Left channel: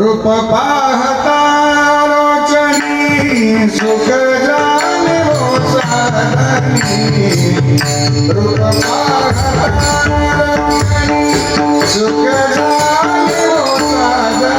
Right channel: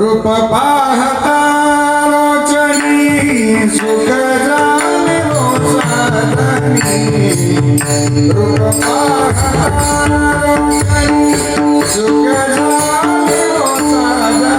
रूप पाहता रोचनी सुख जाने हो साधनी रूप पाहता रोचनी सुख जाने हो साधनी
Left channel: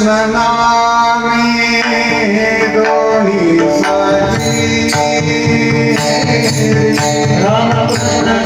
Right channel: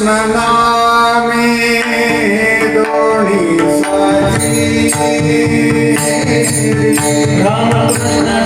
कृष्ण नामे दोन्ही सारी रामकृष्ण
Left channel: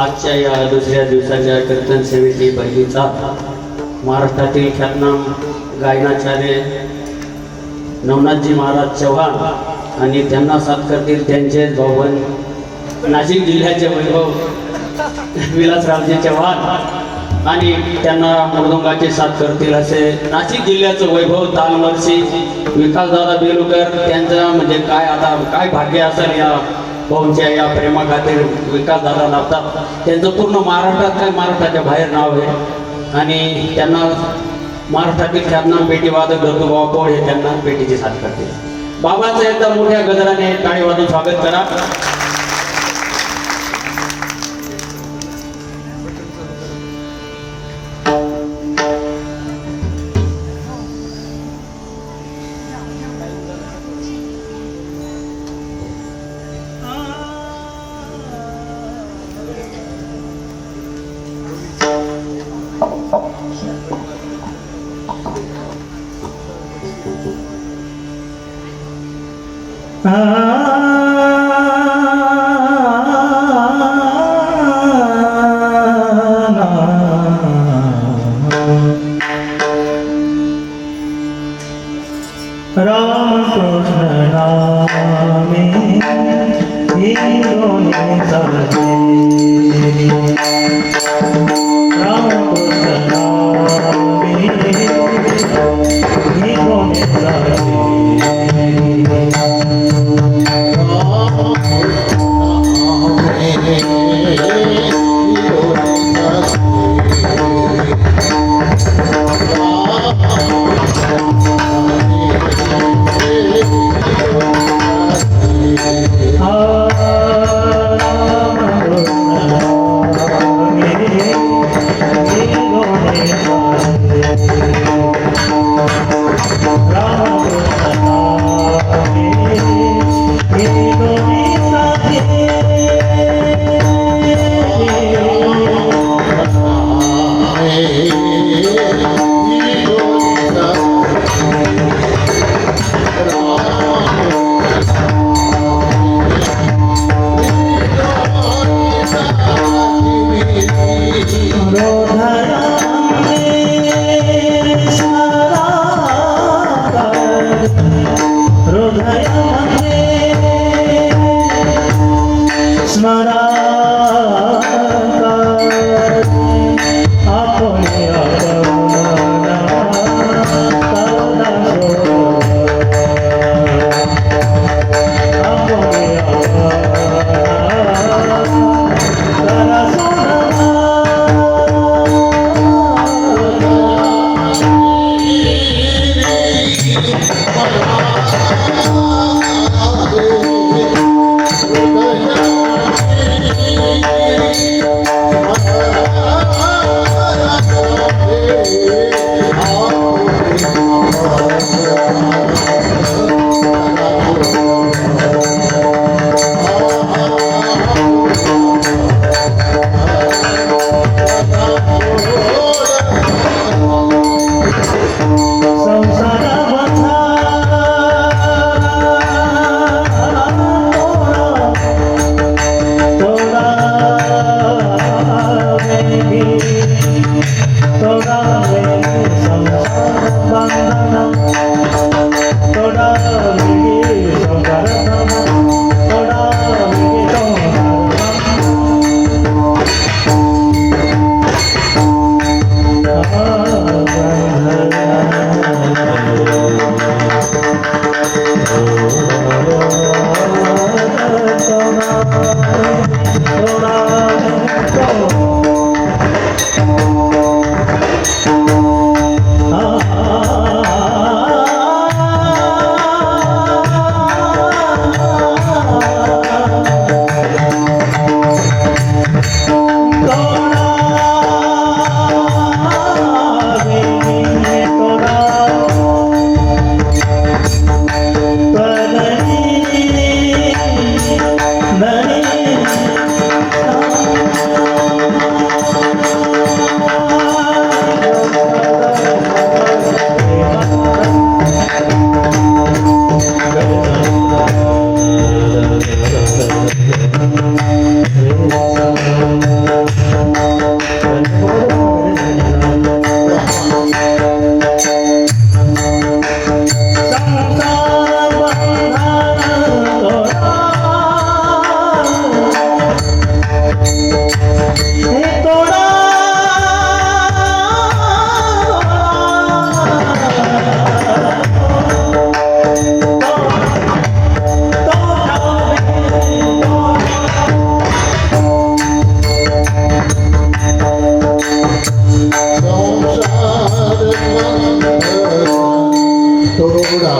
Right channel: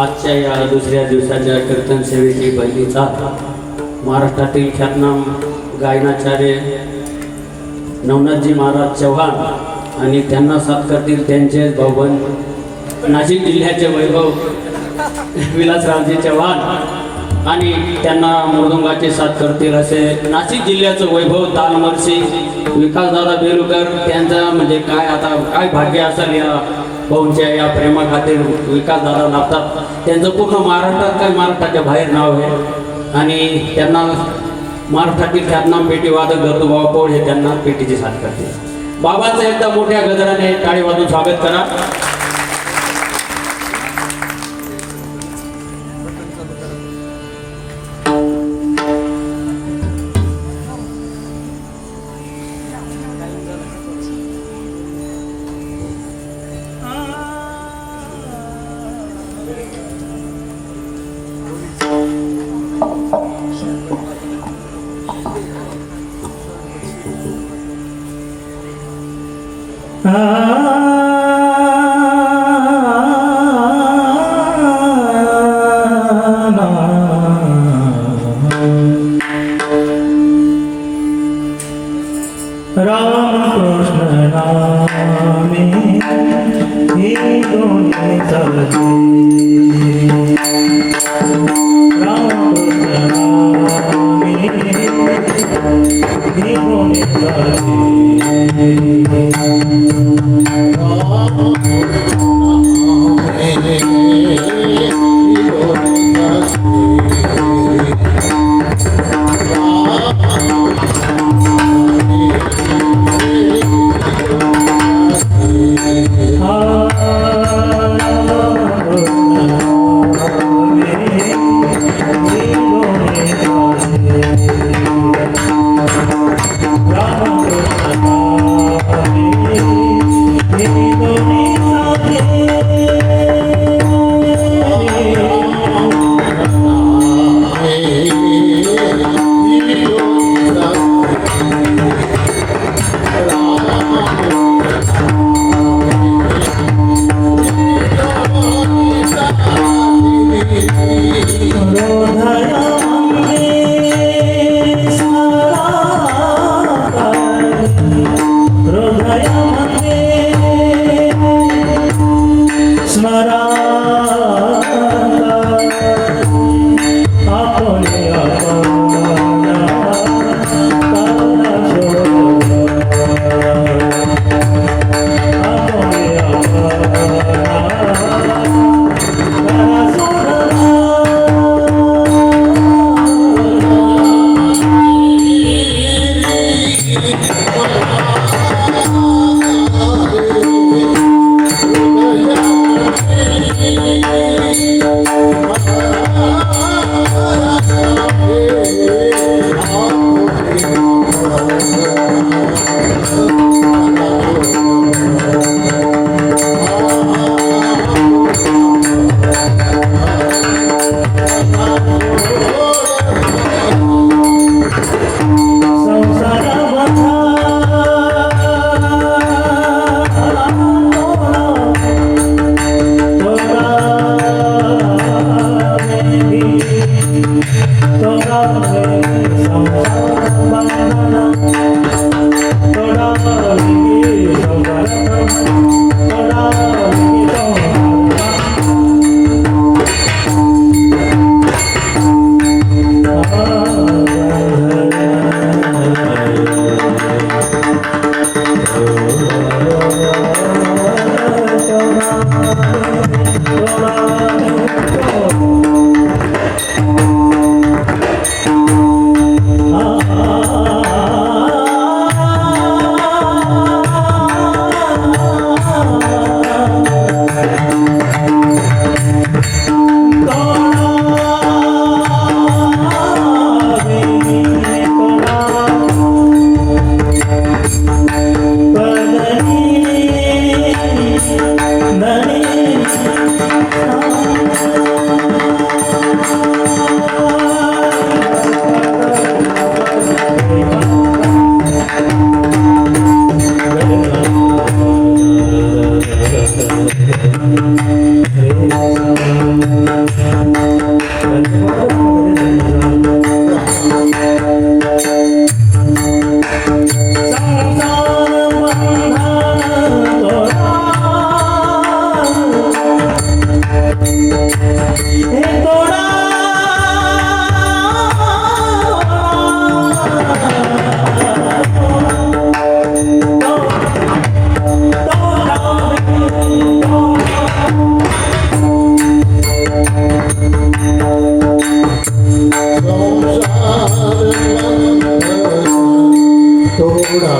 आजच्या या दुसऱ्या दिवसाच्या कीर्तन सेवेची पहिलीचा महाराष्ट्रातील ख्यातनाम गायनाचार्य नवनाथजी महाराज चव्हाण आणि त्यांना साथ करतील त्यांचे भाऊबन नाशिक जिल्ह्याचे वैभव विलासरावजी चव्हाण आणि त्यांना मृदुंगाचे साथ करतील असे नाशिक जिल्ह्याचं वैभव तालमर्षी विकासदादा बेलुकर. त्यांचा म्हणजे काय आता काय भाग्य असेल या ओमच्या या प्रेमाखातीर विकास दादा लागतात. त्यांचं पूर्ण महाराष्ट्रात काही महाराष्ट्राच्या बाहेर नाव आहे आणि त्यांना महाराष्ट्रातील ख्यातनाम पेटी वादक दत्तूबाबा पौड हे त्यांना पेटीची साथ करते. बाबांचं एकदा मोठ्या गजराने टाळी वाजून स्वागत करा.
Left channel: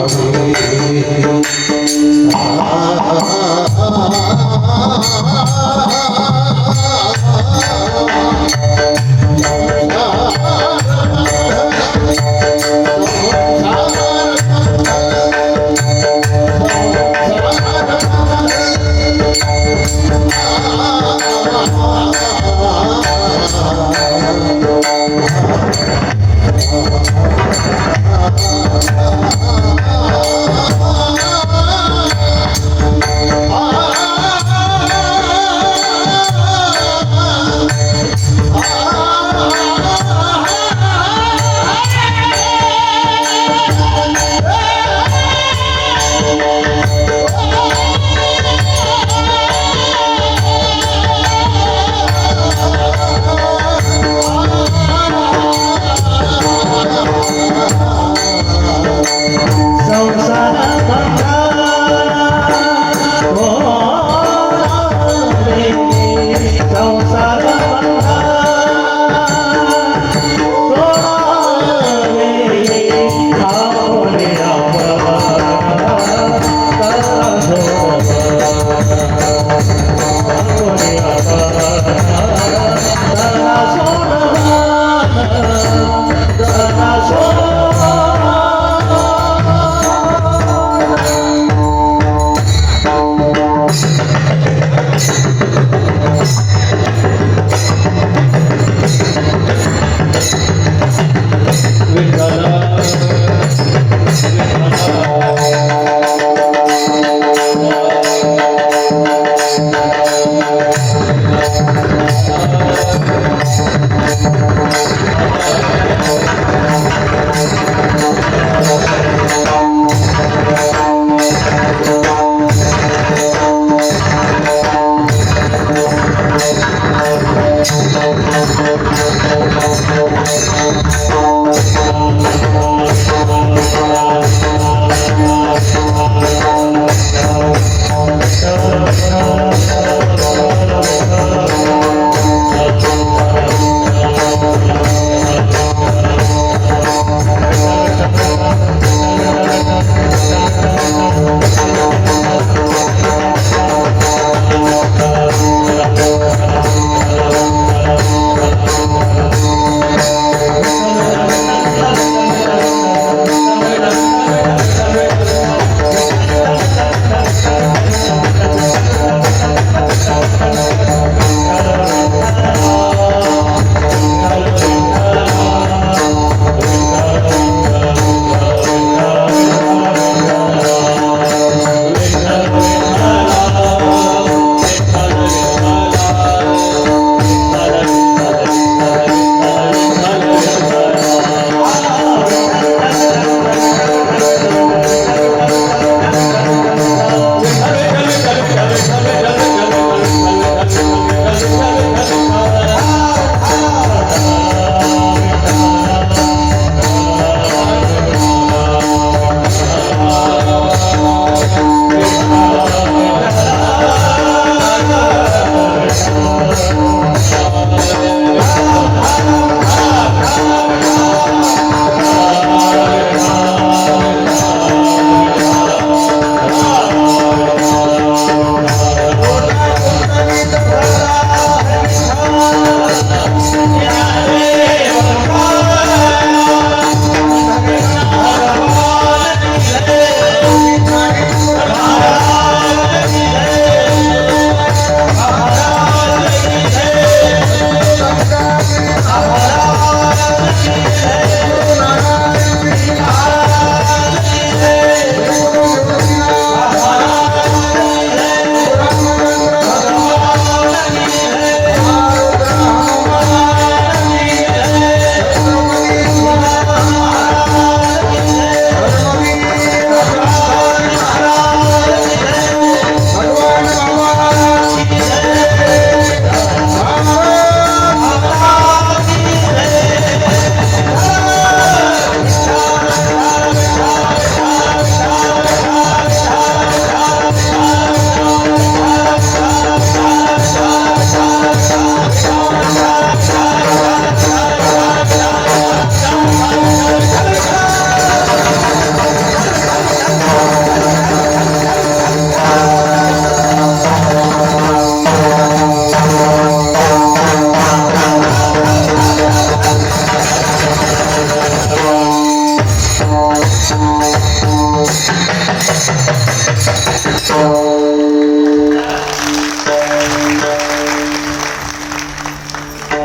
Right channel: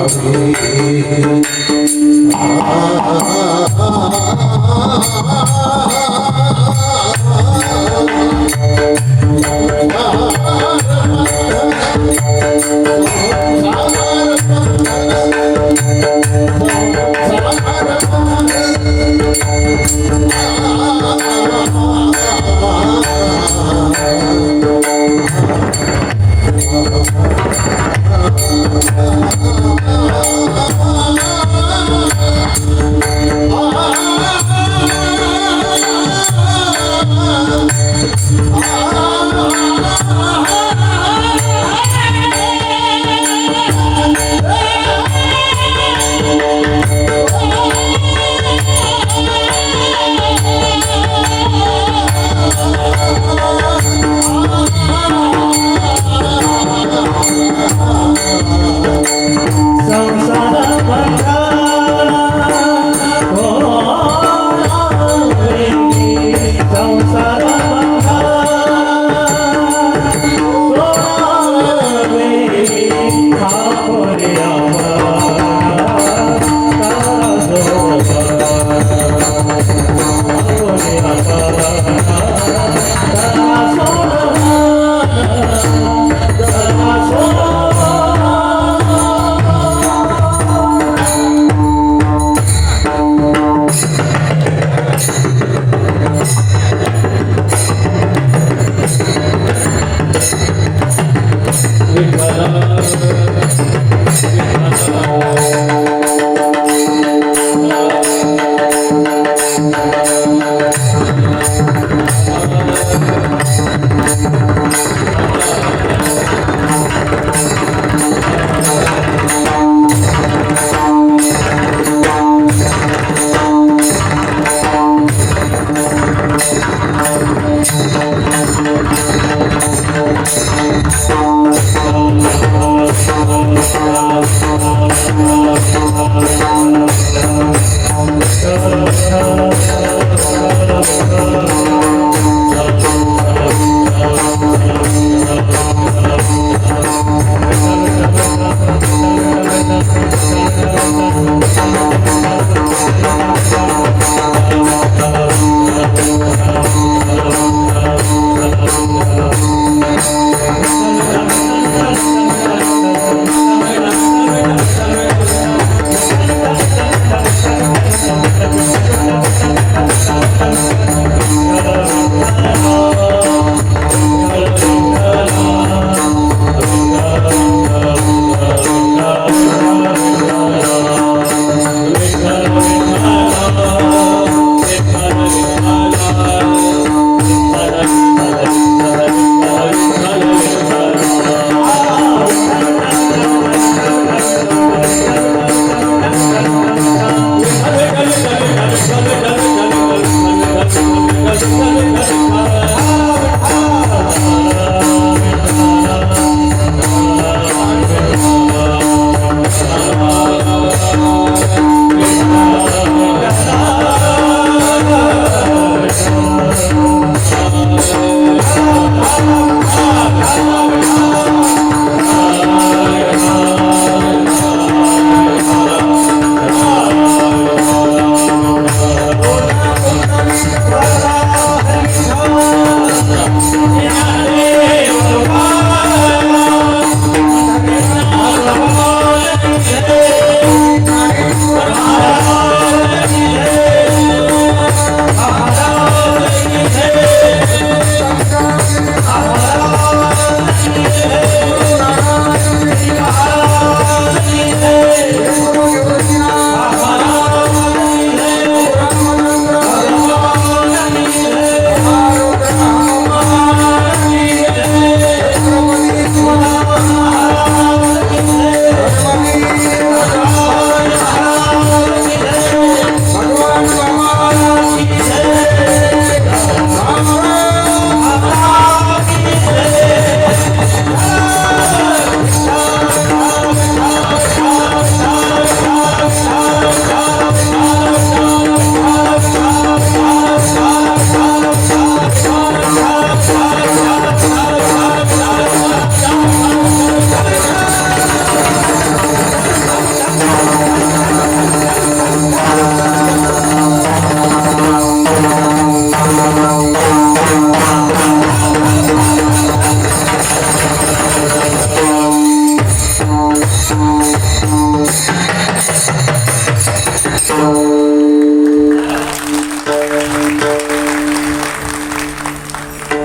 Oh,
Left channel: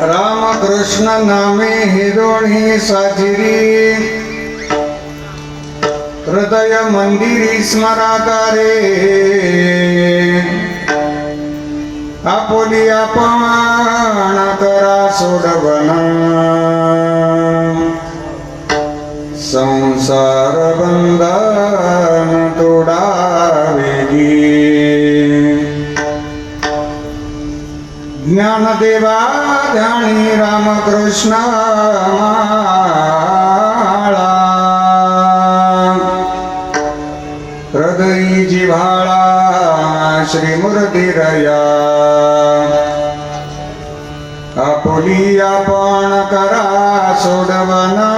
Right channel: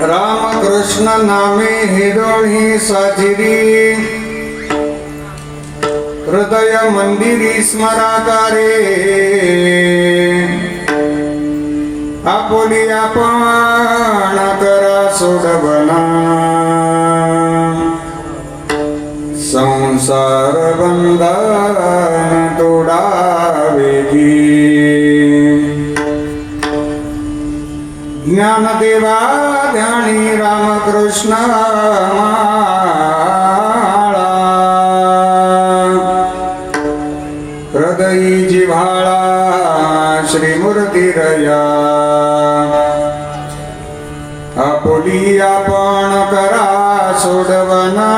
राम कृष्ण नामे हे दोन्ही साजिरी हृदय मंदिरी स्मराकारे आपोली आपण करा सोडवना संसार बंधन तोडावेगी ज्ञानदेवा ध्यानी रामकृष्ण माळा हृदयी जिव्हाळा श्रीमूर्तिरया आपुली आपण करा सोडवना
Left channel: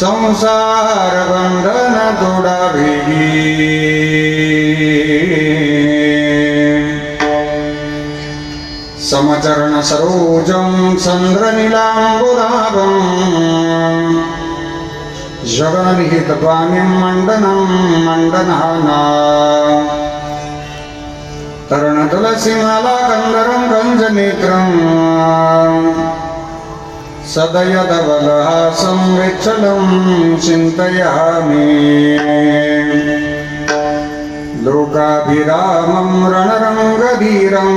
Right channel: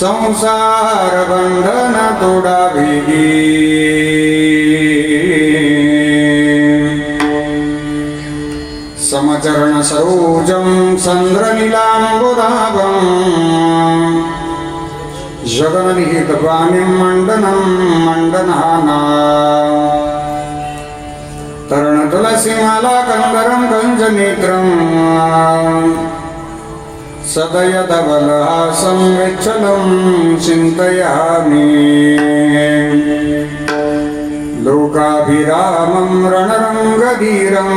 संसार बंधन तोडावेगी समचरण सरोजं चंद्रनीलांबुदाभं जगन्निहितपाणिं मंडनं मंडनाना तरुणतुलसीमाला कंदरं कंजनेत्रं सदयधवलहासं विच्छलं चिन्तयामि लोकाभिरामं रणरङ्गधीरं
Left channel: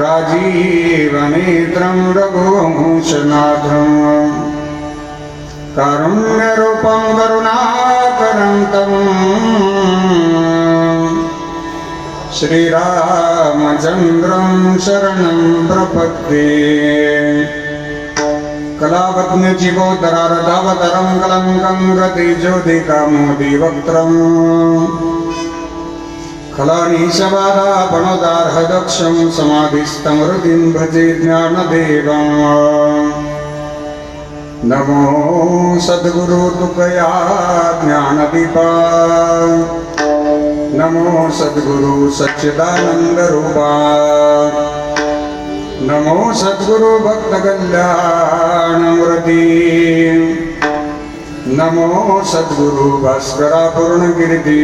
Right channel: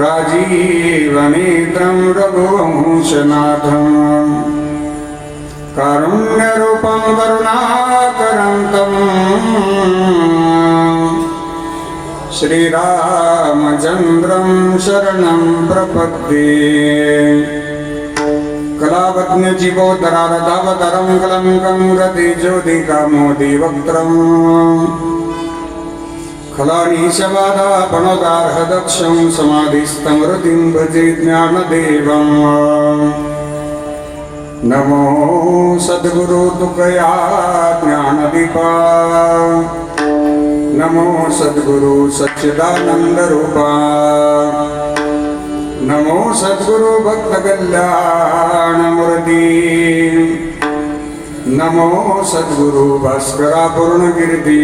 राजीवनेत्रं रघुवंशनाथं कारुण्यरूपं करुणाकरन्तं श्रीरामचन्द्रं शरणं प्रपद्ये कलावत्नजीवोदरारतावतरं कलङ्कं गतिज्योतिकामोदि वक्त्रम् खलानीशबाधापणोदार्हदक्षं समाधिस्थं हृदिं भजे ज्ञानदेवम् नमो सद्गुरु तुकया ज्ञानदीपा नमो सद्गुरु सच्चिदानंद रूपा नमो सद्गुरु भक्त कल्याण मूर्ती नमो सद्गुरु भास्करा पूर्णकीर्ती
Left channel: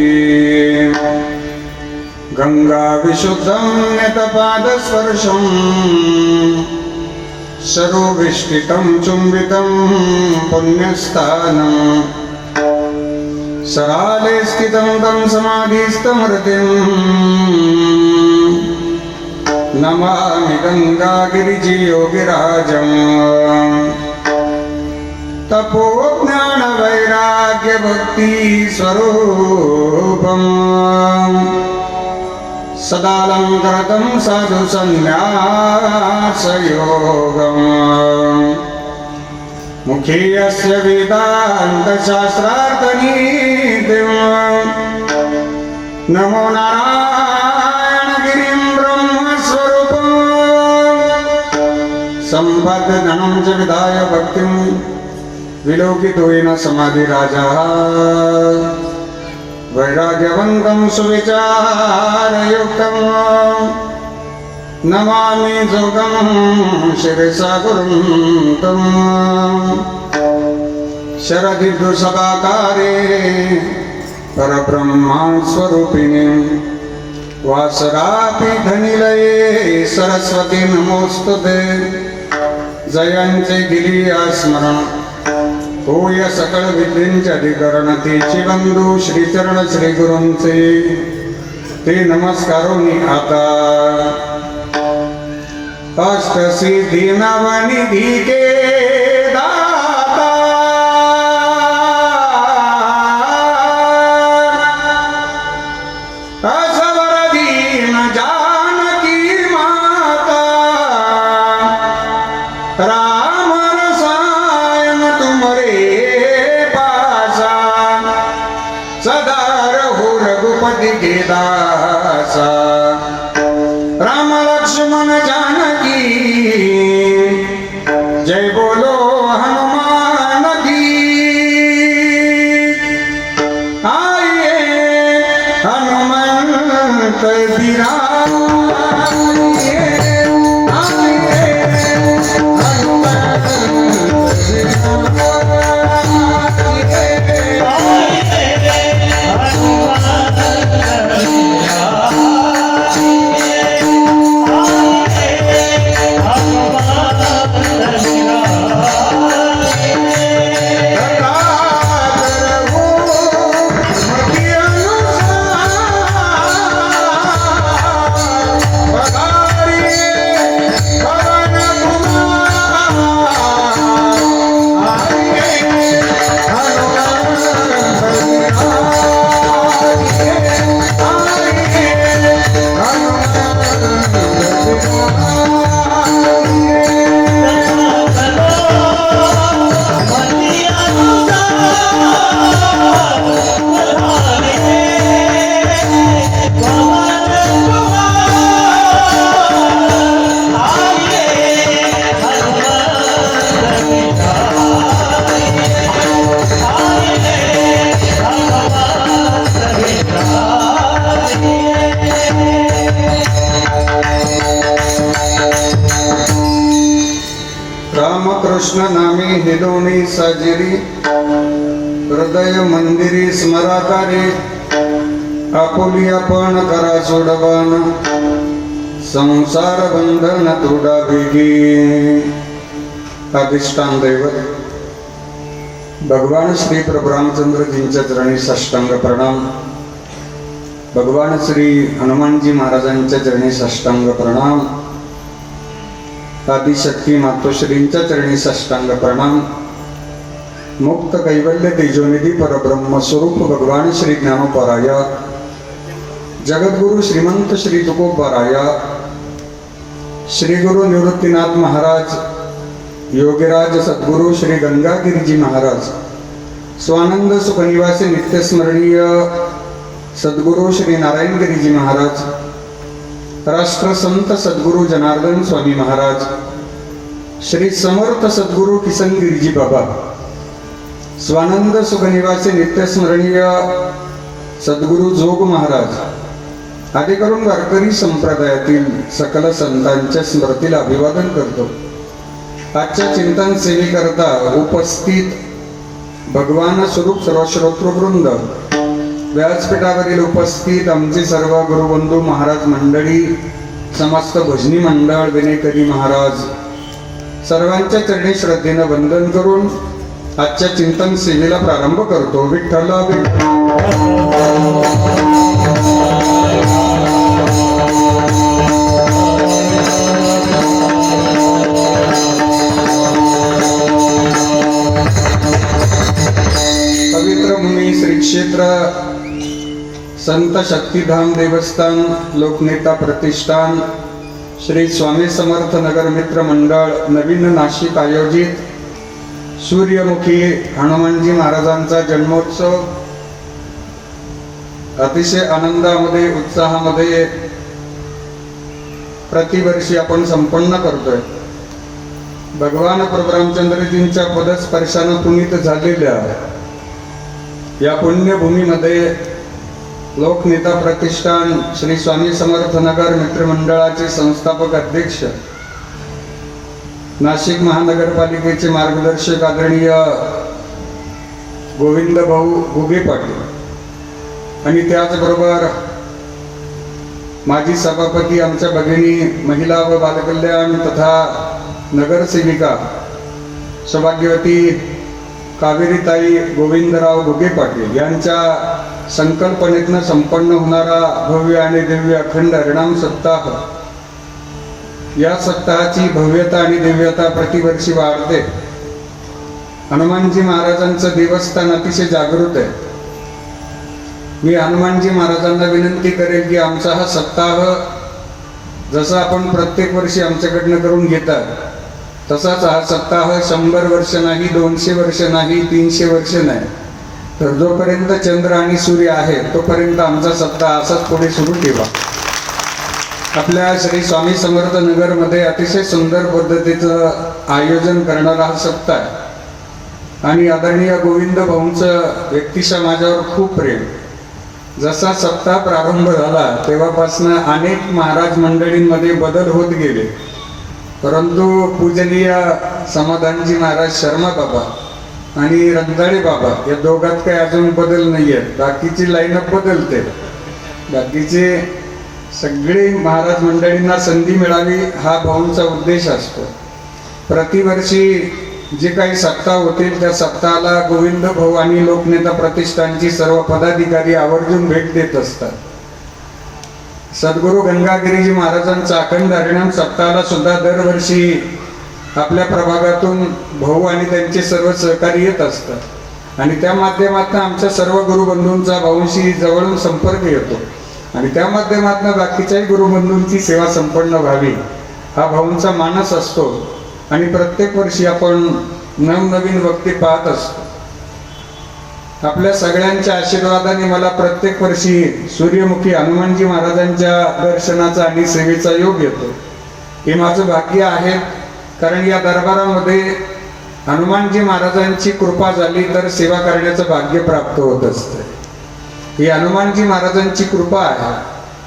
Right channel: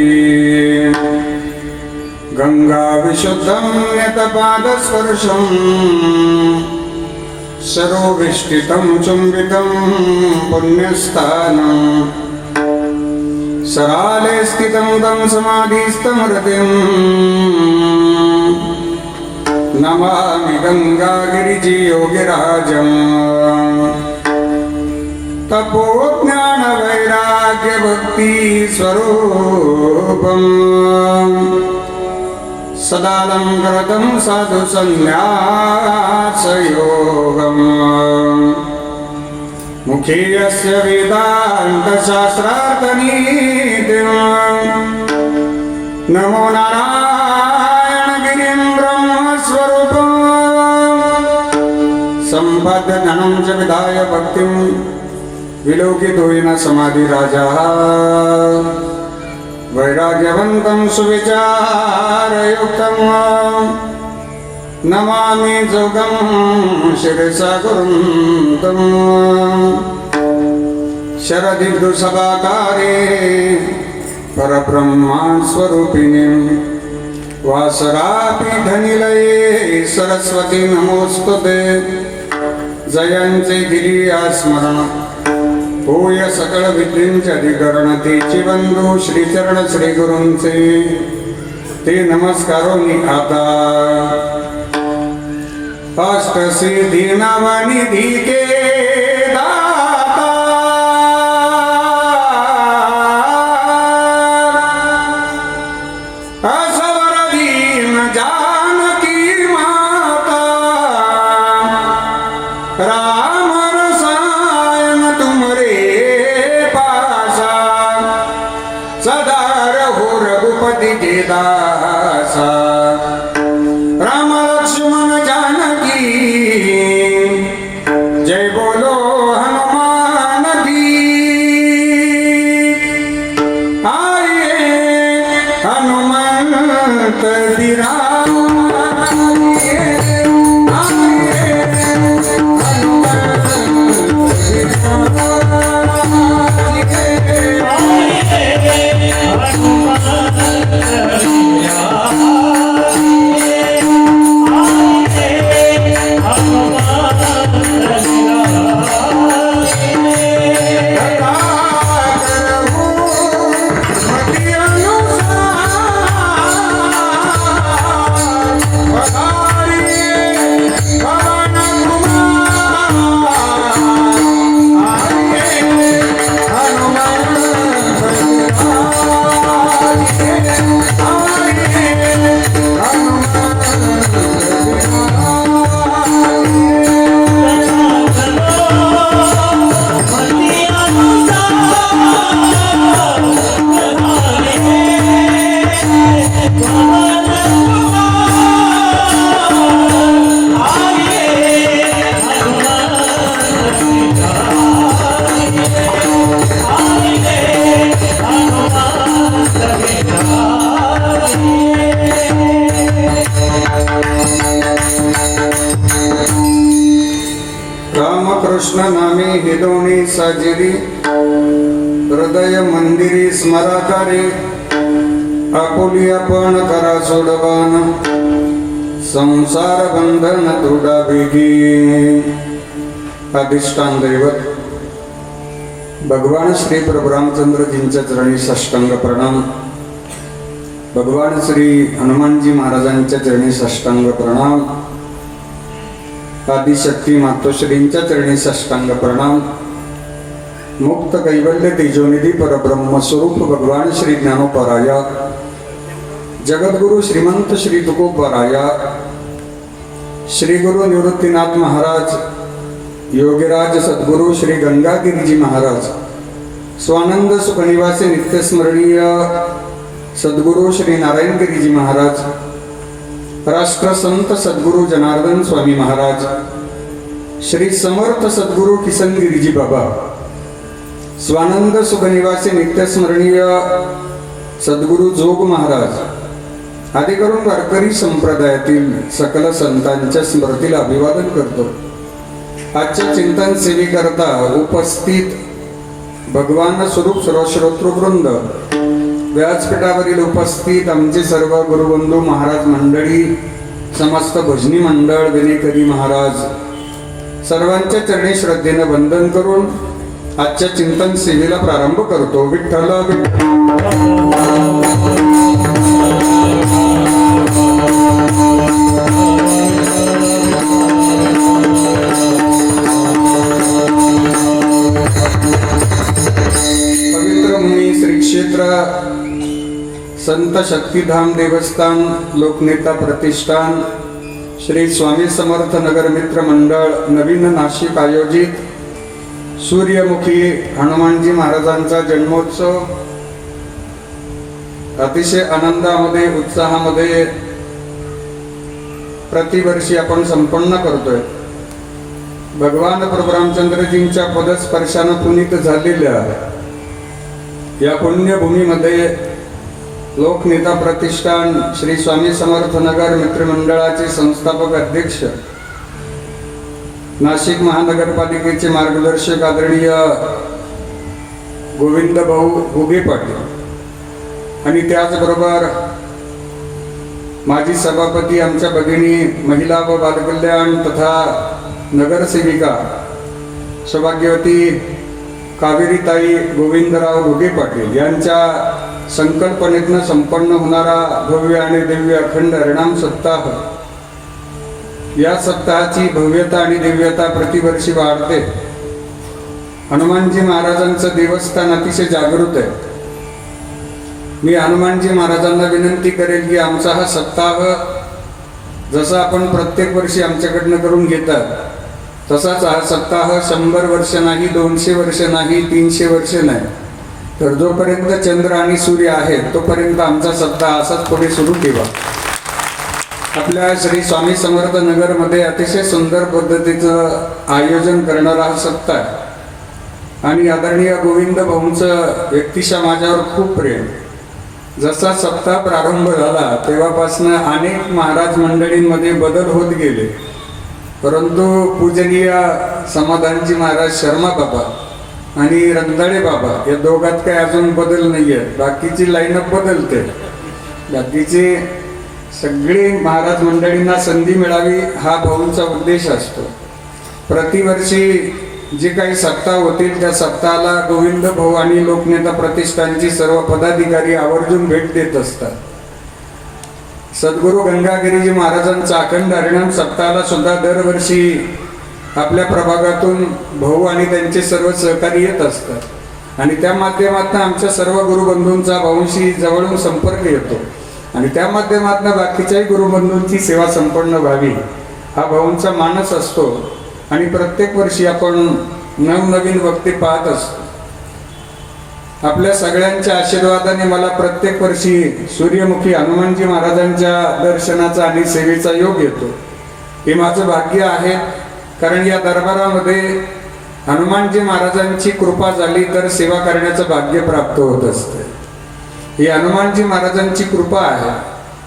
गंगा विशुद्धं यतपादस्पर्शं सरोविष्टितं चुंबितं पुण्यस्थानम् सराले स्थितं तं समाधिस्थं हृदिं नमामि गंगागिरिजियोगिराजम् तपोज्ञानवैराग्यभक्ति स्वरूपम् सदालङ्कृतं साधु सन्न्यासयोगम् मुखे यस्य वेदान्तशास्त्रार्थनीतिम् नमो नारायणगिरिं ब्रह्मस्वरूपम् सम्पद्गणं च विधाय भक्तिं विलोकितो येन समाधिराजः वैराग्यवन्तं सुविचारयुक्तं नमामि जोगं शिरसा गुरुं शरदिर्दुसभाकारे परब्रह्मस्वरूपिणीं वासरापीठनिलये सरस्वती नमोस्तुते जयंते गिरियास्मरण होय सकळ विद्येंचे अधिकरण तेचे बंधू श्रीचरण श्री गुरूंचे ते नमस्कारोनी आता अष्टसिद्धी नवनिधी के दाता असवर दीन जानकी माता राम रसायन तुमरे पासा सदा रघु रघुपति के दासा राम लक्ष्मण जानकी जय बोलो हनुमान की आइए हनुमंत बिराम आइए हनुमंत बिराम रामकृष्ण नामे हे दोन्ही साजिरी हृदय मंदिरी स्मराकारी आपुली आपण करा सोडवान संसार बंधन तोडा बेगी. अधिष्ठान दैवत भगवान श्री प्रभु रामचंद्रजींच्या चरणी साष्टांग प्रणाम. भगवान श्री हनुमानजी महाराजांच्या चरणी साष्टांग प्रणाम. आदिशक्ती मातोश्रींच्या चरणी साष्टांग प्रणाम. मुक्त कैवल्य तेजोनिधी परब्रह्म स्वरूप भगवान श्री ज्ञानोपराया जगद्गुरु श्रीमंत श्री तुकोबराया श्री गुरु निवृत्तीनाथ महाराज योगीराज सद्गुरु श्री गंगागिरीजी महाराज स्वानंद सुखनिवासी नित्यस्मरणीय सद्गुरु श्री नारायणगिरीजी महाराज राष्ट्रसंत सद्गुरु जनार्दन स्वामी महाराज श्री समर्थ सद्गुरु किसनगिरीजी बाबा स्वानंद सुखनिवासी नित्यस्मरणीय सद्गुरु जोग महाराज आदी करून वारकरी संप्रदायातील सकल संतांच्या स्मृतीला अभिवादन करतो. आजच्या चिंतन सेवेकरता उपस्थित भगवान स्वरूप सर्वश्रोतृवृंद, व्यासपीठावरील उपस्थित आमचे सर्व गुरुबंधू महाराज मंडळी, समस्त भजनी मंडळ, विनेकरी महाराज, सर्वांच्या चरणी श्रद्धेनं वंदन करून आजच्या चिंतन सेवेला प्रारंभ करतो. विठ्ठल पवित्र भूमी श्री क्षेत्र संत शक्तिधाम देवस्थान लोकनेता प्रतिष्ठान श्री स्वामी समर्थ नगर मित्र मंडळ नवीन नाशिक आयोजित सूर्यमुखी हनुमानजी महाराजांचा जन्मोत्सव अतिशय आनंदामध्ये उत्साहामध्ये प्रतिवर्षी आपण संपन्न करतोय. भगवान प्रभू रामचंद्रजींच्या पदस्पर्शानं पुनीत झालेल्या या पुण्यभूमीमध्ये लोकनेता प्रतिष्ठान श्री स्वामी समर्थ नगर मित्रमंडळाचे संस्थापक अध्यक्ष, नाशिक महानगरपालिकेचे मार्गदर्शक आदरणीय गोविंद भाऊ घुगे पाटील आणि त्याचबरोबर माजी सभापती आमच्या भगिनी महिला व बालकल्याण तथा नगरसेविका सौभाग्यवती कावेरीताई गोविंदराव घुगे पाटील यांच्या संकल्पनेतनं संपन्न होणारा भव्य आणि दिव्य अखंड हरिनाम सप्ताह, या सप्ताहाची भव्यता आणि दिव्यता प्रतिवर्षी वाढते. हनुमानजी महाराजांचं देवस्थान अतिशय जागृत आहे. मी हनुमानजी महाराजांना विनंती करेल की आमचा हा सप्ताह जसा आपण प्रत्येक वर्षी आमच्याकडनं करून घेतात तसाच हा सप्ताह 100 वर्ष नाही, 200 वर्ष नाही, 300 वर्ष नाही, तर जोपर्यंत चंद्र आणि सूर्य आहे तोपर्यंत आमचा सप्ताह असाच पुढे सुरू ठेवा. आपल्या श्री स्वामी समर्थ नगरमध्ये अतिशय सुंदर पद्धतीचं आयोजन करणारा हा सप्ताह आहे आणि आदरणीय गोविंद भाऊंचं व्यक्तिशः माझ्यावर खूप प्रेम. जसा सप्ताह प्रारंभ झाला तेव्हापासून अनेक महाराज मंडळींमध्ये बदल होत गेले, परंतु पूजनीय समाधानजी महाराज शर्मा बाबा आणि रंधाळे बाबा या दोघात काही अजून बदल नाही आहे. बाकीची लाईनअप बदलते. बाकीचे सगळे महाराज मंडळींना संधी मिळावी हा भाऊंचा उद्देश असतो. प्रतिवर्षी जे काही सप्ताह होतील त्या सप्ताहाला गोविंद भाऊ आणि लोकनेता प्रतिष्ठानची सर्व पदाधिकारी आवर्जून भेट देत असतात. सद्गुरु गंगागिरीजी महाराजांचा अखंड हरिनाम सप्ताहाला सुद्धा दरवर्षी आपल्या प्रभागातून भाऊ आणि त्यांचे सर्व सहकारी येत असतात आणि त्या माध्यमातून आमच्या सर्व गुरुबंधूंचा भाऊंशी जवळून संपर्क येतो आणि त्या माध्यमातून बाकीच्याही गुरुबंधूंची सेवा संपन्न व्हावी हा भाऊंचा मानस असतो आणि प्रत्येक वर्षी आपण नवनवीन व्यक्ती पाहत असतो. आपल्या सगळ्यांच्या आशीर्वादाने मला प्रत्येक वर्षी सूर्यमुखी हनुमानजी महाराजांच्या दर्शनाचा आणि सेवेचा योग येतो. हे माझं भाग्य आहे, कारण या दरबारामध्ये हनुमानजी महाराजांची कृपा झाली तर सेवा करण्याचं भाग्य प्राप्त होत असते. ही हनुमानजी महाराजांची कृपा आहे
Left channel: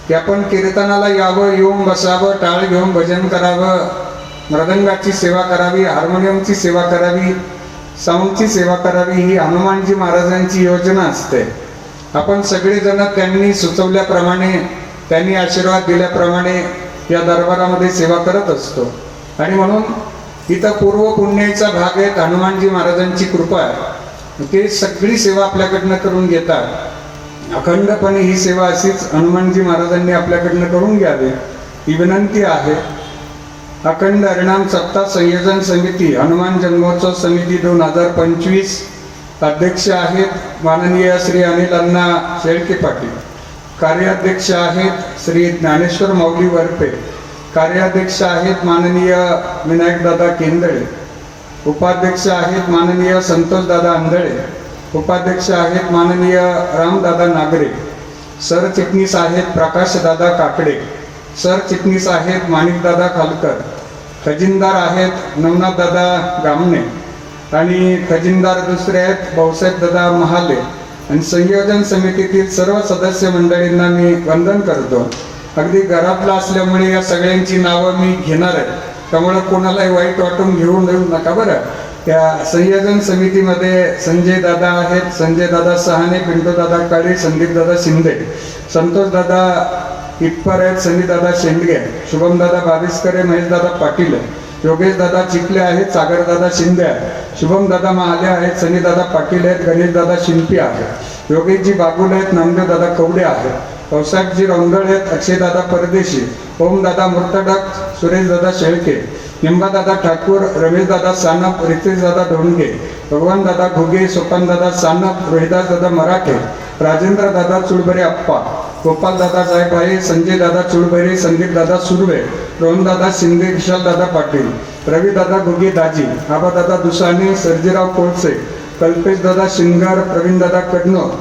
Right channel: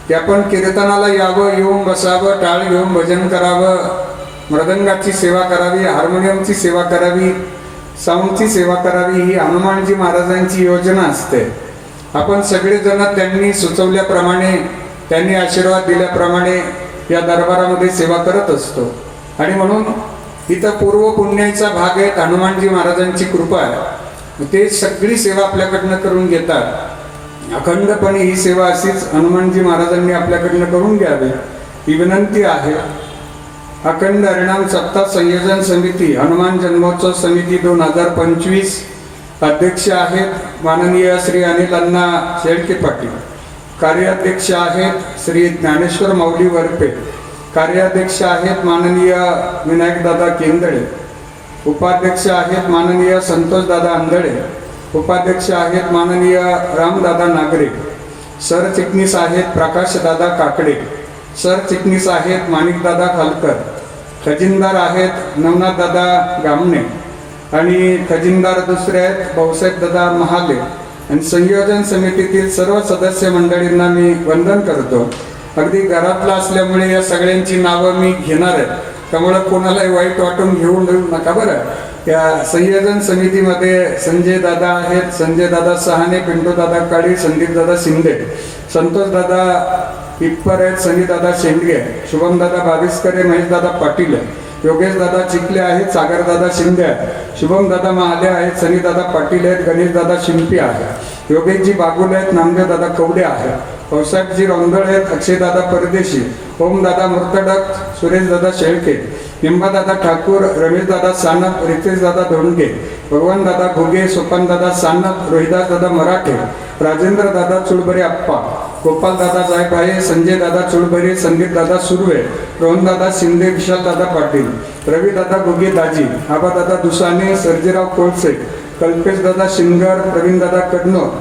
की आपण कीर्तनाला यावं, येऊन बसावं, टाळ घेऊन भजन करावं मृदंगाची सेवा करावी, हार्मोनियमची सेवा करावी, साऊंडची सेवा करावी, ही हनुमानजी महाराजांची योजना असते. आपण सगळेजण त्यांनी सुचवल्याप्रमाणे, त्यांनी आशीर्वाद दिल्याप्रमाणे या दरबारामध्ये सेवा करत असतो. आणि म्हणून इथं पूर्व पुण्याचा भाग आहे, हनुमानजी महाराजांची कृपा आहे. ते सगळी सेवा आपल्याकडनं करून घेतात. अखंडपणे ही सेवा अशीच हनुमानजी महाराजांनी आपल्याकडनं करून घ्यावी ही विनंती आहे. अखंड हरिनाम सप्ताह संयोजन समिती, हनुमान जन्मोत्सव समिती 2025 अध्यक्ष आहेत माननीय श्री अनिल अण्णा शेळके पाटील. कार्याध्यक्ष आहेत श्री ज्ञानेश्वर माऊली वरपे. कार्याध्यक्ष आहेत माननीय विनायकदादा केंदळे. उपाध्यक्ष आहेत माननीय संतोषदादा अंधळे. उपाध्यक्ष आहेत माननीय रामदादा नागरे. सरचिटणीस आहेत प्रकाशदादा काकडे. सरचिटणीस आहेत माणिकदादा खालकर. खजिनदार आहेत नवनाथदादा गामणे आणि खजिनदार दुसरे आहेत भाऊसाहेबदादा महाले. आणि संयोजन समितीतील सर्व सदस्य मंडळींना मी वंदन करतो. अगदी घरातला असल्यामुळे या सगळ्यांची नावं मी घेणार आहे, त्यामुळे कोणालाही वाईट वाटून घेऊन येऊ नका बरं. या संयोजन समितीमध्ये संजय दादा आहेत, संजय दादा सहाने, पिंटू दादा काळे, संदीप दादा शिंदे, संतोष दादा इटपर आहेत, सनी दादा शेंडगे, शुभम दादा बाविस्करे, महेश दादा पाटील, योगेश दादा चिखले आहेत, सागर दादा शिंदे आहेत, शुभम दादा महाले आहेत, सनी दादा पाटील आहेत, गणेश दादा शिंपी आहेत, योगेशजी बागुल आहेत, नामदेव दादा कवडे आहेत, पावसाकजी रोंदळ आहेत, अक्षयदादा परदेशी, ओमदादा मुर्तडक, सुरेशदादा शेळके, निंबादादा ठाकूर, रमेशदादा सानप, रितेशदादा धोंडगे, भगवानदादा घुगे, सोपानदादा सानप, रोहिदासदादा मराठे, राजेंद्रदादा चुळबरे अप्पा, गोपालदादा जायभाये, संजयदादा चुळबरे, संदीपदादा सुर्वे, रोहनदादा शिंदे, विशालदादा पाटील, रविदादा घुगे दाजी, आबादादा दुसाने, सर्जेराव कोळसे, कल्पेशदादा शिंगर, प्रवीणदादा कडनोर,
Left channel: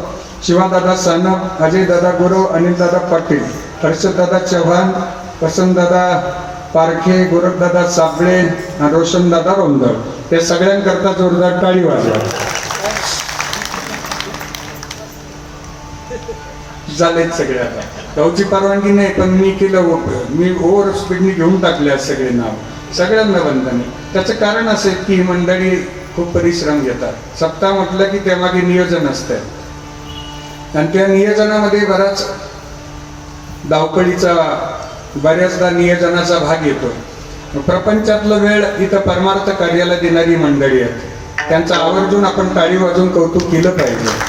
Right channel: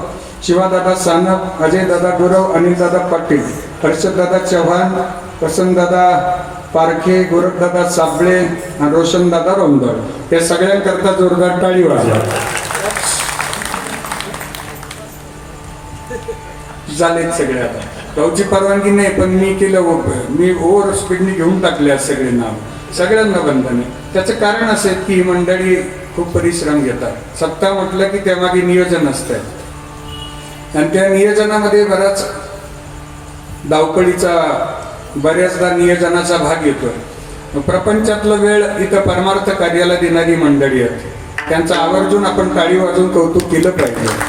शिवादादा सानप, अजयदादा गुरव, अनिलदादा पाटील, हर्षददादा चव्हाण, वसंतदादा पारखे, गोरखदादा साबळे, रोशनदादा रोंदळ, या सगळ्यांकरता जोरदार टाळी वाजवा. झालेत सगळे. आता भाऊची परवानगी नाही, पण मी केलं, मी ओव्हर स्पीडने घेऊन टाकले सगळे नाव. सगळ्यांना बंधन आहे. त्याचं कारण असं आहे की ही मंडळी खूप परिश्रम घेतात. सप्ताह म्हटलं की त्यामागे नियोजन असतं आणि त्या नियोजनामध्ये बराच धावपळीचा, बऱ्याचदा नियोजनाचा भाग येतो. प्रपंचातला वेळ इथं परमार्थ कार्याला देणारी मंडळी आहेत. त्यांचं आवर्जून आपण टाळी वाजवून कौतुक केलं पाहिजे.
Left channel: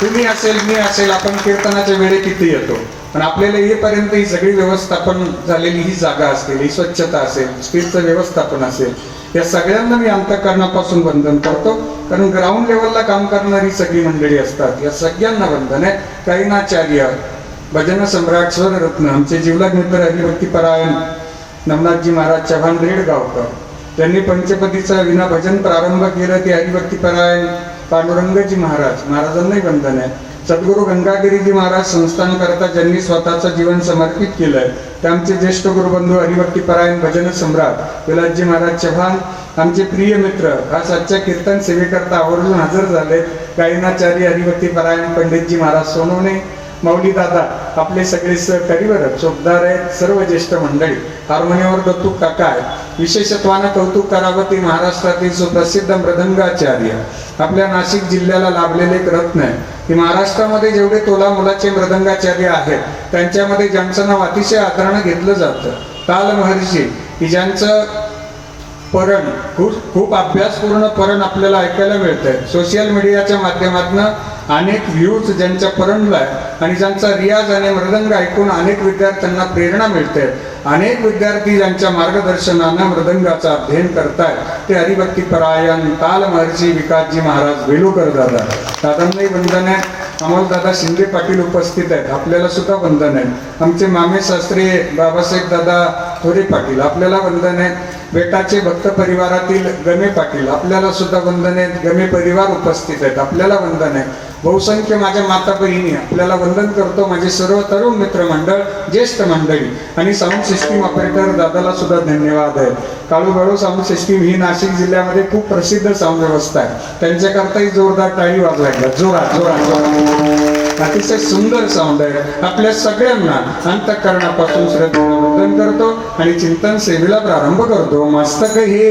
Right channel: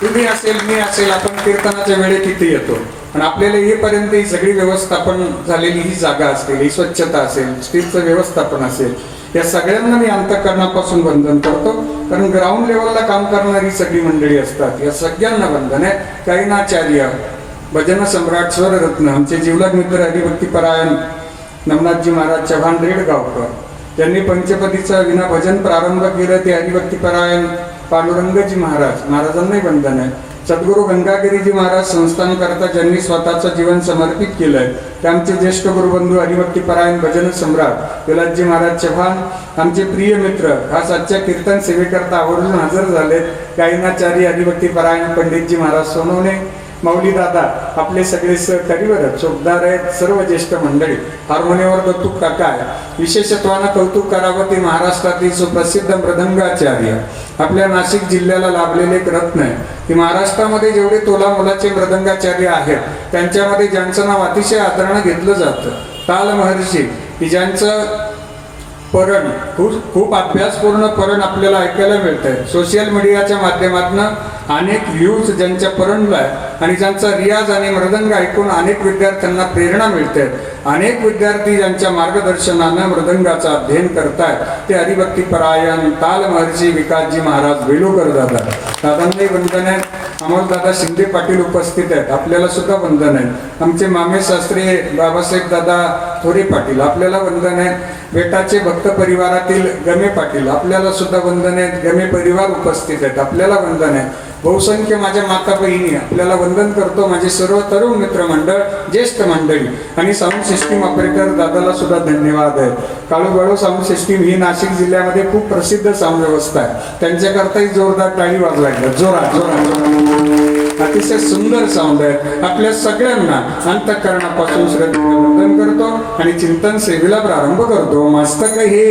तुम्ही असेल, मी असेल, आपण कीर्तनाच्या वेळेत तिथे येतो, पण आपल्याला येईपर्यंत ही सगळी व्यवस्थापन झालेली ही जागा असेल, ही स्वच्छता असेल, स्टीलचं व्यवस्थापन असेल, या सगळ्यांना मी अंतःकरणापासून वंदन करतो. कारण ग्राउंड लेवलला काम करणारी सगळी मंडळी असतात, या सगळ्यांना वंदन आहे. काहीनाचार्य, भजन सम्राट, स्वररत्न, आमचे जिवलग मित्र हरिभक्तीपरायण नवनाथजी महाराज चव्हाण रेडगावकर, त्यांनी पंचपदीचा विना भजन प्रारंभ केलं, ते हरिभक्तीपरायण पांडुरंगजी महाराजांनाही वंदन आहे. सद्गुरू गंगागिरीजी महाराज संस्थान करता ज्यांनी स्वतःचं जीवन समर्पित केलंय, ते आमचे ज्येष्ठ गुरुबंधू हरिभक्तीपरायण भजन सम्राट विलासजी महाराज चव्हाण, आमचे प्रिय मित्र आज आजच्या कीर्तन सेवेकरता आवर्जून हजर झालेत, गायनाचार्य हरिभक्तीपरायण पंडितजी महाराज सोनवणे, माऊली दादा, आपले सगळे सहकारीवर चोपदार आहेत, सर्व ज्येष्ठ मंडळी, हार्मोनियमवर दत्तू काका आहे. विशेषत्वानं कौतुक करावं ते महाराष्ट्रातील सुप्रसिद्ध मृदंगाचार्य, आपल्या नाशिक जिल्ह्याला लाभलेले एक रत्न आहे. की महाराष्ट्रामध्ये जेवढे तोला मुलाचे मृदंगाचार्य आहेत, त्यांच्यामध्ये ज्यांचं नाव अतिशय आदरानं घेतलं जातं, काल महर्षी, की ज्यांचं परण खूप अभ्यासपूर्ण परण आपल्याला ऐकायला मिळतंय. सोशल मीडियाच्या माध्यमातून अनेक व्ह्यूज ज्यांच्या परणला आहे आणि ज्यांचा रियाज आणि मृदंग ऐकून अनेक विद्यार्थ्यांना प्रेरणा मिळते. अनेक विद्यार्थी ज्यांच्या मार्गदर्शनानं मृदंगाचा अध्ययन करतायत, ते हरिभक्तीपरायण काल महर्षी विकासजी महाराज वेलुकर दादा, दादांनाही वंदन आहे. अमोलदादा शिंदे पाटील उपस्थित आहेत, आपल्याला सुद्धा वंदन आहे. आमचे मामे शास्त्री बाबासाहेब दादा थोरे पाटील, आपल्याला वंदन आहे. बेटाचे भक्त परिवारातील गमे पाटील, आपल्याला सुद्धा वंदन आहे. गमे परिवार उपस्थित आहेत, आपल्याला वंदन आहे. बहुसंख्य माझ्या माता बहिणी, आपल्याला वंदन करतो. माझे सर्व तरुण मित्रमंडळ, ज्येष्ठ मंडळी आणि साऊंड सिस्टीम ऑपरेटर दादाला सुद्धा धन्यवाद आहे. काळूबाळू साऊंड सिस्टीम ही नाशिक जिल्ह्यामध्ये खूप प्रसिद्ध साऊंड व्यवस्था आहे, त्यांच्याकरताही जोरदार टाळी वाजवायला जोरात जोरात जोरात. अतिशय सुंदर साऊंड आहे. आपल्या सगळ्यांना अंतःकरणापासून श्रद्धेने वंदन करतो आणि चिंतन सेवेला प्रारंभ करतो. मस्तक हे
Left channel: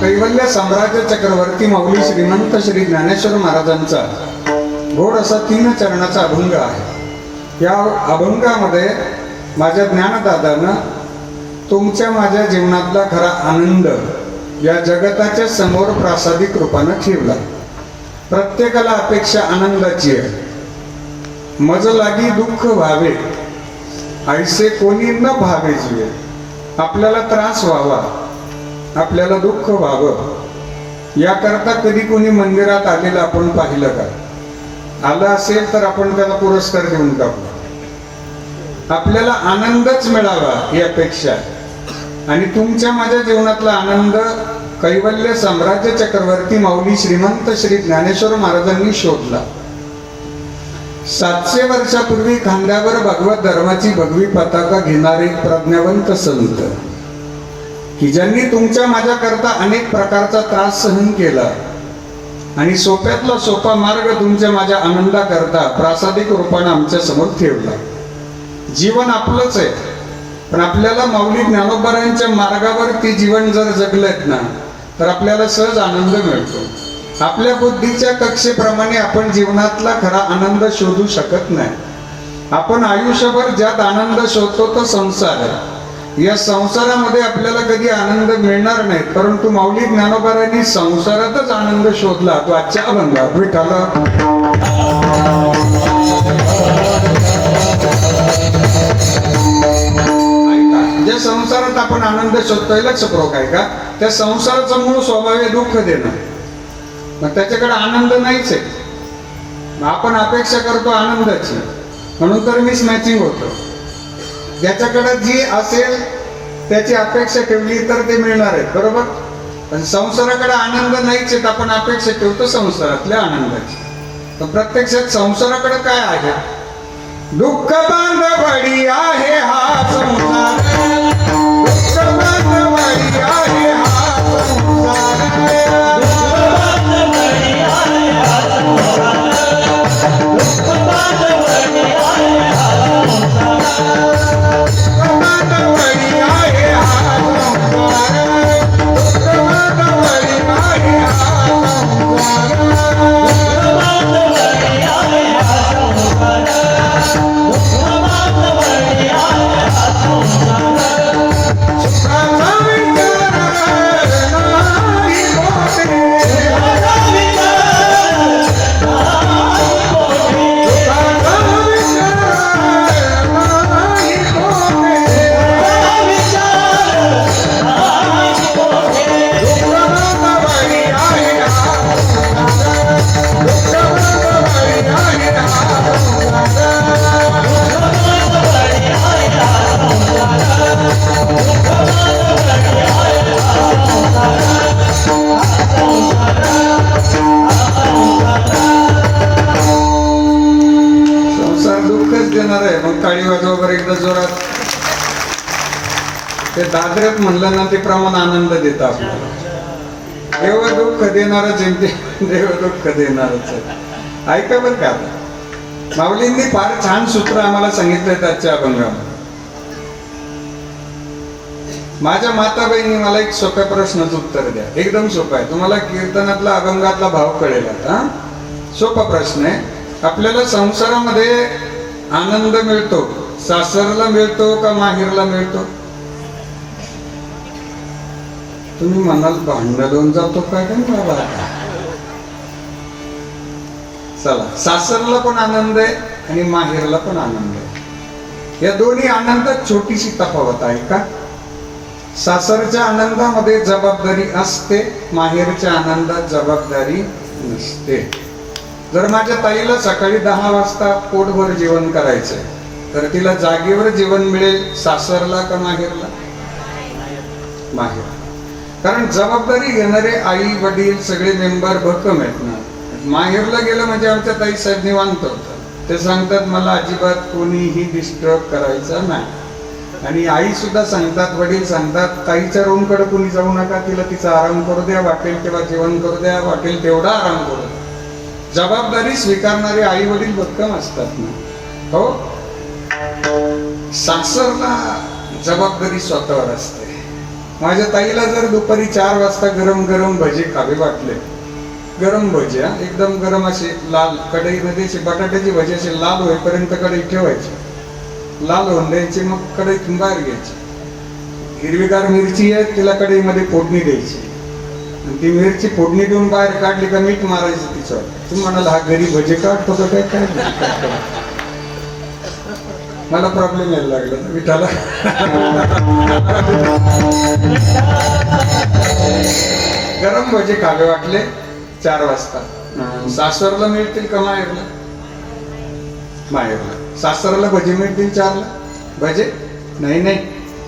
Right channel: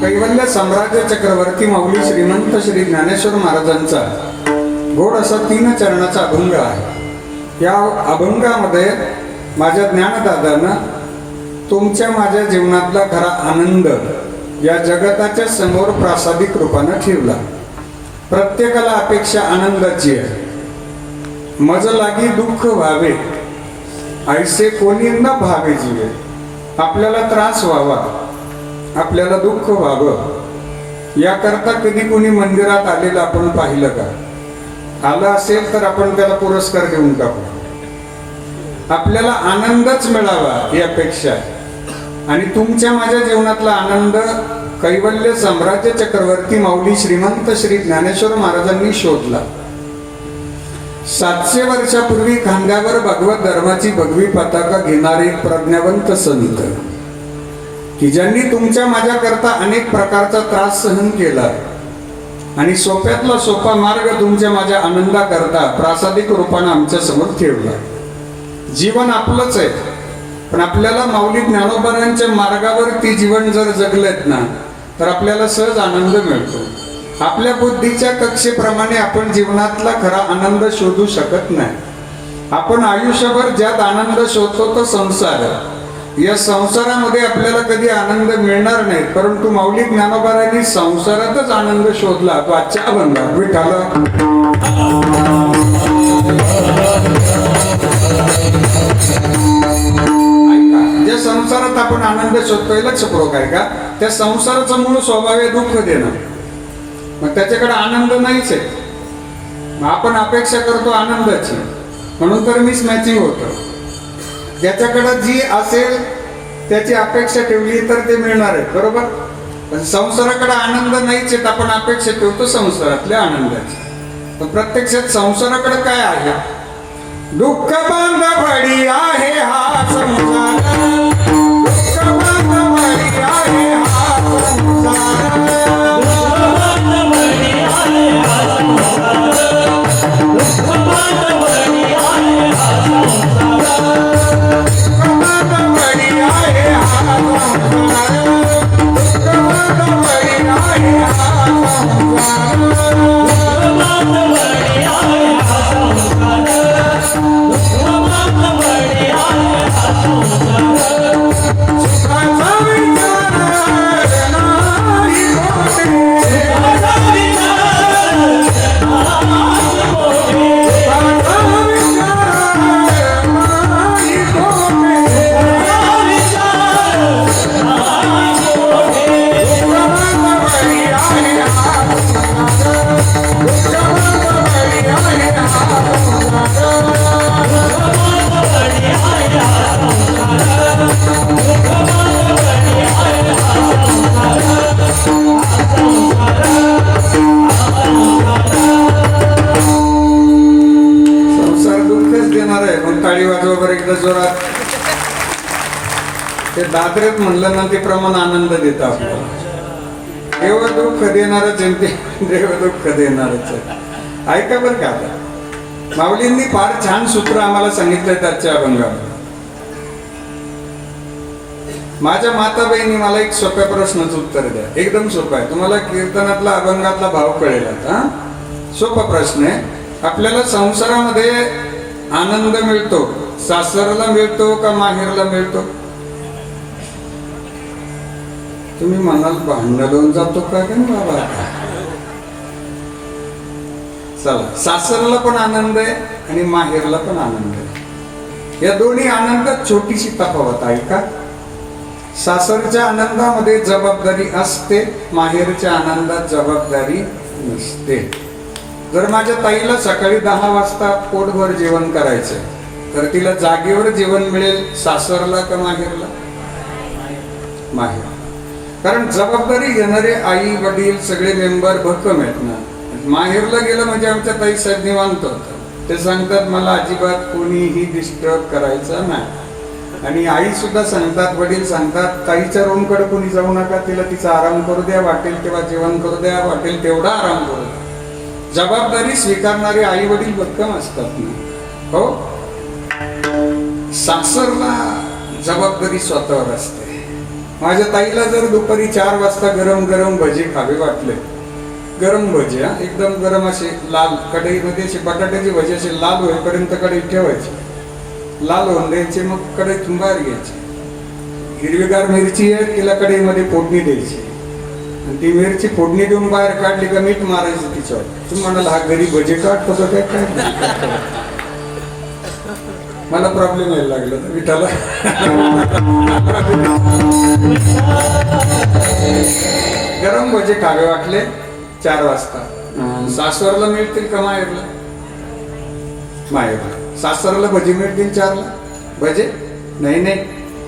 कैवल्य साम्राज्य चक्रवर्ती माऊली श्रीमंत श्री ज्ञानेश्वर महाराजांचा गोड असा 3 चरणाचा अभंग आहे. या अभंगामध्ये माझ्या ज्ञानदादानं तुमच्या माझ्या जीवनातला खरा आनंद या जगताच्या समोर प्रासादिक रूपानं ठेवला. प्रत्येकाला अपेक्षा आनंदाची आहे. मज लागी दुःख व्हावे ऐसे कोणी न भावे जीवे. आपल्याला त्रास व्हावा, आपल्याला दुःख व्हावं याकरता कधी कोणी मंदिरात आलेलं आपण पाहिलं का? आलं असेल तर आपण त्याला पुरस्कार देऊन टाकू. आपल्याला आनंदच मिळावा ही अपेक्षा आहे. आणि तुमच्या माझ्या जीवनातला आनंद कैवल्य साम्राज्य चक्रवर्ती माऊली श्रीमंत श्री ज्ञानेश्वर महाराजांनी शोधला. 700 वर्षापूर्वी खांद्यावर भगवत धर्माची भगवी पताका घेणारे प्रज्ञावंत संत की ज्यांनी तुमच्या माझ्या करता अनेक प्रकारचा त्रास सहन केला आणि सोप्यातला सोपा मार्ग तुमच्या माझ्या आनंदा करता प्रासादिक रूपाने आमच्या समोर ठेवला. जीवन आपलंच आहे, पण आपल्याला माऊली ज्ञानोबारांच्या मार्गावर ते जीवन जर जगलेत ना तर आपल्याला सहज आनंद मिळतो. आपल्या बुद्धीच्या कक्षेप्रमाणे आपण जीवनातला खरा आनंद शोधू शकत नाही. आपण आयुष्यभर ज्यात आनंद शोधतो तो संसार आहे. या संसारामध्ये आपल्याला कधी आनंद मिळणार नाही, परंतु माऊली ज्ञानोबारांनी संसारातच आनंद शोधला. तो आजच्या अभंगात विठाला ज्या संसारात आपण आनंद शोधतोय लक्षपूर्वक आहे का? त्या संसाराचा मूळ स्वभाव आहे दुःख देणं. मग त्याच्याकडे आनंद नाहीच आहे. आपण अपेक्षा करतो आनंदाची, म्हणून तर मिस मॅचिंग होतं. ज्याच्याकडे जी असेल त्याची अपेक्षा ठेवली तर ते मिळणार आहे, बरोबर? पण संसाराकडे आनंद नाहीच आहे, आपण अपेक्षा ठेवतो संसारातल्या आनंदाची. पण प्रत्यक्षात संसाराकडे काय आहे? दुःख बांधवडी आहे हा संसार, दुःख बांधवडी आहे हा संसार, ते दादऱ्यात म्हणलं ना ते प्रमाण आनंद देतं आपल्याला. देव दुःख देणारच देव दुःख देणारच. ऐका बरं का, माऊलींनी फार छान सूत्र आम्हाला सांगितलंय आजच्या अभंगात. माझ्या माता बहिणी मला एक सोप्या प्रश्नाचं उत्तर द्या, एकदम सोपं आहे. तुम्हाला कीर्तनातला अभंगातला भाव कळेल आता. सोपा प्रश्न आहे. आपल्याला संसारामध्ये आनंद मिळतो, सासरला मिळतो का माहेरला मिळतो? तुम्ही म्हणाल भांडण लावून जातो का बाबा? चला, सासरला पण आनंद आहे आणि माहेरला पण आनंद आहे. या दोन्ही आनंदात छोटीशी तफावत आहे का? सासरच्या आनंदामध्ये जबाबदारी असते, माहेरच्या आनंदात जबाबदारी नसते. जर माझ्या ताईला सकाळी 10 वाजता पोटभर जेवण करायचंय तर तिला जागेवर जेवण मिळेल, सासरला का माहेरला? माहेरला. कारण जबाबदारी घेणारे आई वडील सगळे मेंबर भक्कम आहेत ना. माहेरला गेलं म्हणजे आमच्या ताई साहेब निवांत होतं. ते सांगतात मला अजिबात कोणीही डिस्टर्ब करायचं नाही. आणि आई सुद्धा सांगतात, वडील सांगतात, ताईच्या रूमकडे कोणी जाऊ नका, तिला तिचा आराम करू द्या, वाटेल तेव्हा जेवण करू द्या, वाटेल तेवढा आराम करू द्या. जबाबदारी स्वीकारणारे आई वडील भक्कम असतात ना. हो, सासरला जबाबदारी स्वतःवर असते. माझ्या ताईला जर दुपारी 4 वाजता गरम गरम भजे खावे वाटले, गरम भजे एकदम गरम असे लाल कढईमध्ये असे बटाट्याची भजी असे लाल होईपर्यंत कढई ठेवायची, लाल होऊन द्यायची, मग कढईतून बाहेर घ्यायची. हिरवीगार मिरची आहे तिला कढईमध्ये फोडणी द्यायची. ती मिरची फोडणी देऊन बाहेर काढली का मीठ मारायचं तिच्यावर. तुम्ही म्हणाला हा घरी भजे काढतो का काय? मला प्रॉब्लेम यायला लागला विठाला. गरम भजे खावे वाटले 4 वाजता, सासरला मिळतील का माहेरला? माहेरला. सासरला भजी मिळतील 4ला? भजे नाही नाही,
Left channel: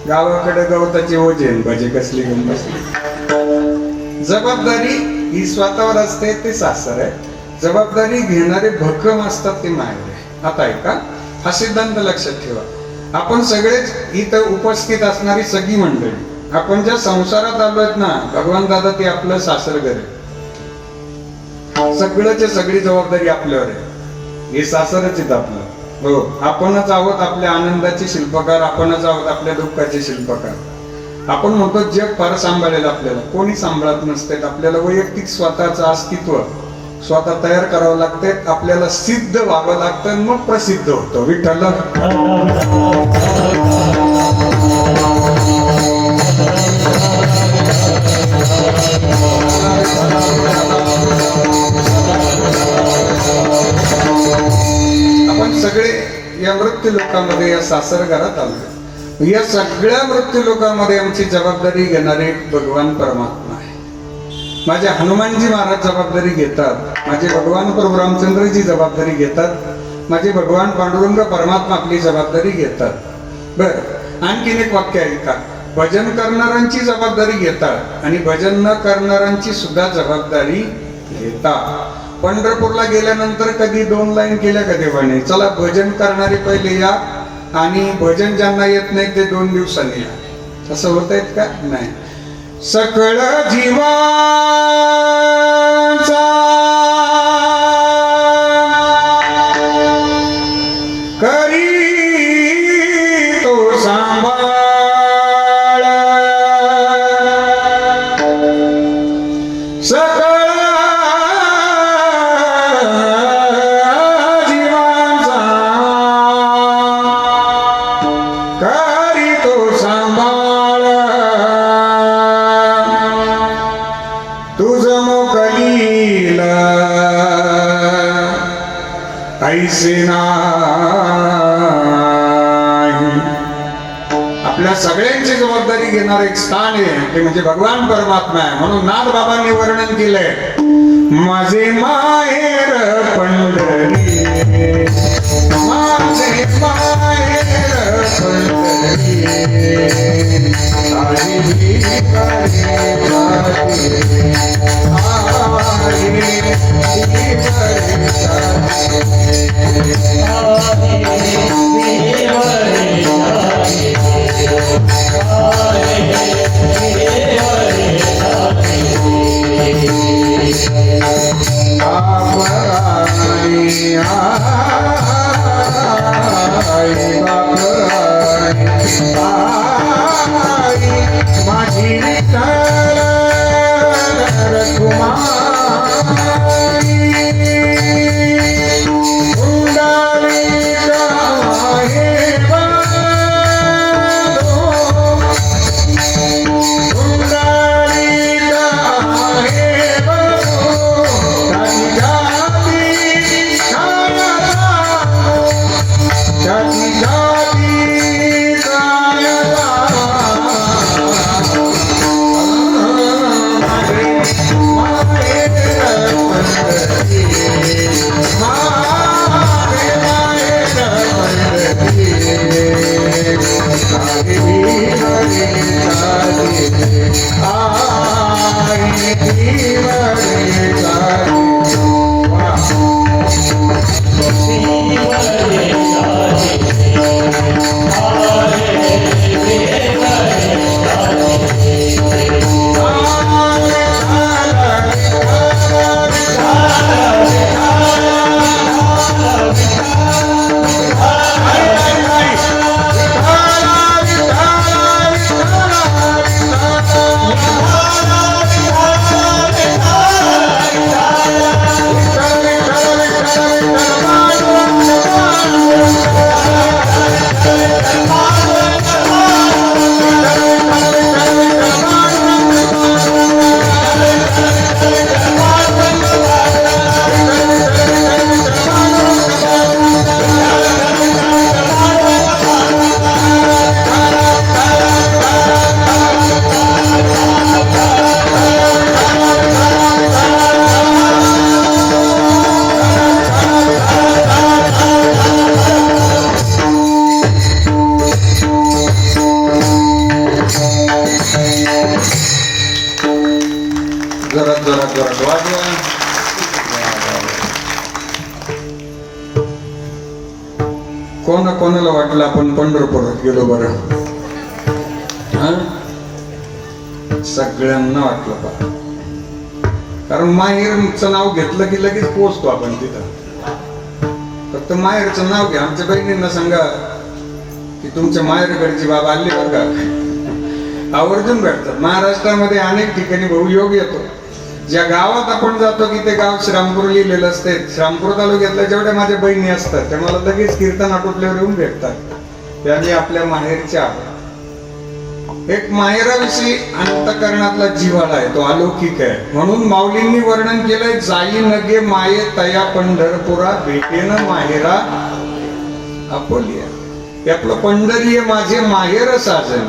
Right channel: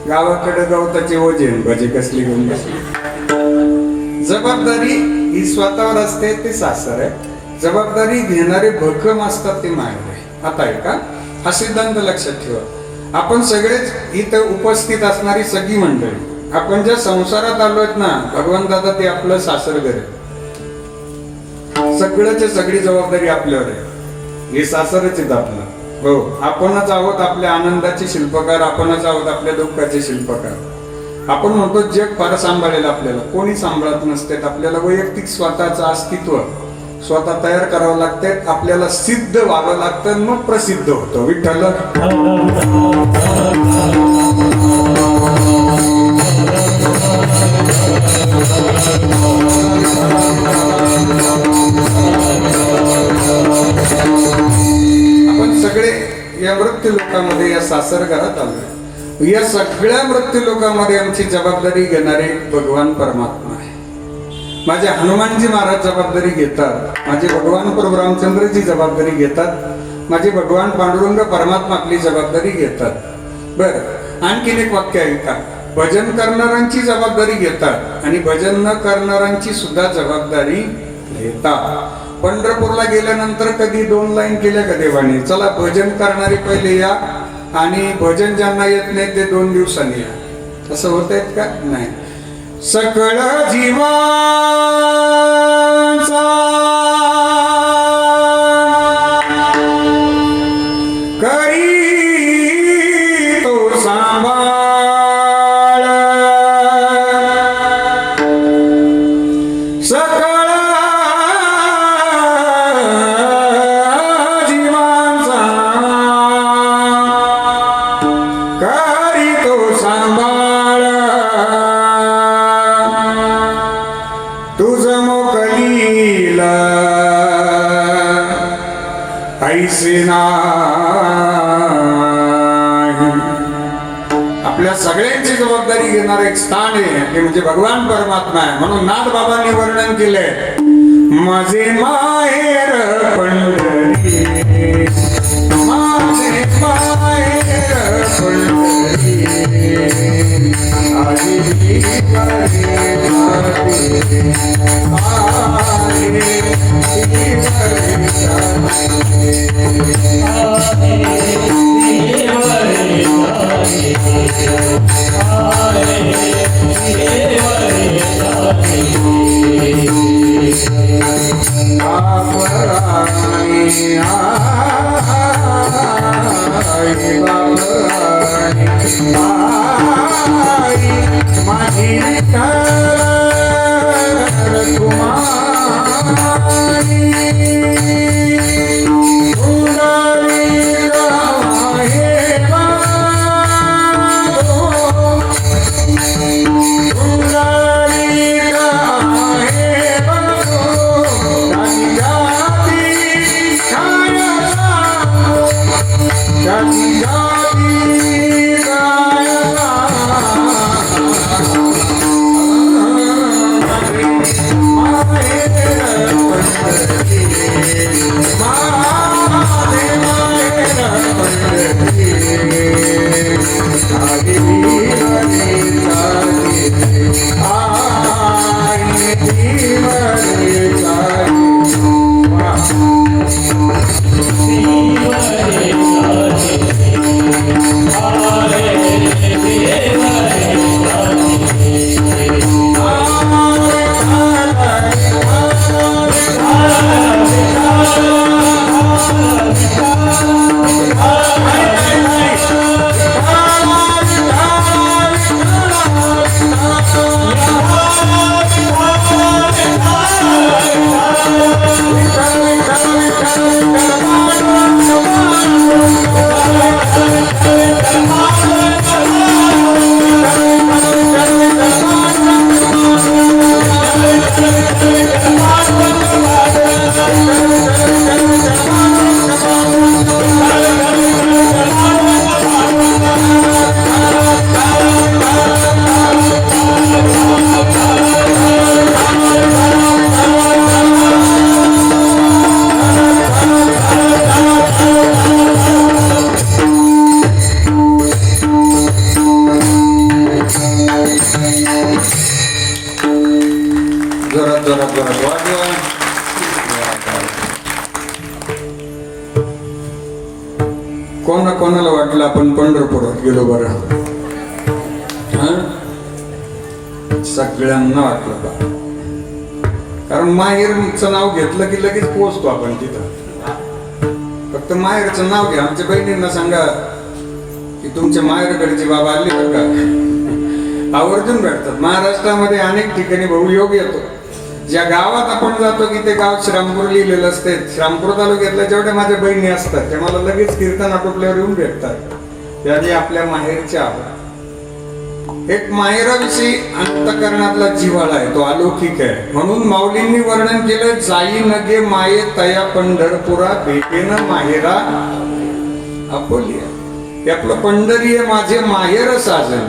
गावाकडे गवताचे ओझे भजे कसली घेऊन बसली. जबाबदारी ही स्वतःवर असते, ते सासर आहे. जबाबदारी घेणारे भक्कम असतात, ते माहेर आहे. आता आहे का? हा सिद्धांत लक्षात ठेवा. आपण सगळेच इथं उपस्थित असणारी सगळी मंडळी, आपण ज्या संसारात आलोत ना, भगवान दादा ते आपलं सासर घर आहे. सगळ्याची सगळी जबाबदारी आपल्यावर आहे. हे सासरच आहेत आपलं. हो, आपणच आहोत आपल्या आनंदाचे शिल्पकार, आपणच आहोत आपल्या दुःखाचे शिल्पकार. आपण म्हणतो जग फार सांभाळेल आपल्याला, कोणी सांभाळत नसते. आपल्याला वैयक्तिक स्वतःचं अस्तित्व स्वतः तयार करावं लागते, आपल्याला सिद्ध व्हावं लागतं, मग प्रसिद्ध होतं. विठ्ठल आपण सगळे या मृत्यू लोकांमध्ये, या सासर घरात आलो. या सगळ्या मृत्यू लोकांमध्ये आमची जबाबदारी घेणारे भगवान परमात्मा आहे. माझे हनुमानजी महाराज जबाबदारी घेतात, माझे भगवान प्रभू रामचंद्रजी जबाबदारी घेतात, माझे भगवान पांडुरंग परमात्मा आपली जबाबदारी घेतात. बर, आणखीन एक वाक्य ऐका. भजन करणाऱ्यांची जबाबदारी घेतात आणि भजन न करणाऱ्यांची सुद्धा जबाबदारी घेतात. पंढरपूरला गेल्यानंतर कधी 2 लाईन केल्या का देवाने? चला भजन करणारे पहिले या आणि भजन ज्यांना येत नाही ते 2 दिवसांनी या. असं होत आहेत का? नाही. सकळ जीवाचा करी तो सांभाळ, सकळ जीवाचा करी तो सांभाळ, तुझ मोकलीला ऐसे नाही. आपल्या सगळ्यांची जबाबदारी घेणार एक स्थान आहे ते म्हणजे भगवान परमात्मा आहे. म्हणून नाथ बाबांनी वर्णन केलंय, माझे माहेर पंढरी, माझे माहेर पंढरी, आली करे जाते, आली करे जाते. राणी आई बाप आई माझी कुमारी जोरात वाजवा. कोणाला वाटलं आपण पंढरपुरात गेलो बरं? सगळ्यांना वाटलं बा, कारण माहेरचं नाव घेतलं की लगेच पोहोचतो आपण तिथं. फक्त माहेरचं नाव घ्या. आमच्या बहिणींना सांगा की तुमच्या माहेरकडचे बाबा आले बघा, आवर्जून भेटतात. महाराष्ट्रामध्ये अनेक ठिकाणी भाऊ योग येतो. ज्या गावात आपण जातो की ते गाव श्रामपूर लिहिलेलं असते. श्रामपूर तालुक्यातल्या जेवढ्या माझ्या बहिणी असतात त्या मला लगेच कीर्तन आटोपल्यावर येऊन भेटतात. त्याने आपल्या माहेरच्या एक माहेराविषयी अंतकरणातला जिव्हाळा आहे, तो अलौकिक आहे. म्हणून माऊलींनी वर्णन केलंय, जाई नगे माये तया पंढरपुरा, भेटेन माहेरा अकोलिया. हे आपलं पंढरी आहे माझे माहेर साजन,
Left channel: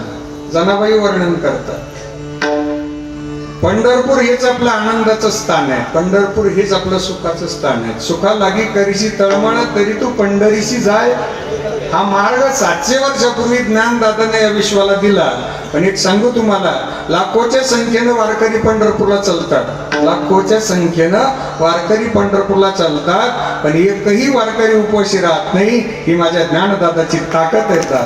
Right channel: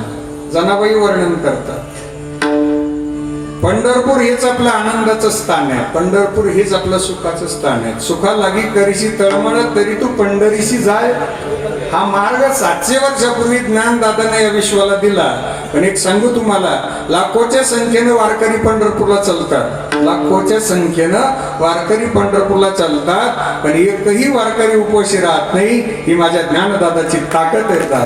जनाबाई वर्णन करतात. पंढरपूर हेच आपलं आनंदाचं स्थान आहे. पंढरपूर हेच आपलं सुखाचं स्थान आहे. सुखा लागी करीशी तळमळ तरी तू पंढरीशी जाय. हा मार्ग 700 वर्षापूर्वी ज्ञानदादाने या विश्वाला दिला. पण एक सांगू तुम्हाला, लाखोच्या संख्येनं वारकरी पंढरपूरला चालतात. लाखोच्या संख्येनं वारकरी पंढरपूरला चालतात, पण एकही वारकरी उपोषी राहत नाही. ही माझ्या ज्ञानदादाची ताकद आहे.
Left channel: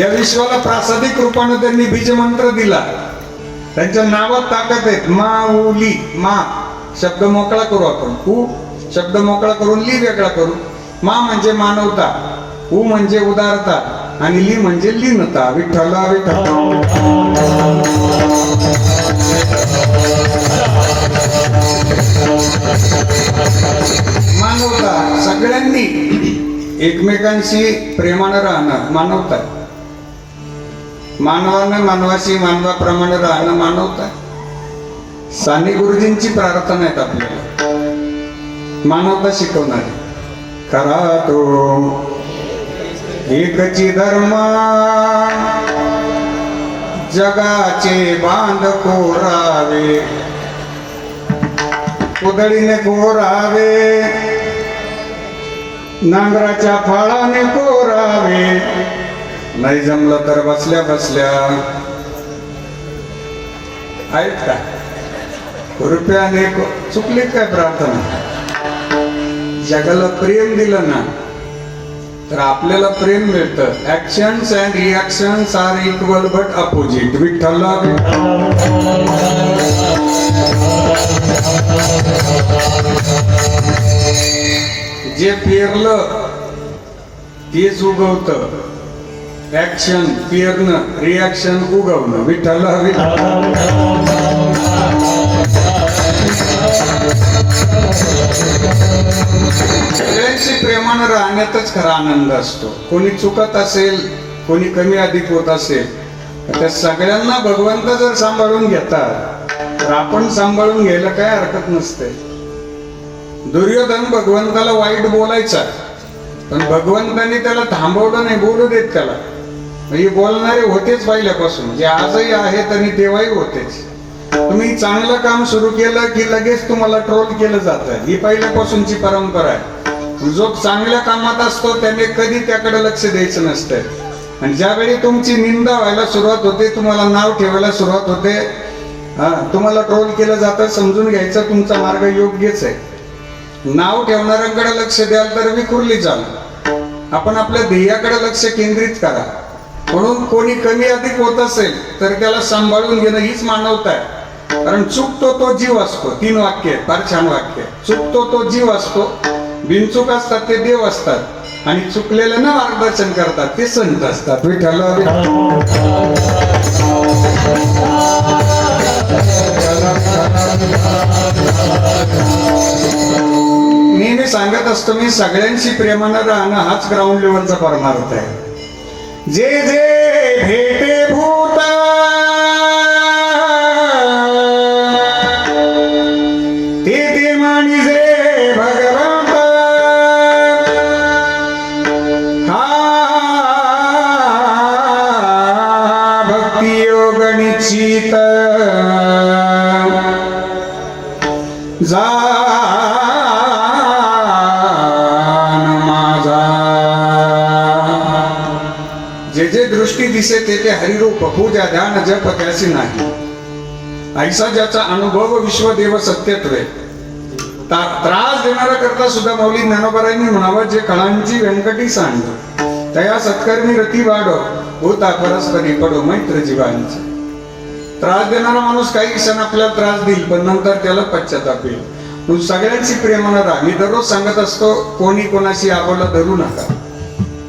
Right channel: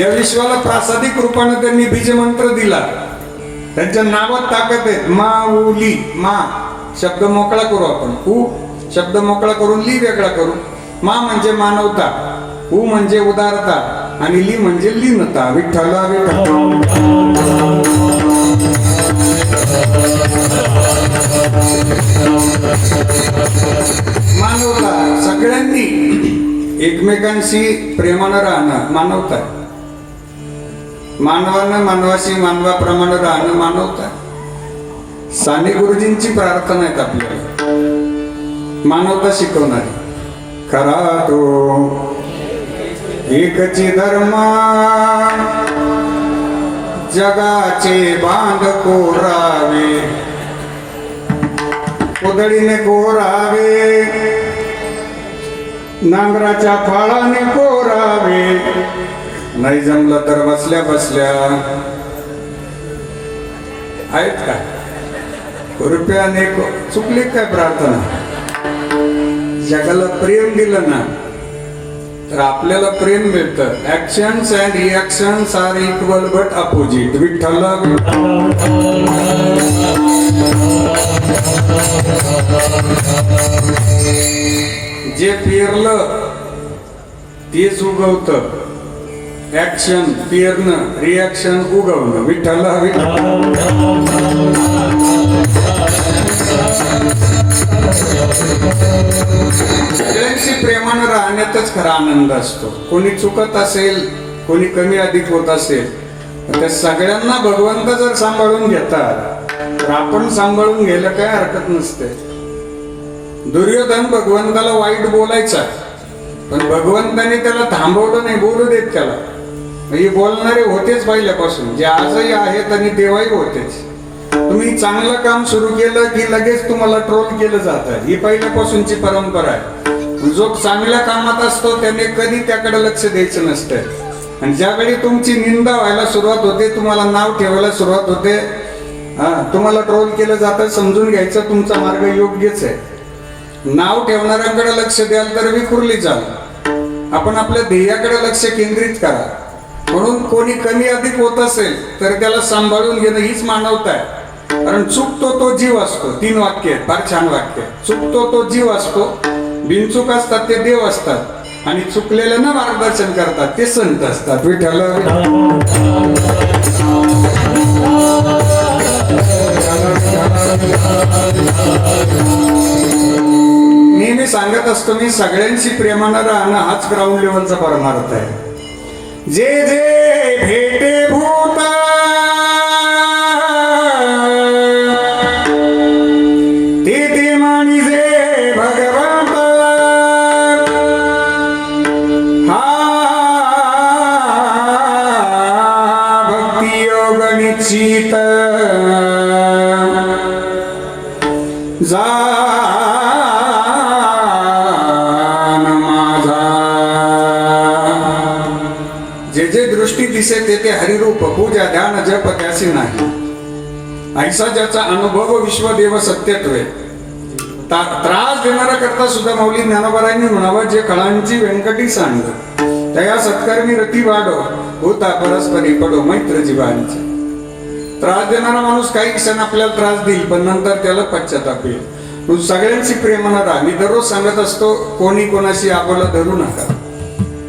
या विश्वाला प्रासादिक रूपानं त्यांनी बीज मंत्र दिला. त्यांच्या नावात ताकद आहे. माऊली, मा शब्द मोकळा करू आपण, उ शब्द मोकळा करून ली वेगळा करू. मा म्हणजे मानवता, उ म्हणजे उदारता, आणि ली म्हणजे लीनता. विठ्ठला विठ्ठल. मानवता, सगळ्यांनी एकमेकांशी प्रेमानं राहणं मानवता. मानवानं मानवाशी मानवाप्रमाणे राहणं मानवता. साने गुरुजींची प्रार्थना आहेत आपल्याला, मानवता शिकवणारी. खरा तो एकची धर्मा, जगाचे बांध कोरावे, उधळीने कोरावे, नांगराच्या फाळाने कोरावे. नाही जमलं तर बसल्या बसल्या आहेत का रुपयाने चुकली काय प्रार्थना? जगाला प्रेम दिलं ना तर आपल्याला प्रेम मिळतं. Actions and reactions are equal but opposite. विठ्ठला विठ्ठला. जे पेरलं तेच उगवतं. ऍक्शन पेरणं, रिॲक्शन उगवणं. विठ्ठल सगळ्यांशी प्रेमानं राहण्यातच खरा आनंद असतो. कोणी चुकत असेल, कोणी कमी अधिक होत असेल, त्या सगळ्यांना भगवंत जर सांभाळून घेतात तर आपण सांभाळून घ्यायला काय हरकत नसते. दुर्योधन भगवंताला वाईट बोलायचा, पण भगवंताने त्याला थांबवलं नाही. बोलू देत त्याला. म्हणजे बोलणारे होतेच पहिल्यापासून, जे आजही आहेत आणि तेव्हाही होतेच. तुम्ही चांगलं काम सुरू केलं की लगेच तुम्हाला ट्रोल केलं जातं. ही पहिल्यापासूनची परंपरा आहे. जो चांगल्या कामात असतो त्याने कधी त्याकडे लक्ष द्यायचं नसतं. आणि ज्यावेळी तुमची निंदा व्हायला सुरुवात होते, तुम्हाला नाव ठेवायला सुरुवात होते, तुम्हाला ट्रोल केलं जातं, समजून घ्यायचं तुमचा मार्ग योग्यच आहे. नाव ठेवणाऱ्यांकडे लक्ष द्याल तर विखुरली जाल. आपण आपल्या ध्येयाकडे लक्ष केंद्रित करा. म्हणून कोणी कमी अधिक होत असेल तर त्याला सांभाळून घेणं हीच मानवता आहे. कारण चुकतो तो जीव असतो. 3 वाक्य आहेत, फार छान वाक्य. चुकतो तो जीव असतो, बिनचूक असतात ते देव असतात, आणि चुकलेल्यांना मार्गदर्शन करतात ते संत असतात. विठ्ठल नेहमी सांगत असतो मी, सगळ्यांशी प्रेमानं राहणं हाच ग्राउंड लेवलचा परमार्थ आहे. जे जे भेटे भूत ते ते मानी जे भगवंत, हा भक्ती योग निश्चित जान माझा. जे जे दृष्टी दिसे ते ते हरिरूप, पूजा ध्यान जप त्यासी नाही. ऐसा ज्याचा अनुभव विश्वदेव सत्यत्वे. त्रास देणारा करता सुद्धा मौली ज्ञानोबरायांनी म्हणावं, जे कळांची व्यंकटी सांग तया सत्कर्मी रती वाढ होता परस्परी पडो मैत्र जीवांची. त्रास देणारा माणूस काही क्षण आपल्याला त्रास देईल, पण नंतर त्याला पश्चाताप येईल. तू सगळ्यांशी प्रेमानं राहा. मी दररोज सांगत असतो, कोणी कोणाशी आबोला धरू नका.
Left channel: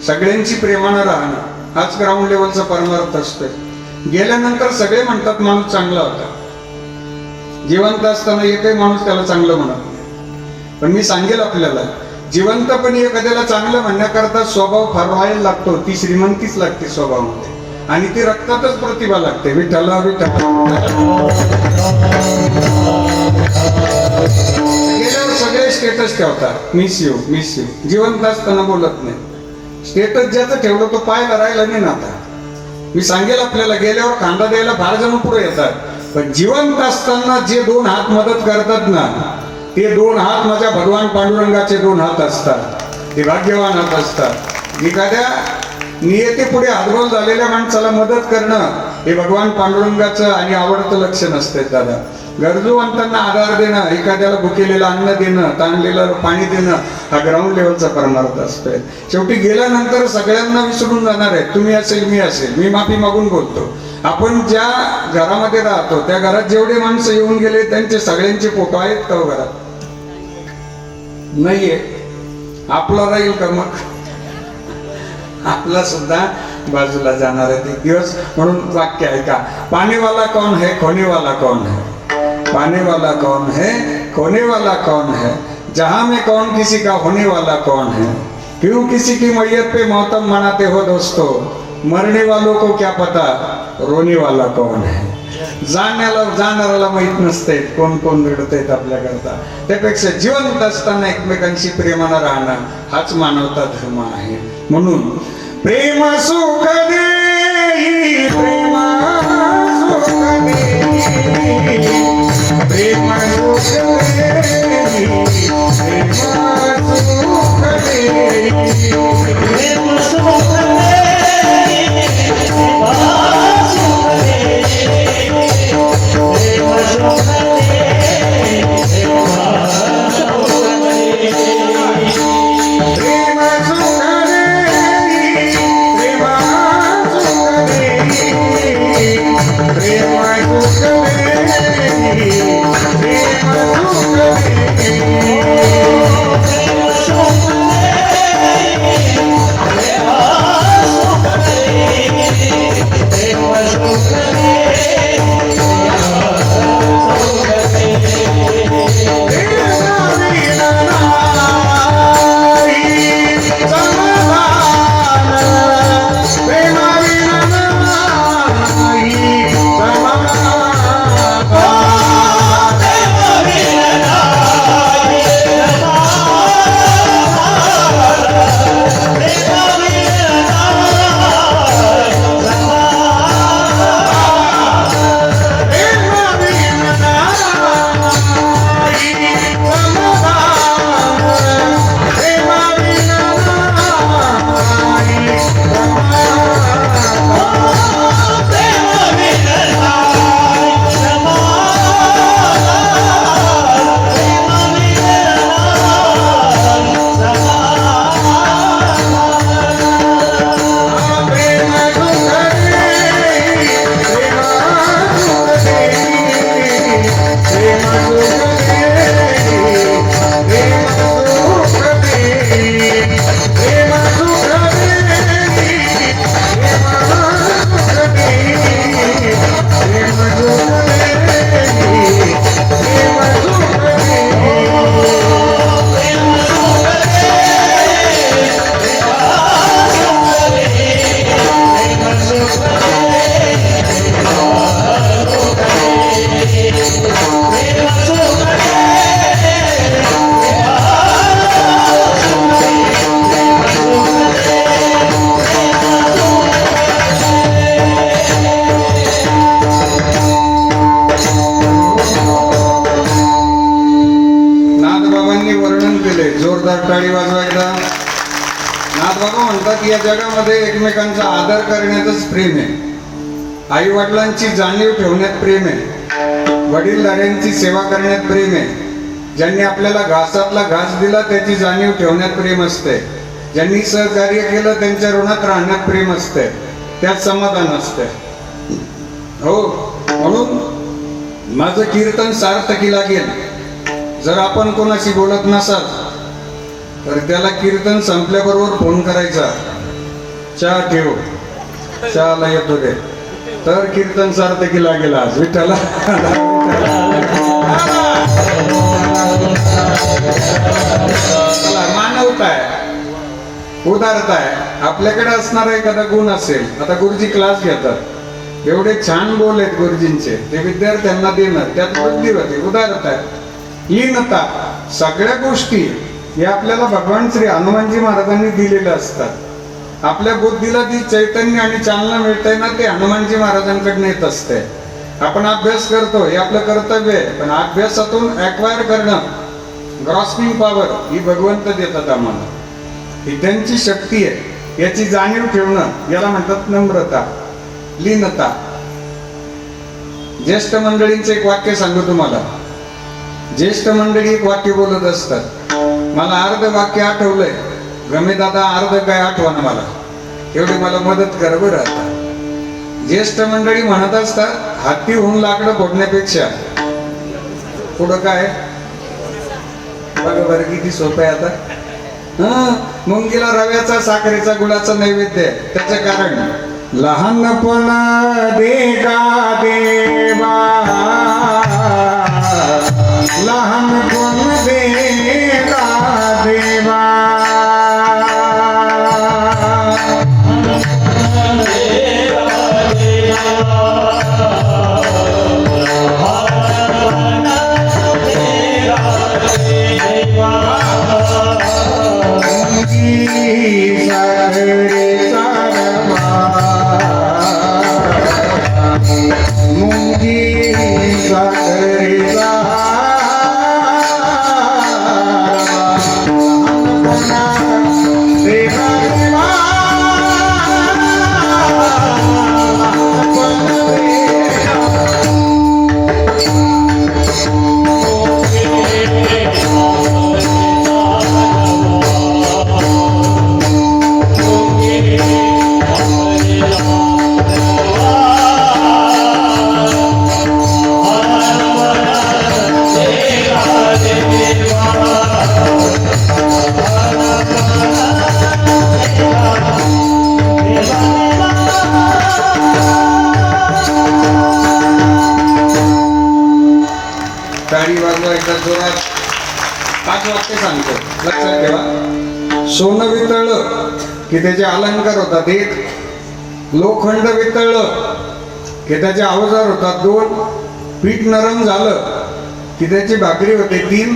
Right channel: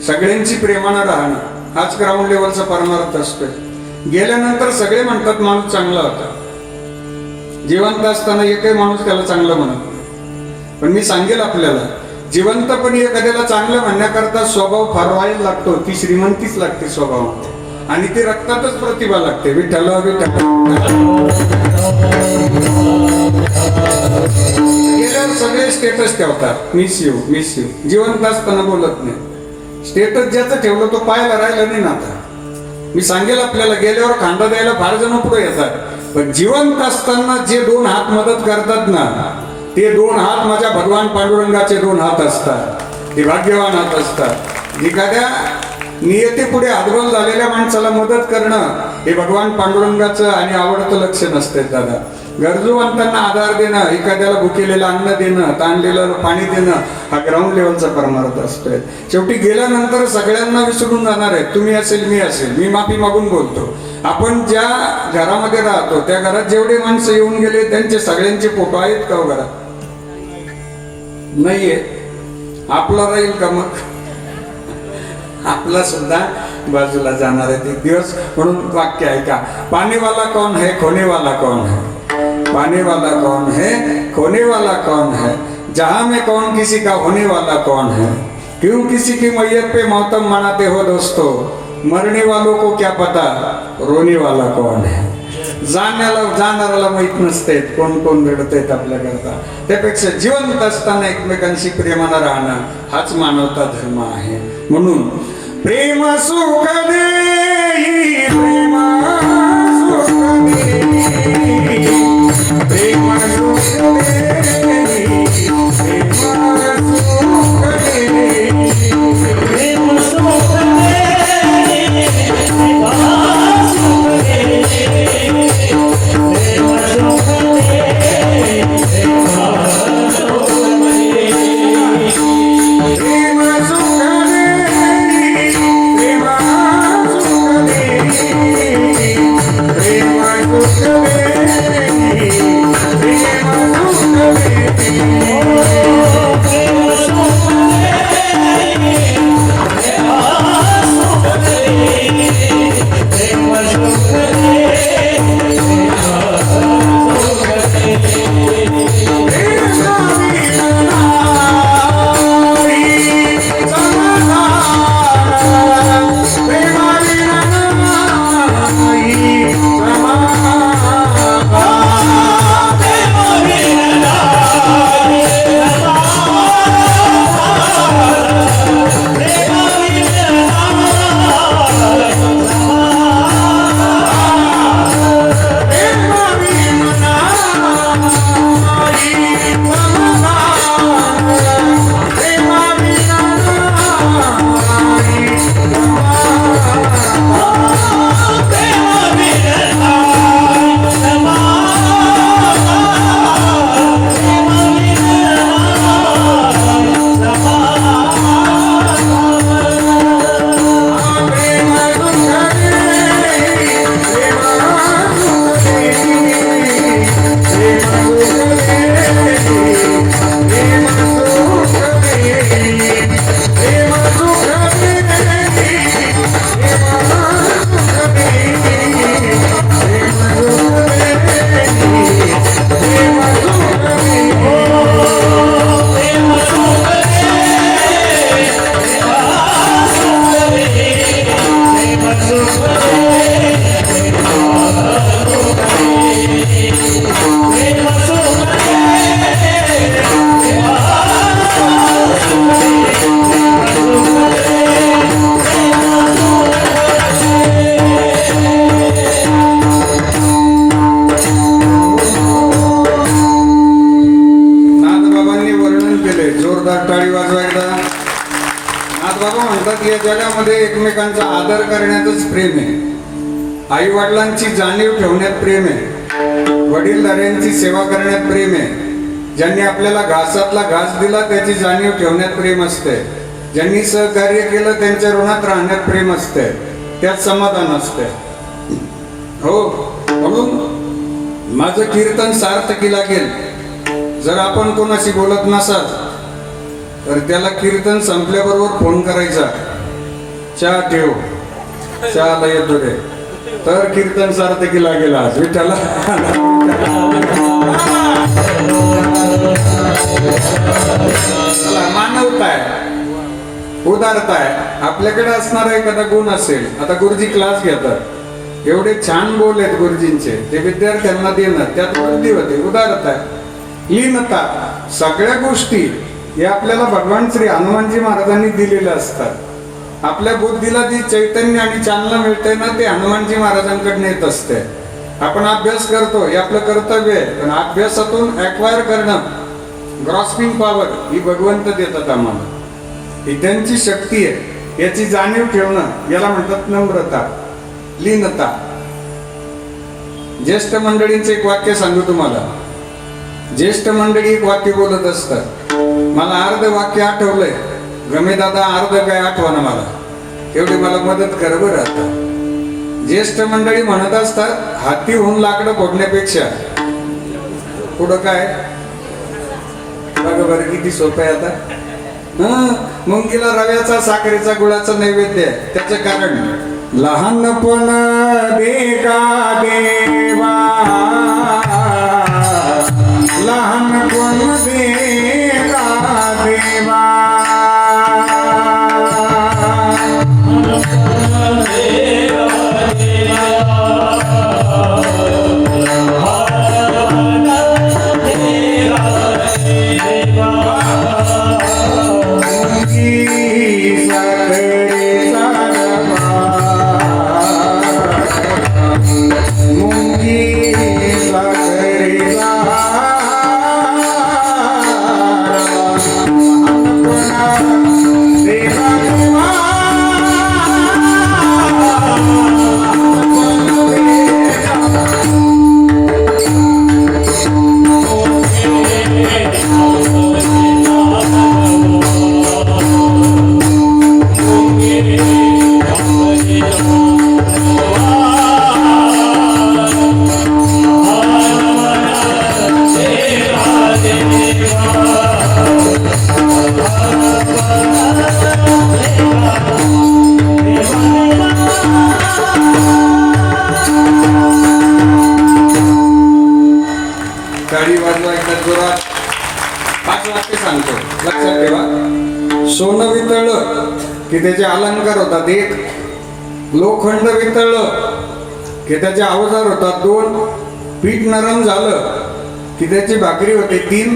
सगळ्यांची प्रेमानं राहणं हाच ग्राउंड लेवलचा परमार्थ असतो. गेल्यानंतर सगळे म्हणतात माणूस चांगला होता. जिवंत असताना एकही माणूस त्याला चांगलं म्हणत नाही. पण मी सांगेल आपल्याला, जिवंतपणी एखाद्याला चांगलं म्हणण्याकरता स्वभाव फारवायला लागतो. ती श्रीमंतीच लागते स्वभावामध्ये, आणि ती रक्तातच प्रतिभा लागते. विठ्ठल विठ्ठल. गेल्यावर सगळे स्टेटस ठेवतात, मिस यू मिस यू. जिवंत असताना बोलत नाही. स्टेटस ज्याचं ठेवलं तो पाहायला राहिला नाही ना. आता मी सांगेल आपल्याला, गेल्यावर खांदा द्यायला फार जण पुढे येतात, पण जिवंत असताना जे 2 हात मदत करतात ना, ते 2 हात माझ्या भगवान पांडुरंगाचे 2 हात असतात. ते भाग्यवान हात असतात. एखाद्या नियतीपुढे हातबल झालेल्या माणसाला मदत करणं हे भगवान पांडुरंगाचं आणि आवडतं लक्षण असते. दादा, गरजूवंतांना आधार देणं, एखाद्याला भुकेलेलं अन्न देणं, ताणलेलं पाणी देणं हा ग्राउंड लेवलचा परमार्थ असतोय. शेवटी गेल्यानंतर सगळ्यांना विसरून जाणार आहे. तुम्ही असेल, मी असेल, मी माफी मागून बोलतो. आपण ज्या घरामध्ये राहतो त्या घरात जेवढे माणसं येऊन गेले त्यांचे सगळ्यांचे फोटो आहेत का घरात? नाहीये. आपला राहील का मग? आपला सुद्धा बाजूला जाणार आहे एक दिवस. म्हणून वाक्य ऐका, पाने वाला कौन है, खोने वाला कौन है. पाने वाला कौन है, खोने वाला कौन है. जहां में कौन किसी का होने वाला कौन है. क्यों किसी की मैयत पे मातम मनाते हो दोस्तों. मरने वालों को क्या पता रोने वाला कौन है. जाणाऱ्याला माहित नसते कोण कोण घडत आहेत आपल्याकरता. त्यापेक्षा जिवंत असताना एकमेकांशी प्रेमानं राहणं हाच मानवता धर्म आहे. म्हणून प्रेम सुख देई, प्रेम सुख देई, प्रेम सुख देई, प्रेम सुख देई, प्रेम सुख म्हणतात या जगामध्ये एकमेकांचा आदर करण्यातच प्रेम आहे, आई वडिलांची जाणीव ठेवण्यात प्रेम आहे, वडीलधाऱ्यांची सेवा करण्यात प्रेम आहे, ज्यांनी आपल्याला घासातला घास दिला त्याची जाणीव ठेवण्यात प्रेम असते, ज्यांनी सहकार्य केलं त्यांच्या ऋणात राहण्यात प्रेम असते, त्यात समाधान असते. हो, म्हणून माझं कीर्तन सार्थकी लागेल. जर आपण कोणाशी बोलत नसाल तर त्याला कीर्तन संपल्याबरोबर फोन करायचा, चहा ठेव, चहाला येतो रे, तर कीर्तन सार्थकी लागेल. आज विठ्ठला मानवता आहे, उदारता आहे, आपल्याकडे असणारा एखादा गुण असेल. आता गुरुजी क्लास घेतात, एवढे छान बोल आहेत गुरुजींचे, ते विद्यार्थ्यांना देणं, त्यात बुद्धी होते, उदारता, लीनता, सगळ्या गोष्टी या आपल्याला भगवान श्री हनुमानजी महाराजांनी दिलेल्या असतात. आपल्या बुद्धीला जी चैतन्य आणि चालना मिळते ना, ते हनुमानजी महाराजांकडून येत असते. आपण अभ्यास करतो, हे आपलं कर्तव्य आहे, पण अभ्यासातून ॲक्वायर करणं, ग्रॉस्पिंग पॉवर ही भगवंत देतात आम्हाला, ही त्यांची शक्ती आहे. याची जाणीव ठेवणं याला म्हणतात नम्रता, लीनता. ज्येष्ठ मंडळींचे एक वाक्य सांगू तुम्हाला. ज्येष्ठ मंडळी एक वाक्य बोलत असतात, मला अर्ध वाक्य आठवलंय, गमे दादा अर्ध काय आठवणं मला, एवढी मला मदत कर बरं. आता ज्येष्ठ मंडळी म्हणत असतात, हाती होऊन लाकडं फोडण्यापेक्षा पुढं काय, बघा बरं किती सोपं आहे. आता मुंगीला रव्याचा, साखरेचा, गुळाचा नैवेद्य आहे. त्याचं कारण लहानपण देगा देवा, लहानपण देगा देवा, सोनं वितळलं की त्याचे अलंकार होतात एक, लोखंड वितळलं की त्याचे अवजार होतात दोन, पीठ नरम झालं की त्याची भाकरी होते तीन,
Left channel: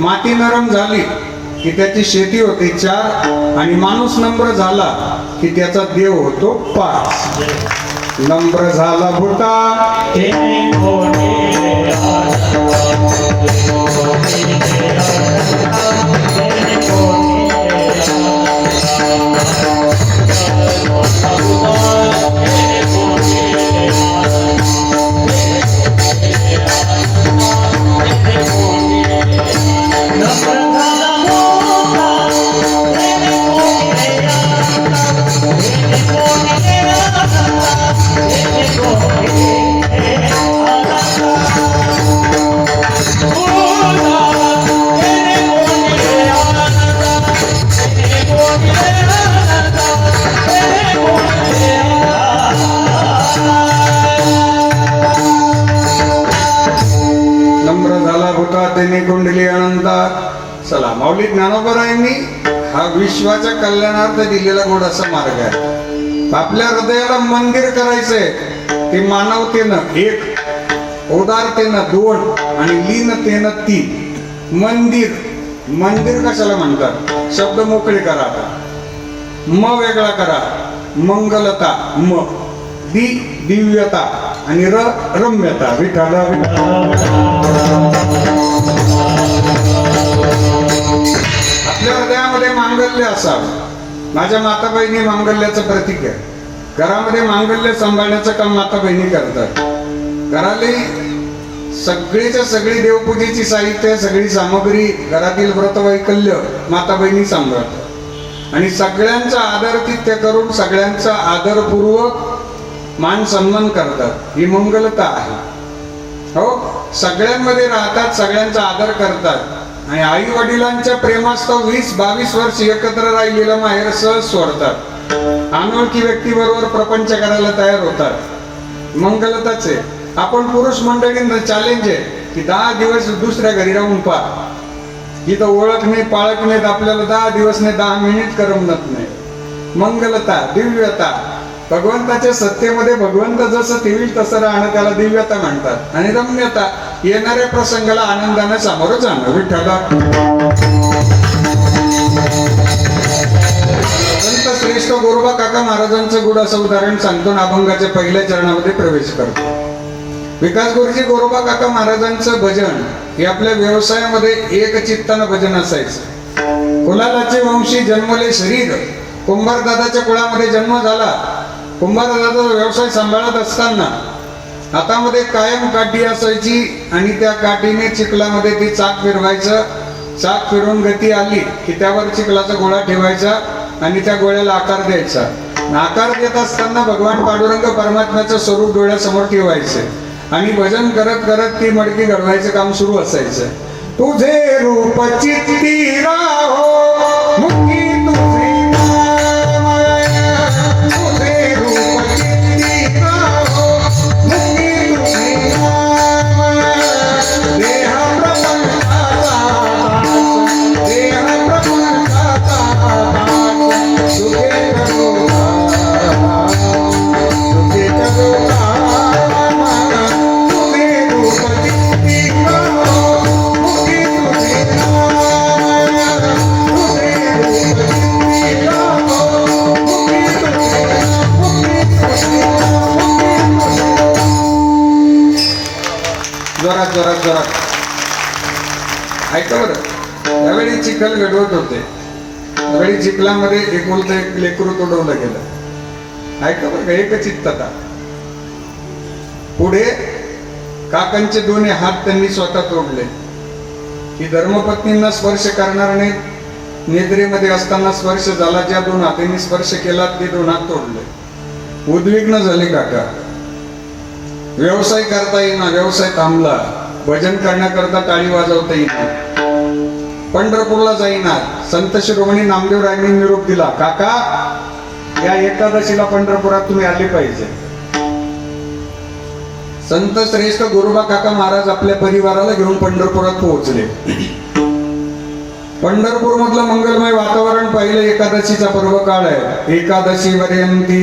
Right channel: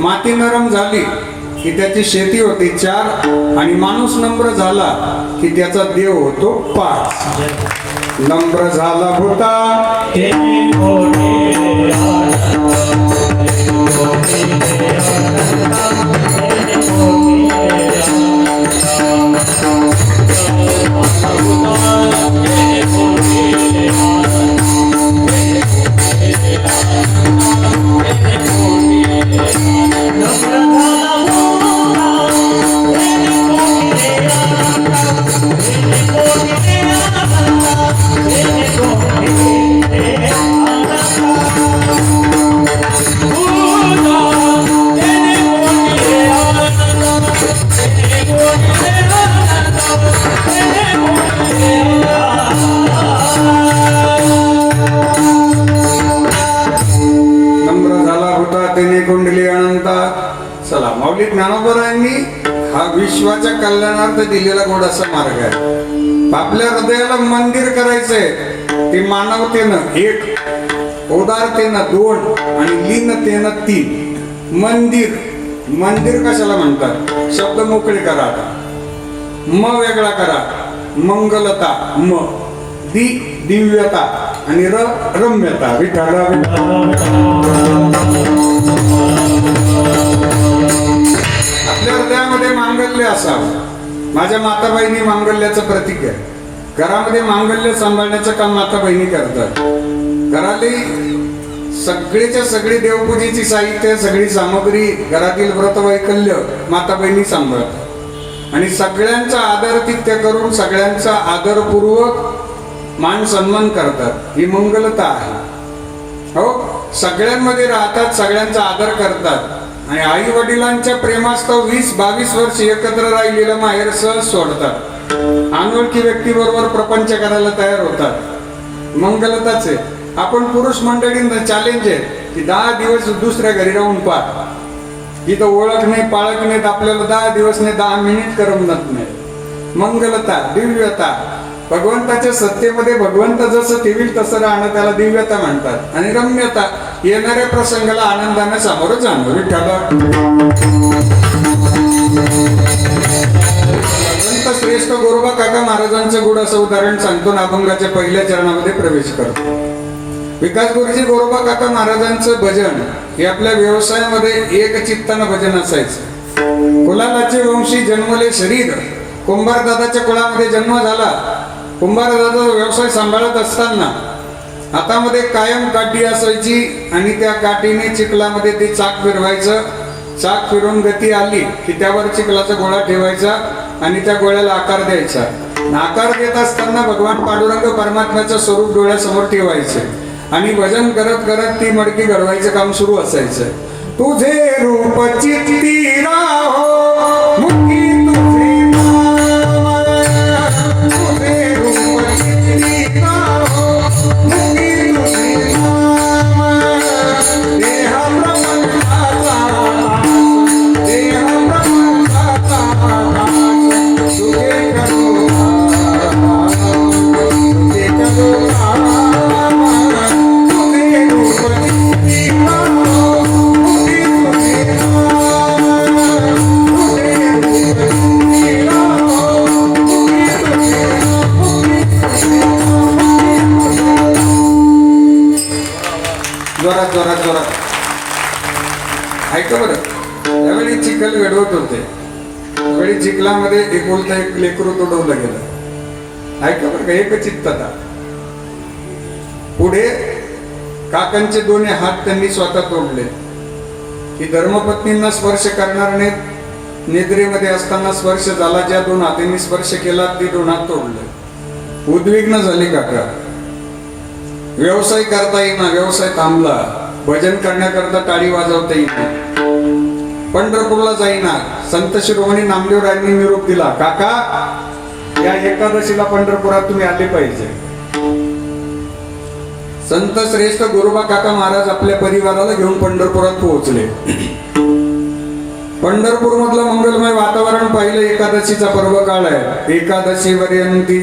माती नरम झाली की त्याची शेती होते चार, आणि माणूस नम्र झाला की त्याचा देव होतो पाच. नम्र झाला होता कुंडली अनंतात. चला, माऊली ज्ञानोबरायांनी हा विश्वाच्या कल्याणार्थ दिलेला गोडासा मार्ग आहे. आपल्या हृदयाला मंदिर करायचंय, ते मानवतेनं एक, उदारतेनं दोन, आणि लीनतेनं तीन. मंदिर, मंदिर कशाला म्हणतात? शब्द मोकळे करा, म वेगळा करा, मंगलता म, दी दिव्यता, आणि र रम्यता. विठ्ठल आपल्या हृदयामध्ये मांगल्य असावं, माझ्या माता बहिणी मांगल्याचं प्रतीक आहे. घरामध्ये मांगल्य सांभाळण्याचं काम माता बहिणी करतात. घरातली सगळीच्या सगळी देवपूजेची साहित्य, सगळी सामग्री, घरातील व्रतवैकल्य माता बहिणी सांभाळतात आणि सगळ्यांचा आदरातिथ्य करून सगळ्यांचा आदरपूर्वक मान सन्मान करतात. ही मंगलता आहे. हो, सगळ्यांमध्ये राहतात, सगळ्यांचा आदर करतात आणि आई वडिलांच्या प्रेमास्तव 20-22 वर्ष एकत्र राहिलेलं माहेर सहज सोडतात. अनोळखी व्यक्तीबरोबर प्रपंच करायला तयार होतात. मंगलताच आहे. आपण पुरुष मंडळींना चॅलेंज आहे की 10 दिवस दुसऱ्या घरी राहून पहा. इथं ओळख नाही, पाळख नाहीत, आपल्याला 10 दिवस नाही, 10 मिनिट करमत नाही. मंगलता, दिव्यता. भगवंताच्या सत्तेमध्ये भगवंत जसं ठेवील तसं राहणं, त्याला दिव्यता म्हणतात. आणि रम्यता, येणाऱ्या प्रसंगाला आनंदाने सामोरं जाणं. विठ्ठला संत श्रेष्ठ गोरोबा काका महाराजांचं गुढ असं उदाहरण सांगतो आणि अभंगाच्या पहिल्या चरणामध्ये प्रवेश करतो. विकास गुरुजी गोरोबा काका महाराजांचं भजन हे आपल्या व्यवसायामध्ये एक चित्तानं भजन असायचं. कुलालाचे वंशी जन्मले शरीर. कुंभार दादाच्या कुळामध्ये जन्म झाला. कुंभार दादाचा व्यवसाय सांभाळत असताना हातामध्ये कायम काठी असायची आणि त्या काठीने चिखलामध्ये ती चाक फिरवायचं. चाक फिरून गती आली की त्यावर चिखलाचा गोळा ठेवायचा आणि त्या गोळ्याला आकार द्यायचा. आकार देत असताना भगवान पांडुरंग परमात्म्याचं स्वरूप डोळ्यासमोर ठेवायचे आणि भजन करत करत ती मडकी घडवायचं काम सुरू असायचं. तुझे रूप चित्ती राहो मुखी तुझे नाम, तुझे रूप चित्ती राहो मुखी तुझे नाम, देह प्रपंचाचा देह प्रपंचाचा सुखे करो सुखे करो जोरात ऐका बरं. त्यावेळी चिखल घडवत होते. त्यावेळी चिखलामध्ये एकुलता एक लेकरू तोडवलं गेलं. ऐका बरं, एक चित्तता. पुढे काकांचे दोन्ही हात त्यांनी स्वतः तोडले. की धर्मपत्नींना स्पर्श करणार नाही. निद्रेमध्ये असताना स्पर्श झाला. ज्या 2 हातांनी स्पर्श केला ते 2 हात तोडले. उद्विग्न झाले काका. व्यवसाय करता येईना, व्यवसाय थांबला. भजन करण्याकरता टाळी वाजवता येईल. पंढरपूरला जाईना. संत शिरोमणी नामदेवरायांनी निरोप दिला, काका या एकादशीला पंढरपुरात तुम्ही आले पाहिजे. संत श्रेष्ठ गोरोबा काका महाराज आपल्या परिवाराला घेऊन पंढरपुरात पोहोचले. पंढरपूर मधलं मंगलमय वातावरण पाहिलं. एकादशीचा पर्व काळ आहे. एकादशी वर्यंती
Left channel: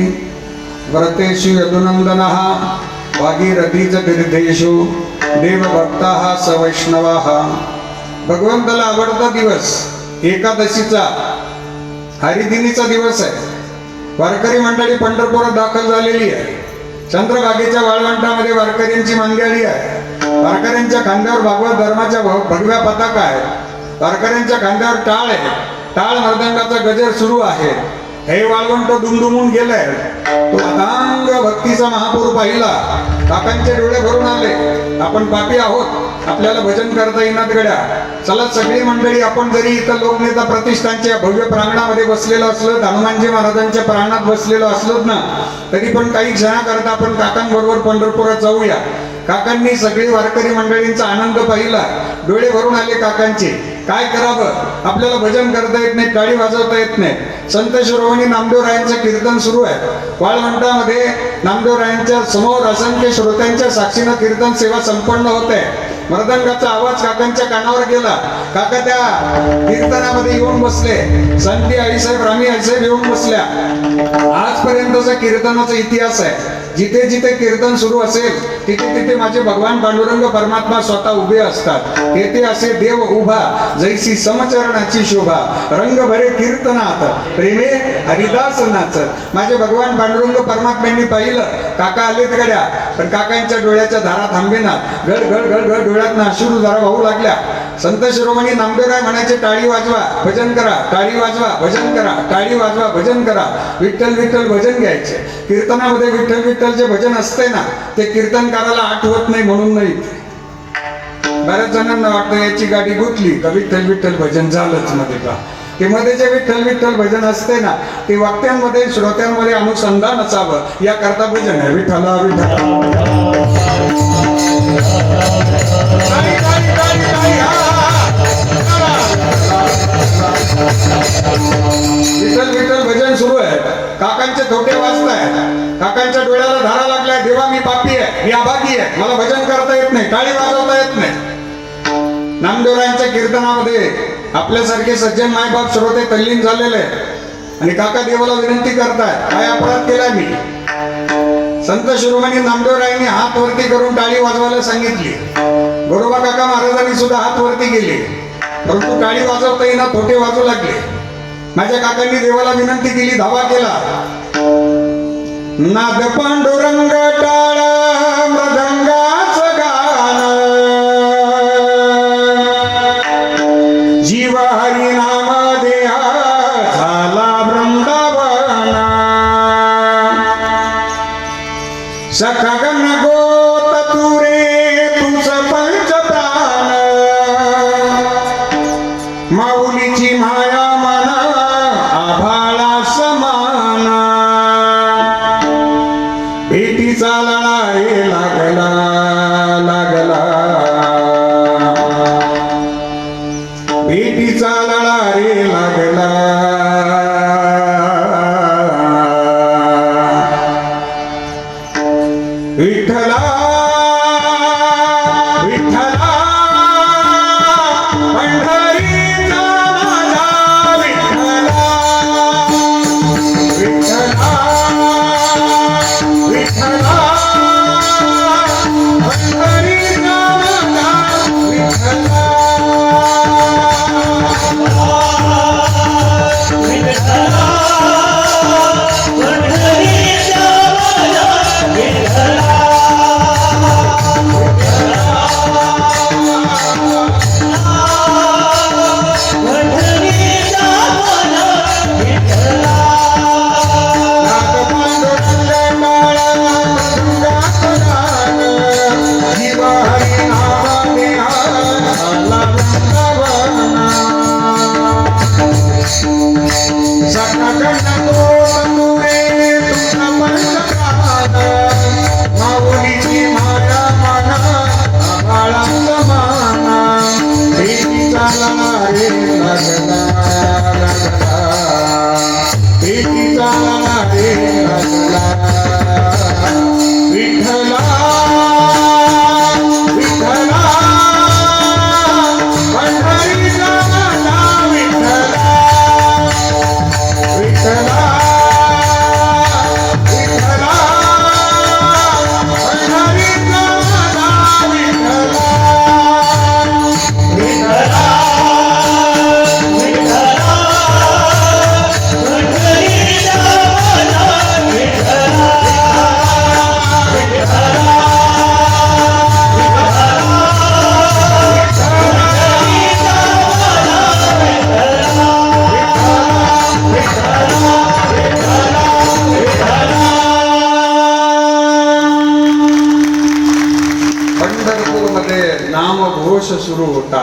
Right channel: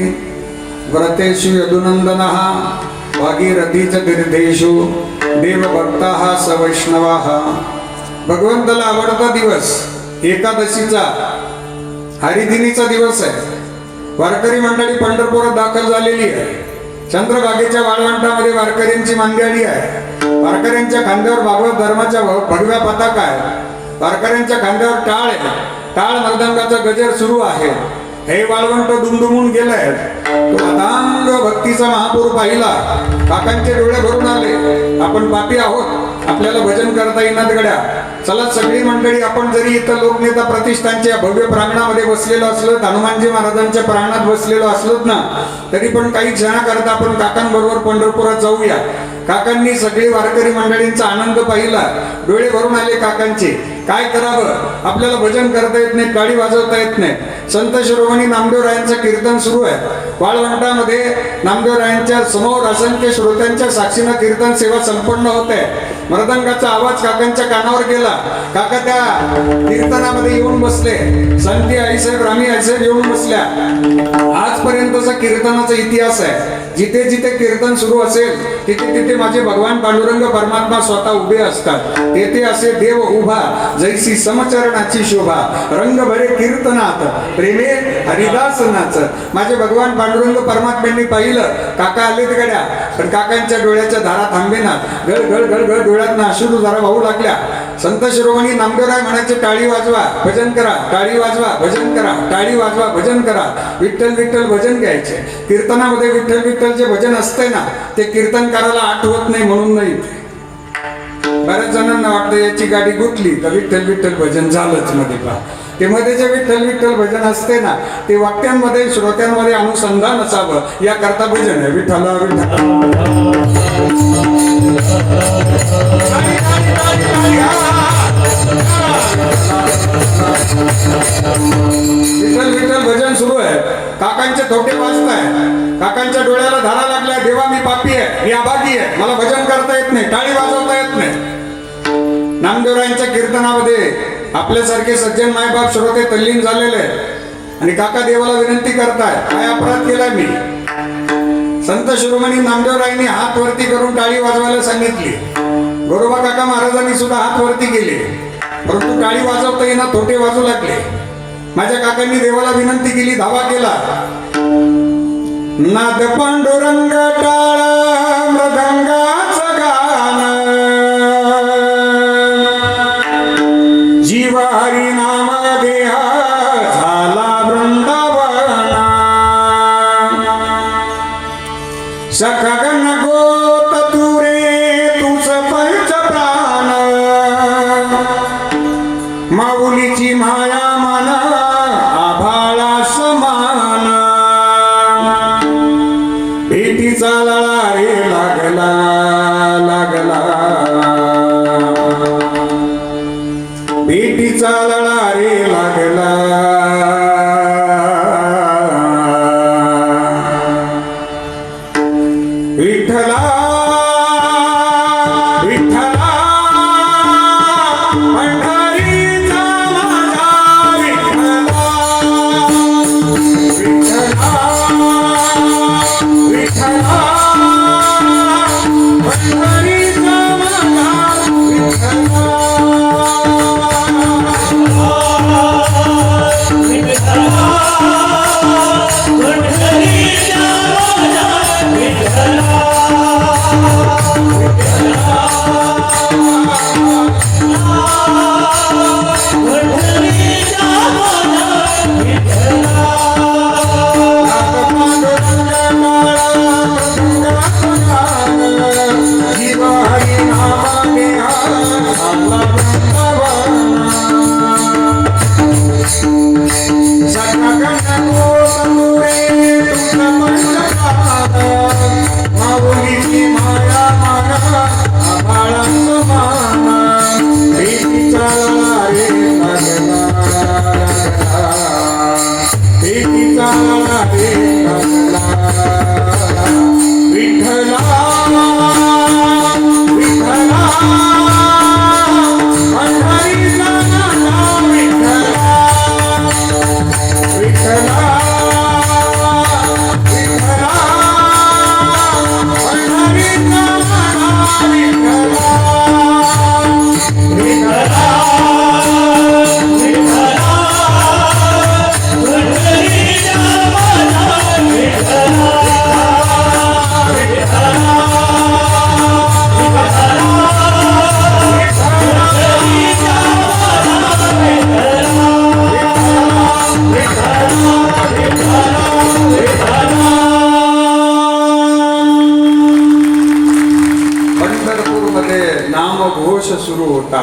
व्रतेषु यदुनंदनः भागीरथीच तीर्थेषु देवभक्ताः सवैष्णवाः. भगवंताला आवडता दिवस एकादशीचा हरिदिनीचा दिवस आहे. वारकरी मंडळी पंढरपुरात दाखल झालेली आहे. चंद्रभागेच्या वाळवंटामध्ये वारकऱ्यांची मांदियाळी आहे. वारकऱ्यांच्या खांद्यावर भागवत धर्माच्या भगव्या पताका आहे. वारकऱ्यांच्या खांद्यावर टाळ आहे. टाळ मृदंगाचा गजर सुरू आहे. हे वाळवंट दुमदुमून गेलंय. तो अथांग भक्तीचा महापूर पाहिला. काकांचे डोळे भरून आले. आपण पापी आहोत, आपल्याला भजन करता येणार गड्या. चला सगळी मंडळी, आपण जरी इथं लोकनेता प्रतिष्ठानच्या भव्य प्रांगणामध्ये बसलेलो असलो, हनुमानजी महाराजांच्या प्रांगणात बसलेलो असलोत ना, तरी पण काही क्षणाकरता आपण काकांबरोबर पंढरपुरात जाऊया. काकांनी सगळी वारकरी मंडळींचा आनंद पाहिला. डोळे भरून आले काकांचे. काय करावं, आपल्याला भजन करता येत नाही, गाडी वाजवता येत नाही. संत शिरोमणी नामदेवरायांचं कीर्तन सुरू आहे. वाळवंटामध्ये नामदेवरायांच्या समोर असंख्य श्रोत्यांच्या साक्षीनं कीर्तन सेवा संपन्न होत आहे. मृदंगाचा आवाज काकांच्या कानावर गेला. काका त्या कीर्तनामध्ये येऊन बसले. संती आईसाहेब, रामी आईसाहेब येऊन बसल्या. आजपर्यंतचा कीर्तनाचा इतिहास आहे. जिथे जिथे कीर्तन सुरू असेल तिथे तिथे माझे भगवान पांडुरंग परमात्मा स्वतः उभे असतात. तेथे असे देव उभा जैसी समचरणाची शोभा, रंग भरे कीर्तनात प्रेमे हरिदास नाच. माझे भगवान पांडुरंग परमात्म्यांनी पाहिलं काका आले तिकड्या. तर काकांच्या डोळ्याच्या धारा थांबेना. गड गड गड गड डोळ्यात अश्रू धारा वाहू लागल्या. संत शिरोमणी नामदेवराय म्हणायचे, टाळी वाजवा भजन करा, टाळी वाजवा भजन करा, टाळी वाजवा भजन करा. विठ्ठल विठ्ठल भजन घ्यायचे. कीर्तनामध्ये विठ्ठल विठ्ठल जे भजन असते ना, ते कीर्तनकाराला आठवत नाही म्हणून नाही. बऱ्याच जणांना वाटतं याची गाडी गुतली का विठ्ठल विठ्ठल भजन झालंच मध्ये पहा. ते मध्ये जे विठ्ठल विठ्ठल भजन असते ना, ते वाक्यांमध्ये श्रोत्यांमध्ये अनुसंधान असावं याकरता भजन आहे. विठ्ठला विठ्ठला विठ्ठल विठ्ठल भजन सुरू आहे. काकांचे थोटे वाजताय. काकांच्या डोळ्याला धारा लागल्या. देवा मी पापी आहे, मी अभागी आहे, मला भजन करता येत नाही, टाळी वाजवता येत नाही. नामदेवरायांच्या कीर्तनामध्ये आपल्यासारखे सज्जन मायबाप श्रोते तल्लीन झालेले आहेत आणि काका देवाला विनंती करताय, काय अपराध केलाय मी. संत शिरोमणी नामदेवरायांनी हात वरती करून टाळी वाजवायला सांगितली. गोरोबा काका महाराजांनी सुद्धा हात वरती केले, परंतु टाळी वाजवता येईना, थोटे वाजू लागले. माझ्या काकांनी देवाला विनंती केली, धावा केला. नाद पांडुरंग टाळा मृदंगाचं गाणं, जीव हरी नाम देहा झाला वृंदावन. सखगन गोत तुरे तुझ पंच प्राण, माऊलीची माया मना आभाळा समान. भेटीचा लळा रे लागला लागला, भेटीचा लळा रे लागला. विठ्ठला विठ्ठला पंढरीचा माझा विठ्ठला, विठ्ठला विठ्ठला पंढरीचा माझा विठ्ठला. नामघोष सुरू होता.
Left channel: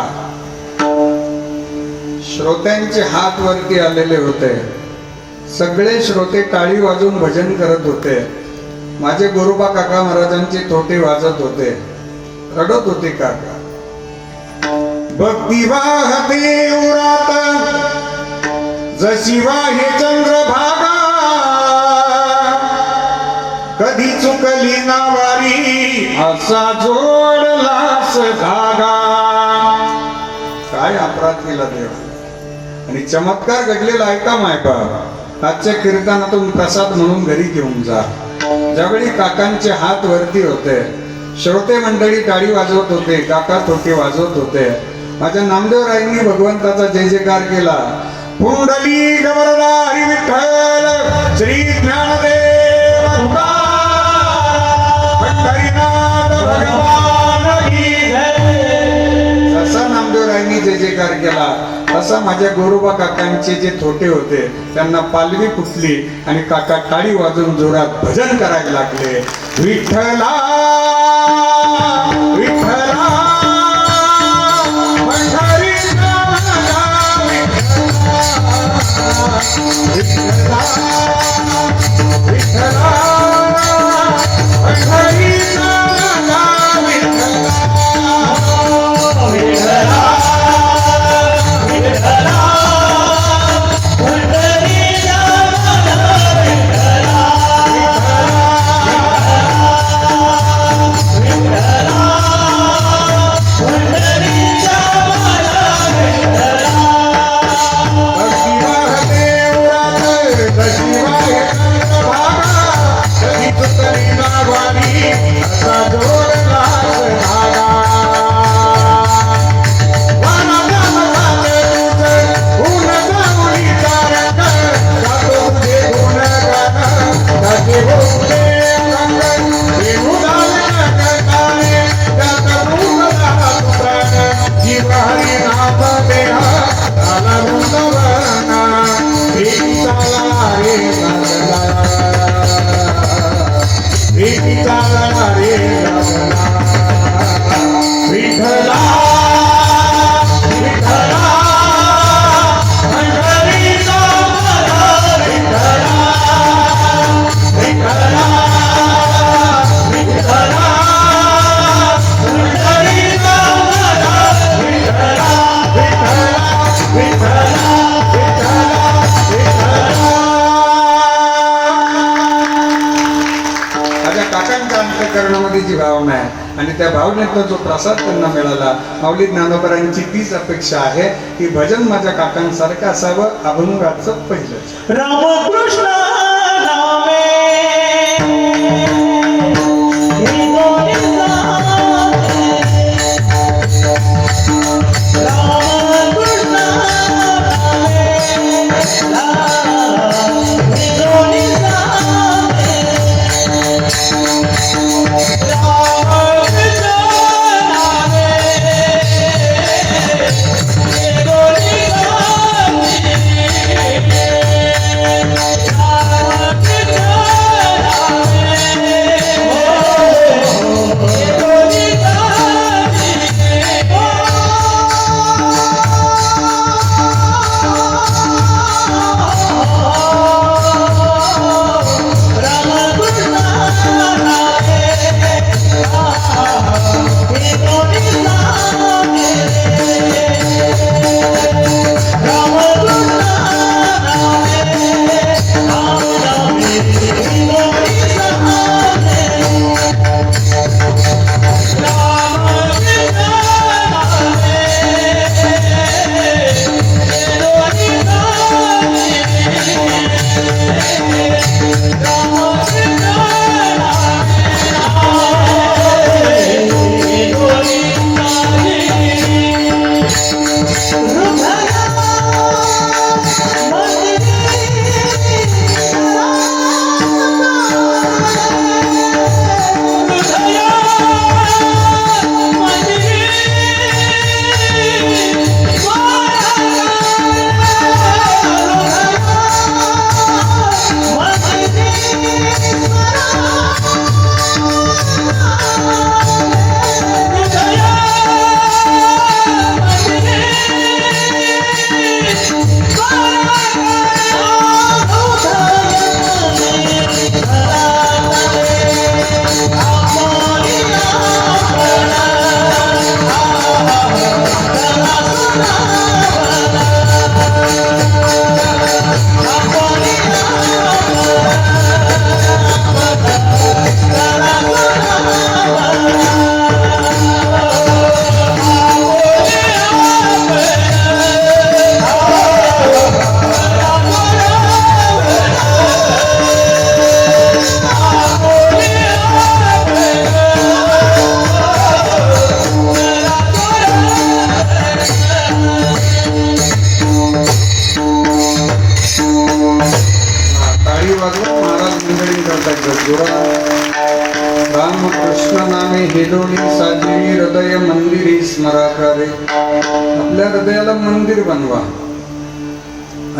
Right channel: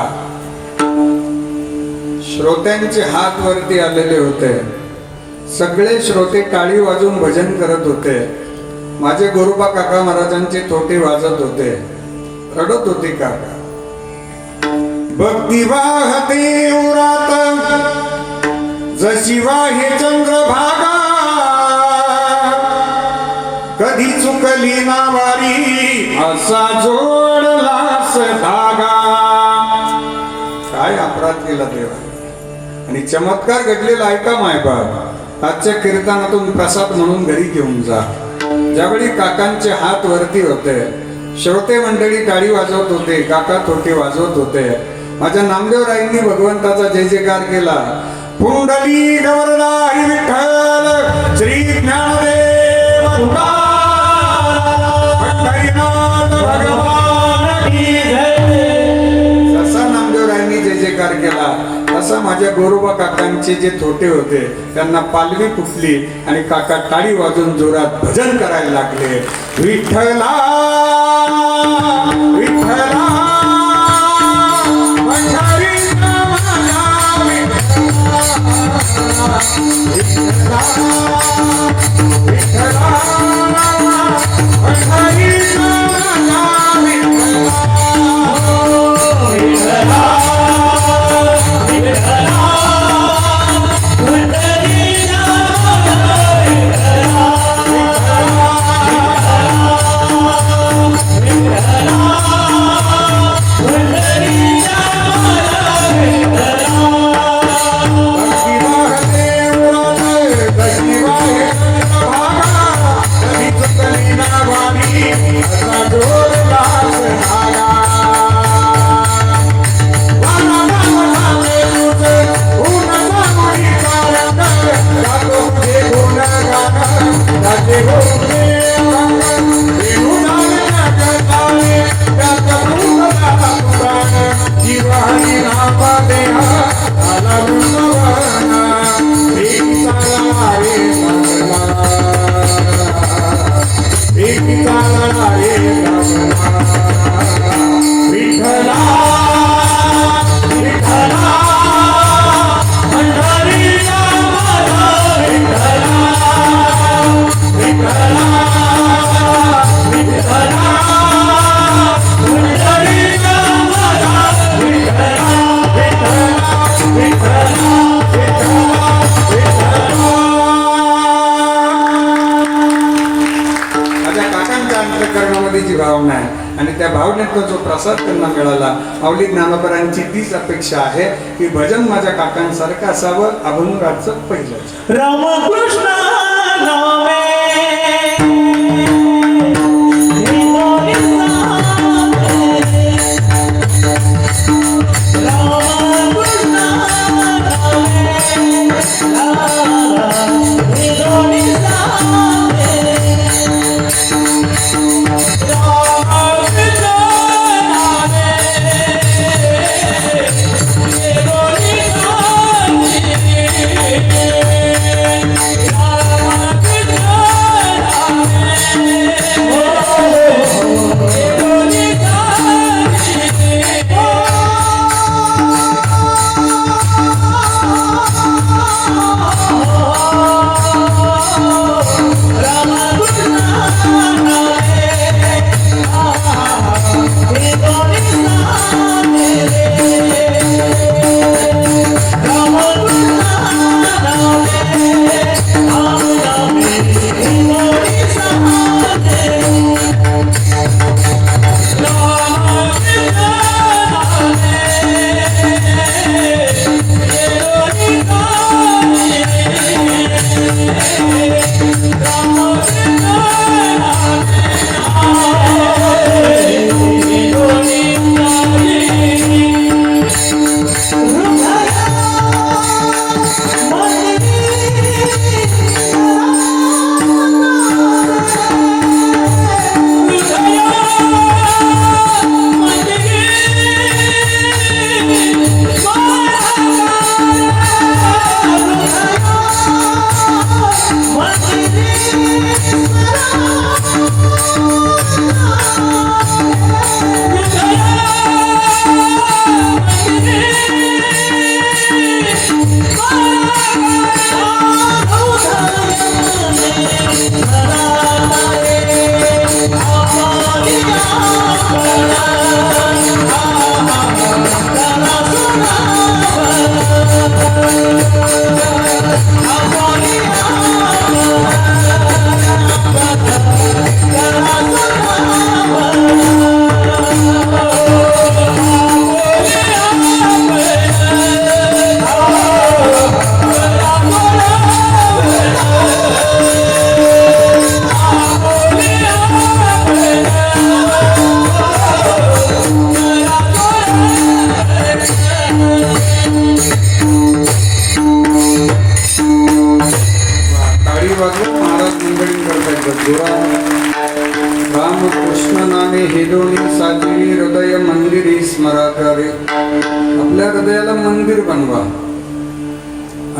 श्रोत्यांचे हात वरती आलेले होते. सगळे श्रोते टाळी वाजवून भजन करत होते. माझे गोरोबा काका महाराजांचे थोटे वाजत होते, रडत होते काका. भक्ती वाहते उरात जशी वाहे चंद्रभागा, कधी चुकली ना वारी असा जोडलास धागा. काय अपराध केला देवा आणि चमत्कार घडलेला ऐका मायबाप. आजच्या कीर्तनातून प्रसाद म्हणून घरी घेऊन जा. ज्यावेळी काकांचे हात वरती होते, श्रोते मंडळी टाळी वाजवत होते, काका थोटे वाजवत होते. माझ्या नामदेवरायांनी भगवंताचा जय जयकार केला. पुंडली गवरला हरी विठ्ठल श्री ज्ञानदेव पंढरी विचार केला तसा माझ्या गोरोबा काकांचे जे थोटे होते त्यांना पालवी फुटली आणि काका टाळी वाजून जोरात भजन करायला लागले. विठ्ठला विठ्ठला पंढरीचा माझा विठ्ठला, विठ्ठला पंढरीचा माझा विठ्ठला, जी भावना आहे आणि त्या भावनेतून जो प्रसाद त्यांना मिळाला, माऊली ज्ञानोबरांची तीच अपेक्षा आहे की भजन माझ्या काकांसारखं असावं. अभंगाचं पहिलं रामकृष्ण नामे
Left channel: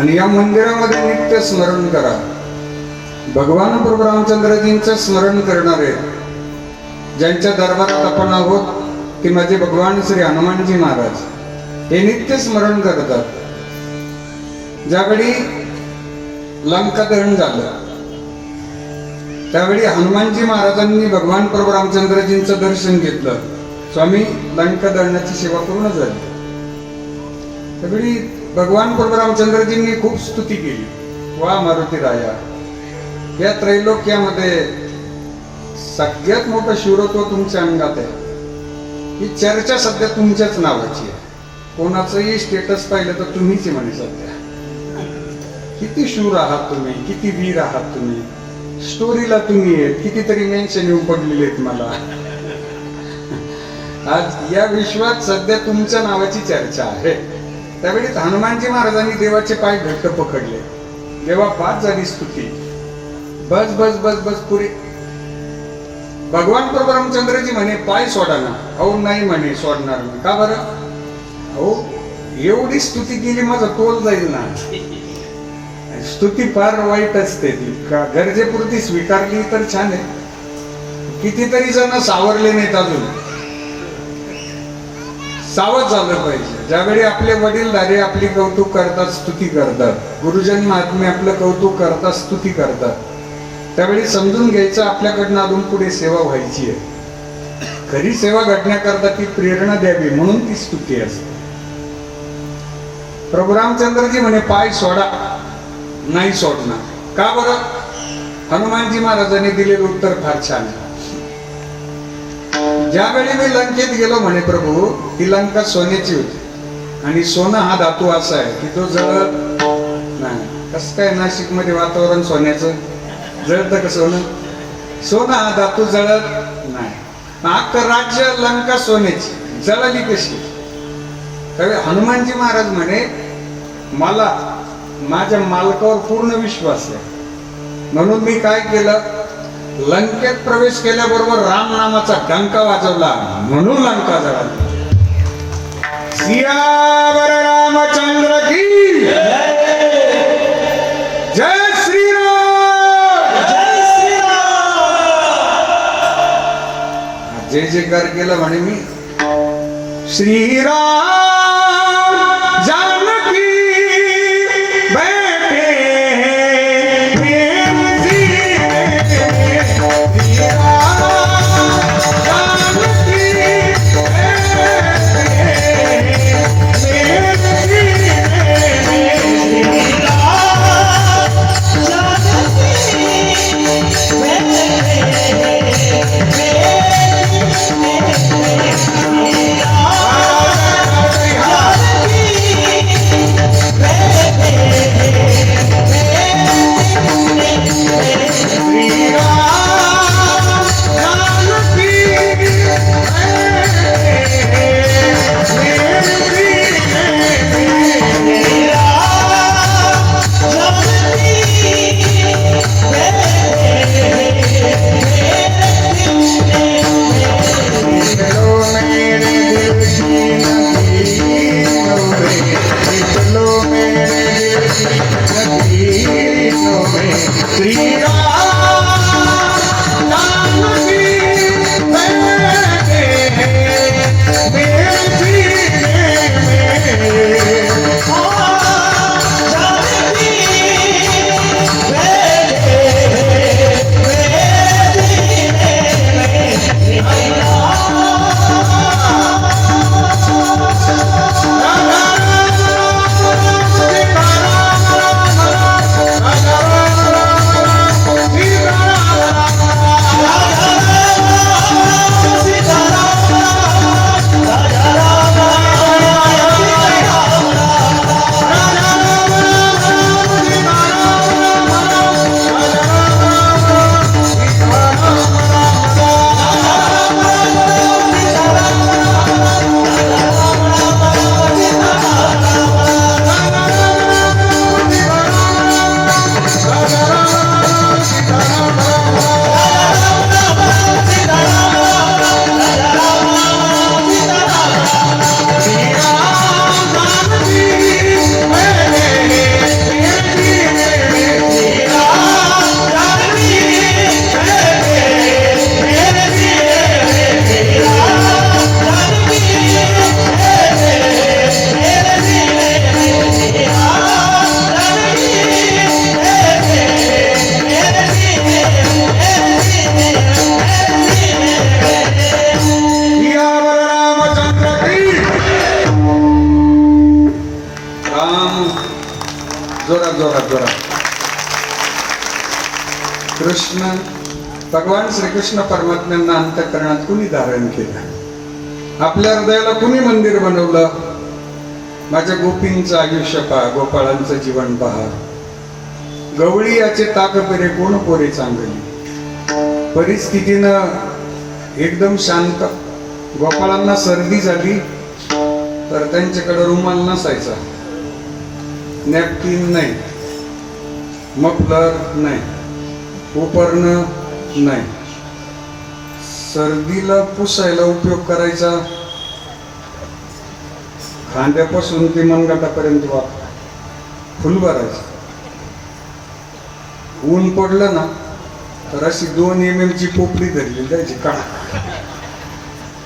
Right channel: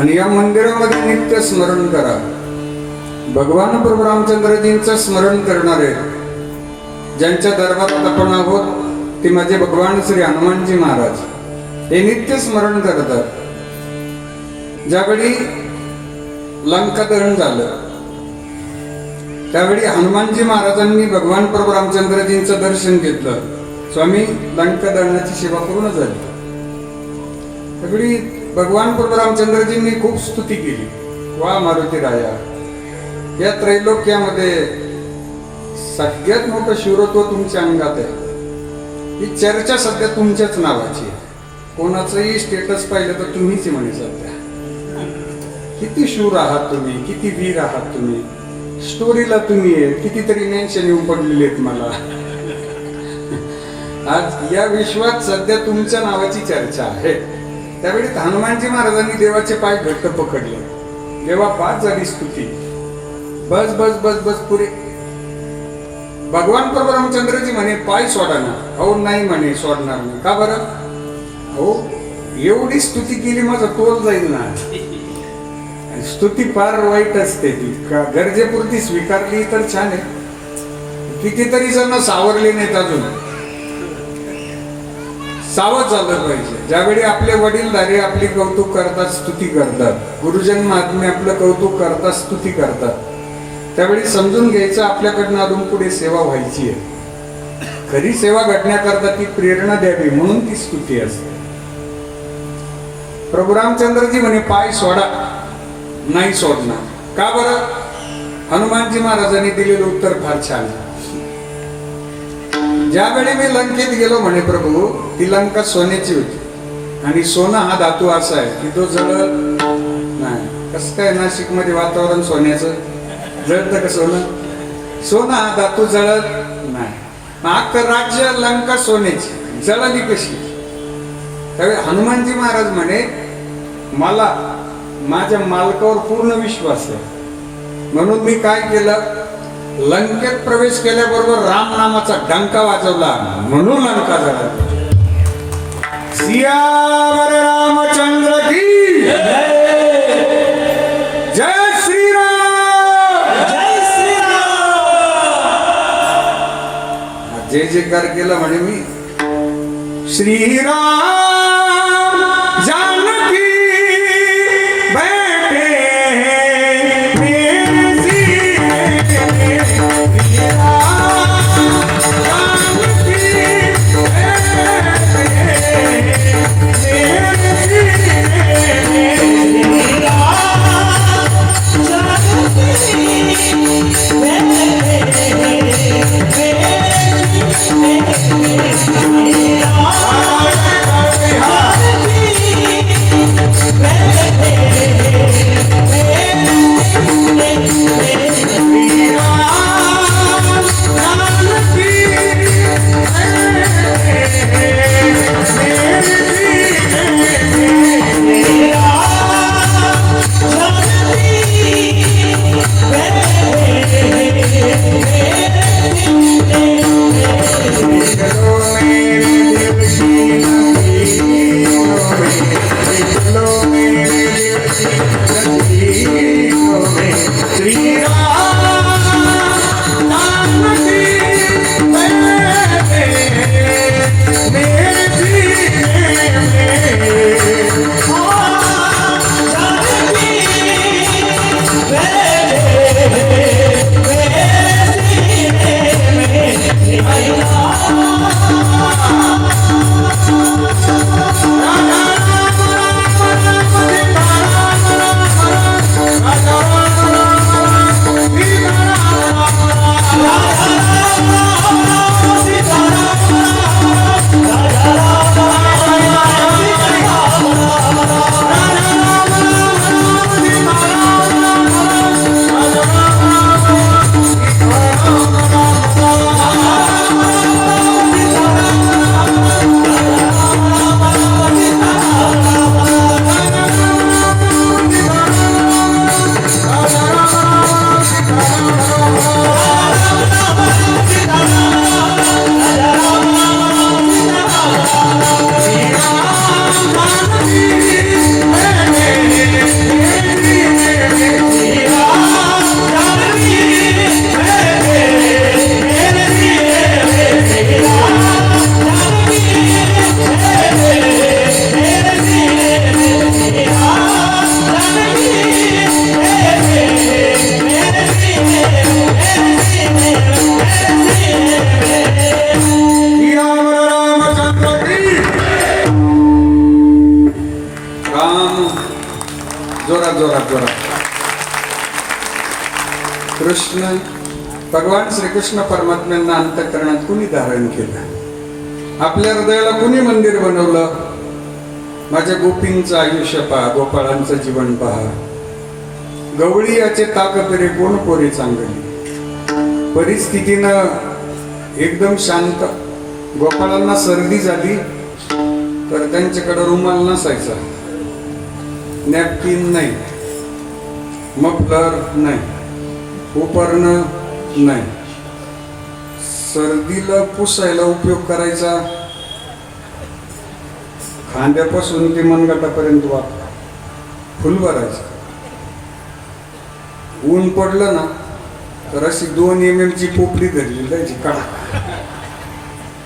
आणि या मंदिरामध्ये नित्य स्मरण करा. भगवान प्रभू रामचंद्रजींचं स्मरण करणारे ज्यांच्या दरबारात आपण आहोत ते माझे भगवान श्री हनुमानजी महाराज हे नित्य स्मरण करतात. ज्यावेळी लंका दहन झालं त्यावेळी हनुमानजी महाराजांनी भगवान प्रभू रामचंद्रजींचं दर्शन घेतलं. स्वामी, लंका दहनाची सेवा पूर्ण झाली. त्यावेळी भगवान प्रभू रामचंद्रजींनी खूप स्तुती केली. वा मारुती राया, या त्रैलोक्यामध्ये सगळ्यात मोठं शिवरत्व तुमच्या अंगात आहे. ही चर्चा सध्या तुमच्याच नावाची आहे. कोणाचंही स्टेटस पाहिलं तर तुम्हीच म्हणे सध्या. किती शूर आहात तुम्ही, किती वीर आहात तुम्ही. स्टोरीला तुम्ही आहेत, कितीतरी मेन्शन येऊन पडलेले आहेत मला. आज या विश्वात सध्या तुमच्या नावाची चर्चा आहे. त्यावेळी हनुमानजी महाराजांनी देवाचे पाय घट्ट पकडले. देवा, पाच झाली स्तुती. बस बस बस बस पुरे. भगवान प्रभू रामचंद्रजी म्हणे पाय सोडा ना. अहो नाही म्हणे, सोडणार नाही. का बरं? अहो एवढी स्तुती केली माझा तोल जाईल ना. स्तुती फार वाईट असते. ती गरजेपुरती स्वीकारली तर छान आहे. कितीतरी जण सावरले नाहीत अजून. सावध झालं पाहिजे. ज्यावेळी आपले वडीलधारे आपली कौतुक करतात, स्तुती करतात, गुरुजन महात्मे आपलं कौतुक करतात, स्तुती करतात, त्यावेळी समजून घ्यायचं आपल्याकडनं अजून पुढे सेवा व्हायची आहे. खरी सेवा घडण्याकरता ती प्रेरणा द्यावी म्हणून ती स्तुती असते. प्रभू रामचंद्रजी म्हणे पाय सोडा. नाही सोडणार. का बरं? हनुमानजी महाराजांनी दिलेलं उत्तर फार छान. ज्यावेळी मी लंकेत गेलो म्हणे प्रभू, ती लंका सोन्याची होती आणि सोनं हा धातू असा आहे की तो जळत नाही. कसं काय नाशिक मध्ये वातावरण सोन्याचं जळतं का सोनं? सोनं हा धातू जळत नाही. अख्खं राज्य लंका सोन्याची, जळली कशी? त्यावेळी हनुमानजी महाराज म्हणे मला माझ्या मालकावर पूर्ण विश्वास आहे म्हणून मी काय केलं, लंकेत प्रवेश केल्याबरोबर राम नामाचा डंका वाजवला म्हणून लंका जळाली. सियावर रामचंद्र की जय श्रीराम. जय श्रीराम. जय जयकार केला म्हणे मी. श्रीराम जानकी बैठे मेरे सीने. श्रीराम जानकी बैठे मेरे सीने. जोरात जोरात जोरात. कृष्ण भगवान श्रीकृष्ण परमात्म्यांना अंतःकरणात कुणी धारण केलं? आपल्या हृदयाला कुणी मंदिर बनवलं? माझ्या गोपींचं आयुष्य पहा, गोपाळांचं जीवन पहा. गवळी याचे ताक पेरे कोण पोरे चांगली. परिस्थितीनं एकदम शांत. गोपाळांना सर्दी झाली तर त्यांच्याकडे रुमाल नसायचा, नॅपकिन नाही, मफलर नाही, उपरणं नाही. सर्दीला पुसायला उपयोग करायचा खांद्यापासून ते मनगटापर्यंत फुल भरायचं. ऊन पडलं ना तर अशी 2 mm ची पोपली धरली जायची काढा.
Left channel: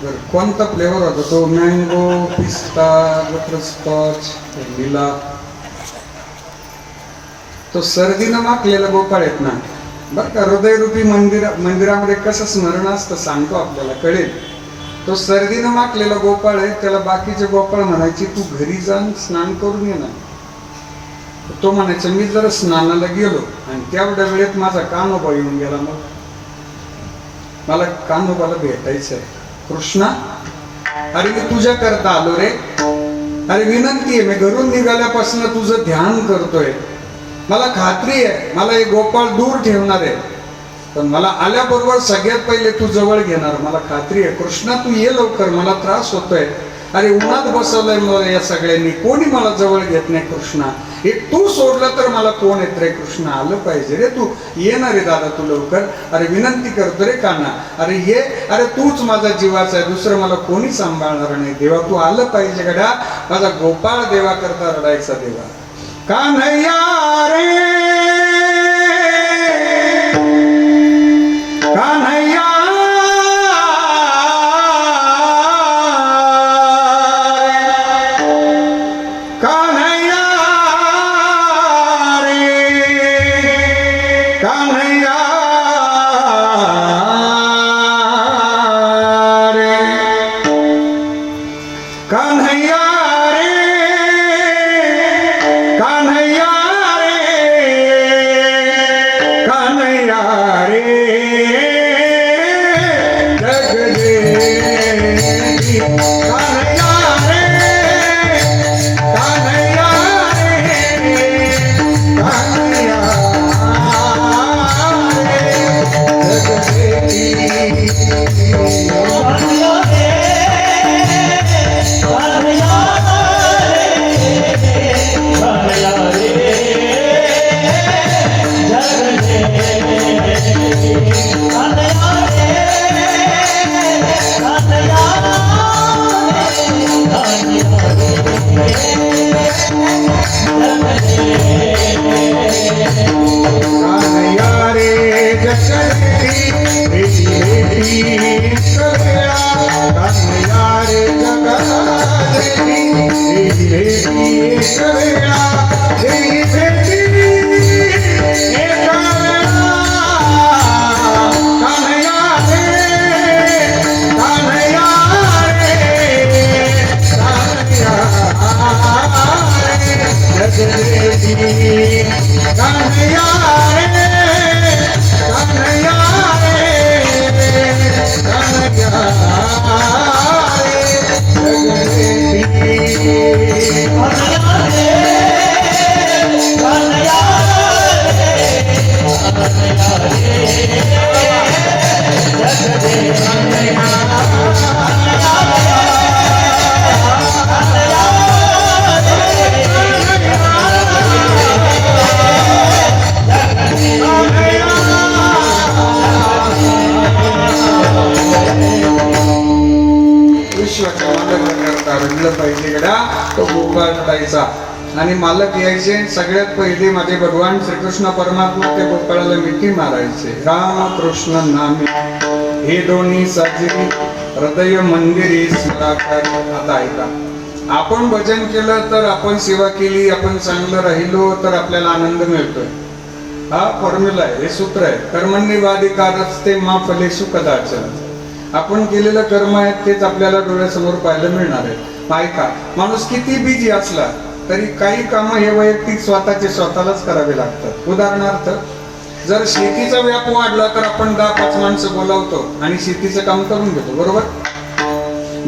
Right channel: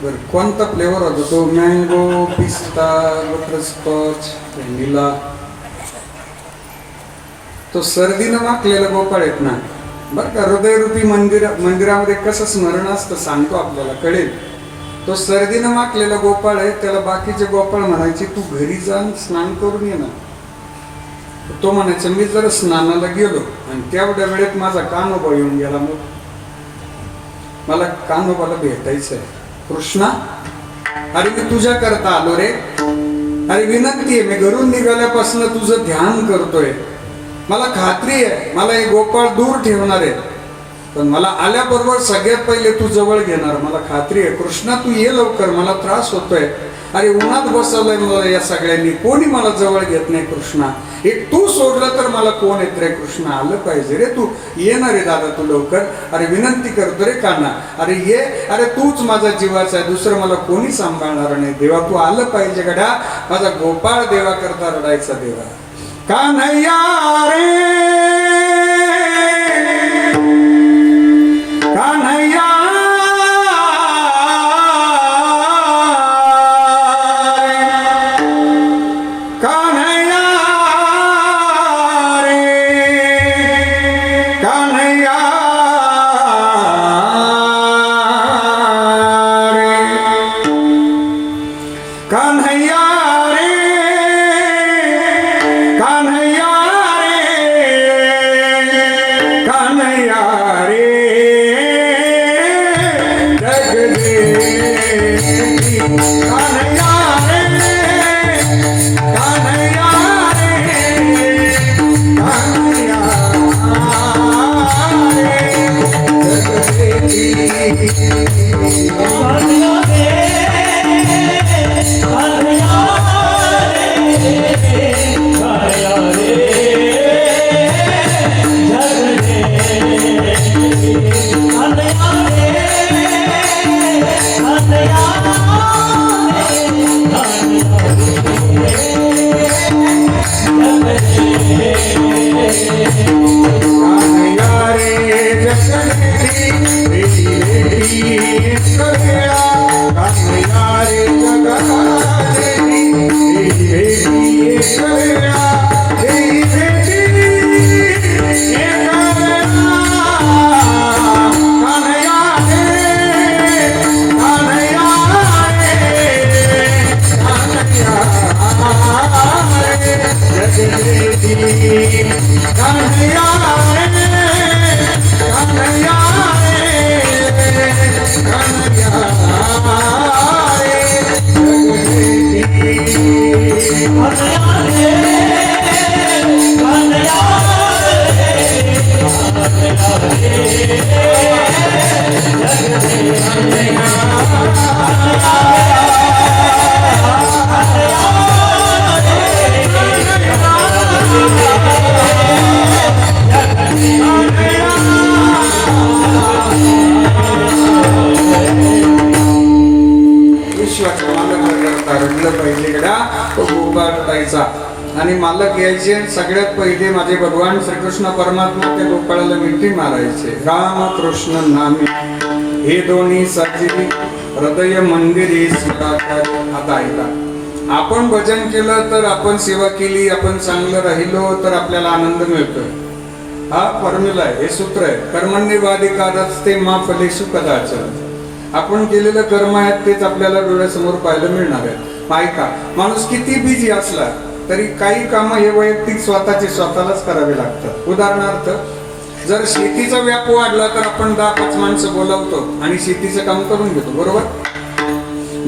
बरं, कोणता फ्लेवर होता तो? मँगो, पिस्ता, बटरस्कॉच, व्हॅनिला. तो सर्दीनं माखलेला गोपाळ आहेत ना. बरं का, हृदयरूपी मंदिरामध्ये कसं स्मरण असतं सांगतो, आपल्याला कळेल. तो सर्दीनं माखलेला गोपाळ आहे. त्याला बाकीचे गोपाळ म्हणायचे तू घरी जाऊन स्नान करून ये ना. तो म्हणायचा मी जर स्नानाला गेलो आणि तेवढ्या वेळेत माझा कान्होबा येऊन गेला, मग मला कान्होबाला भेटायचं आहे. कृष्णा, अरे मी तुझ्या करता आलो रे. अरे विनंती आहे, मी घरून निघाल्यापासून तुझं ध्यान करतोय. मला खात्री आहे मला हे गोपाळ दूर ठेवणार आहे, पण मला आल्याबरोबर सगळ्यात पहिले तू जवळ घेणार, मला खात्री आहे. कृष्णा तू ये लवकर, मला त्रास होतोय. अरे उन्हात बसवलंय मला या सगळ्यांनी, कोणी मला जवळ घेत नाही. कृष्णा, एक तू सोडलं तर मला कोण येत रे. कृष्णा, आलं पाहिजे रे, तू ये ना रे दादा, तू लवकर. अरे विनंती करतो रे काना, अरे ये. अरे तूच माझा जीवाचा आहे, दुसरं मला कोणी सांभाळणार नाही. देवा तू आलं पाहिजे गड्या. माझा गोपाळ देवा करता रडायचा देवा. कान्हैया रे, कान्हैया आणि मालक यायचे. सगळ्यात पहिले माझे भगवान श्रीकृष्ण परमात्मा त्या गोपाळाला मिठी मारायचे. राम कृष्ण नामे हे दोन्ही साजरी हृदय मंदिरी स्मराकार. आता ऐका, आपण भजन केलं तर, आपण सेवा केली, आपण चांगलं राहिलो तर आपल्याला आनंद मिळतोय. हा फॉर्म्युला आहे, हे सूत्र आहे. कर्मण्येवाधिकारस्ते मा फलेषु कदाचन. आपण केलेलं कर्म आहेत तेच आपल्याला डोळ्यासमोर पाहायला मिळणार आहे. ऐका, माणूस किती बिझी असला तरी काही कामं हे वैयक्तिक स्वतःचे स्वतःलाच करावे लागतात. उदाहरणार्थ, जर शेतीचा व्याप वाढला तर आपण 10-5 माणसं बोलावतो आणि शेतीचं काम करून घेतो, बरोबर.